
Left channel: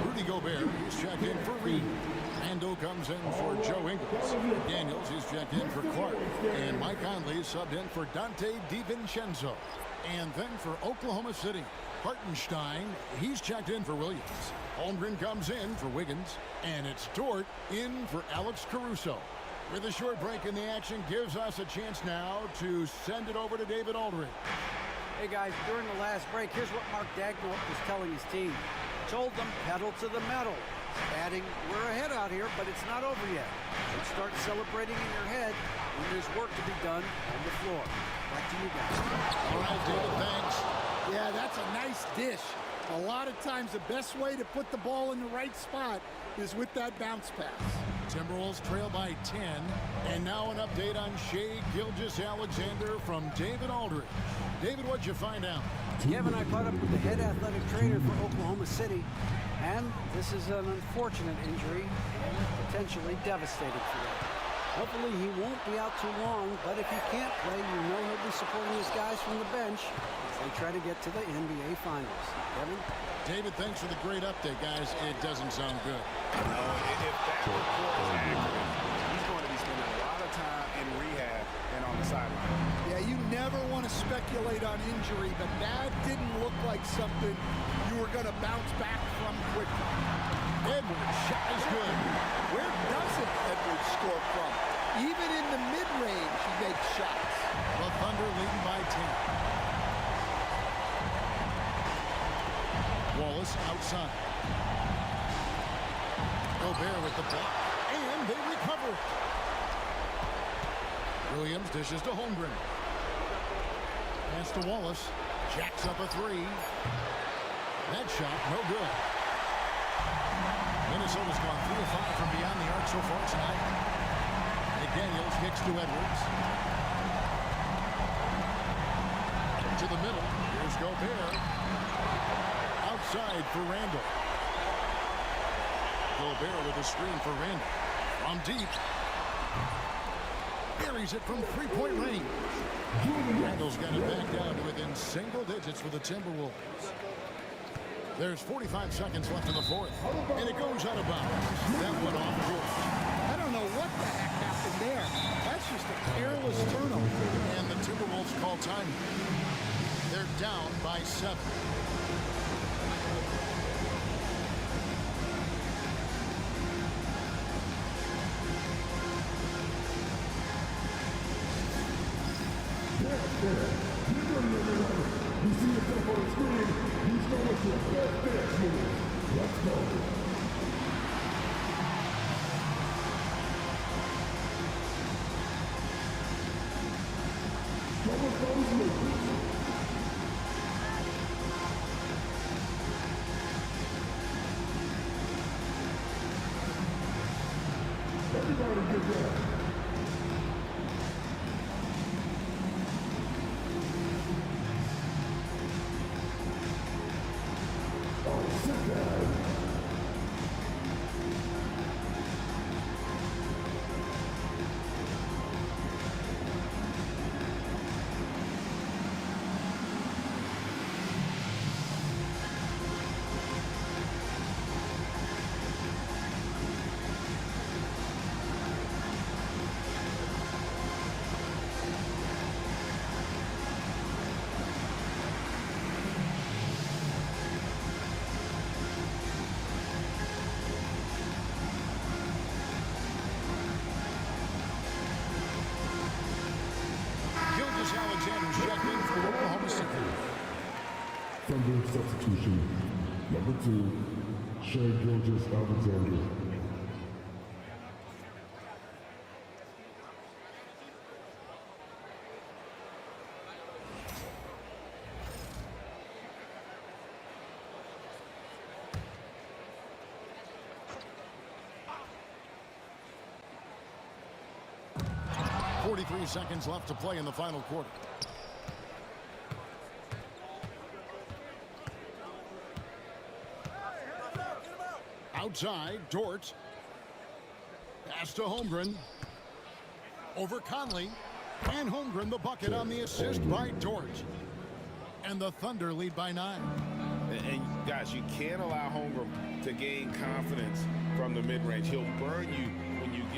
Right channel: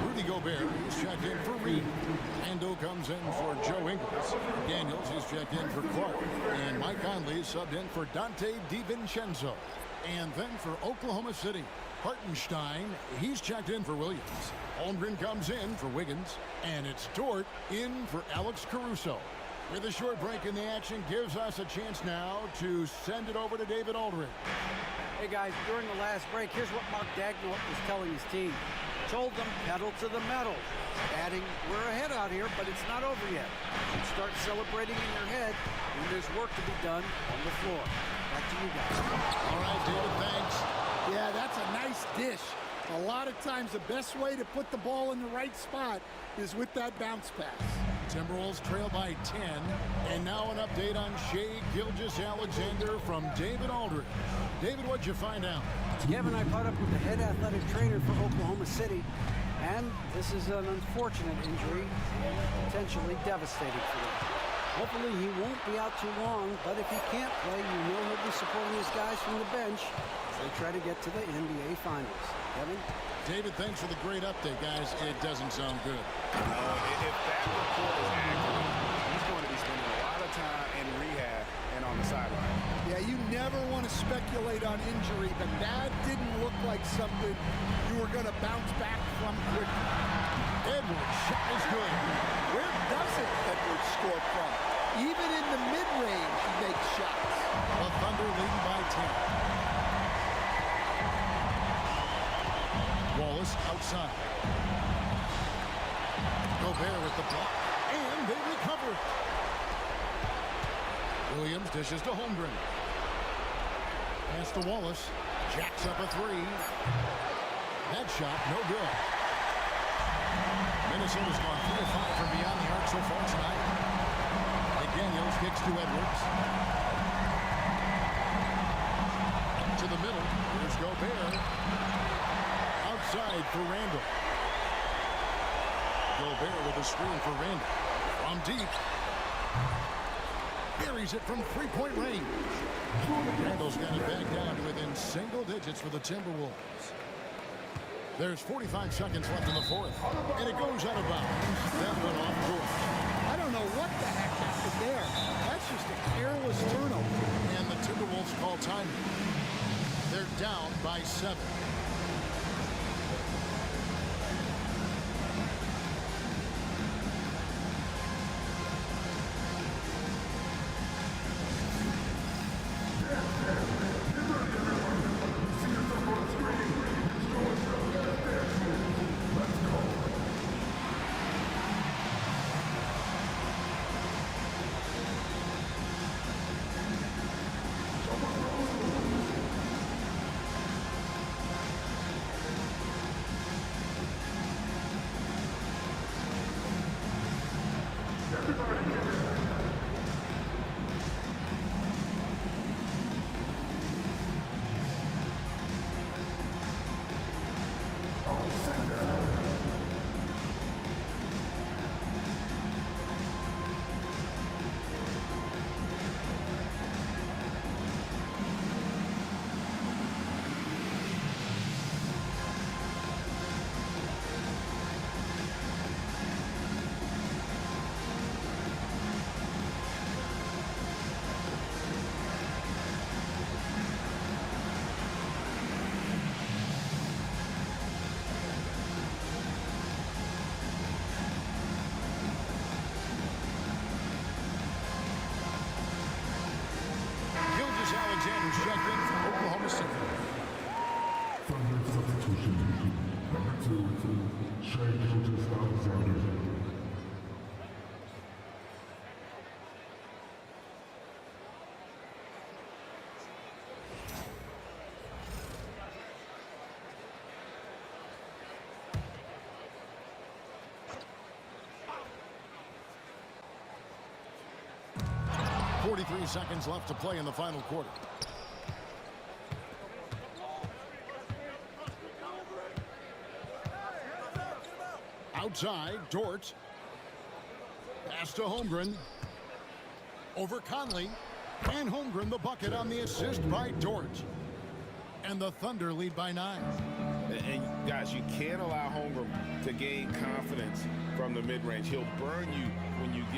Rudy Gobert, he's checked in for Reed. Ando comes in for Joe Ingles. Daniels, he's checked in for Clark. And Mike Conley subbed in for Dante DiVincenzo. And then for Oklahoma City, Hartenstein, he's checked in for Williams. Holmgren comes in for Wiggins. And it's Dort in for Alex Caruso. With a short break in the action, gives us a chance now to send it over to David Aldridge. Hey guys, during the last break, here's what Mark Dagnall was telling his team. Told them pedal to the metal. Adding, we're ahead out here, but it's not over yet. So start celebrating in your head when there's work to be done on the floor. Back to you guys. All right, David, thanks. Yeah, that's a nice dish. A lot of times the best way to put the ball in the right spot is with that bounce pass. Timberwolves trail by 10. And now an update on Shai Gilgeous-Alexander from David Aldridge. David, what'd you find out? Kevin, I caught up with the head athletic trainer for Oklahoma City, and this is an unfortunate injury and potentially devastating for them. Hopefully he won't be out too long, but if he can't play, you know he'll be supporting his guys from the bench as they try to get to the NBA Finals. Kevin? David, thanks for the great update, guys. It doesn't sound good. If that report is accurate, he's going to be spending a lot of time in rehab and on the sideline. Yeah, you never want to speculate on injury, but that didn't look like something you were going to bounce back from quickly. Edwards, shot is good. Where doesn't Edwards score from? Even in the mid-range, he makes shots. The Thunder leading by 10. Wallace outside. Gobert with the block. And they recover it. Williams dishes to Holmgren. Pass to Wallace. Jacks up a three. That shot, no good. Minnesota's gone 3 of 5 from beyond the arc so far tonight. McDaniels kicks to Edwards. To the middle. Here's Gobert. Outside for Randall. Gobert with a screen for Randall. From deep. Buries it from three-point range. Randall's got it back down to within single digits for the Timberwolves. There's 45 seconds left in the fourth. And it goes out of bounds. That went off George. I don't know what the heck happened there. That's just a careless turnover. And the Timberwolves call time. They're down by 7. Gilgeous-Alexander's checked in for Oklahoma City. Thunder substitution. Number 2, Shai Gilgeous-Alexander. .43 seconds left to play in the final quarter. Outside, Dort. Pass to Holmgren. Over Conley. And Holmgren the bucket on the assist by Dort. And the Thunder lead by 9. And guys, you can't allow Holmgren to gain confidence from the mid-range. He'll burn you when you give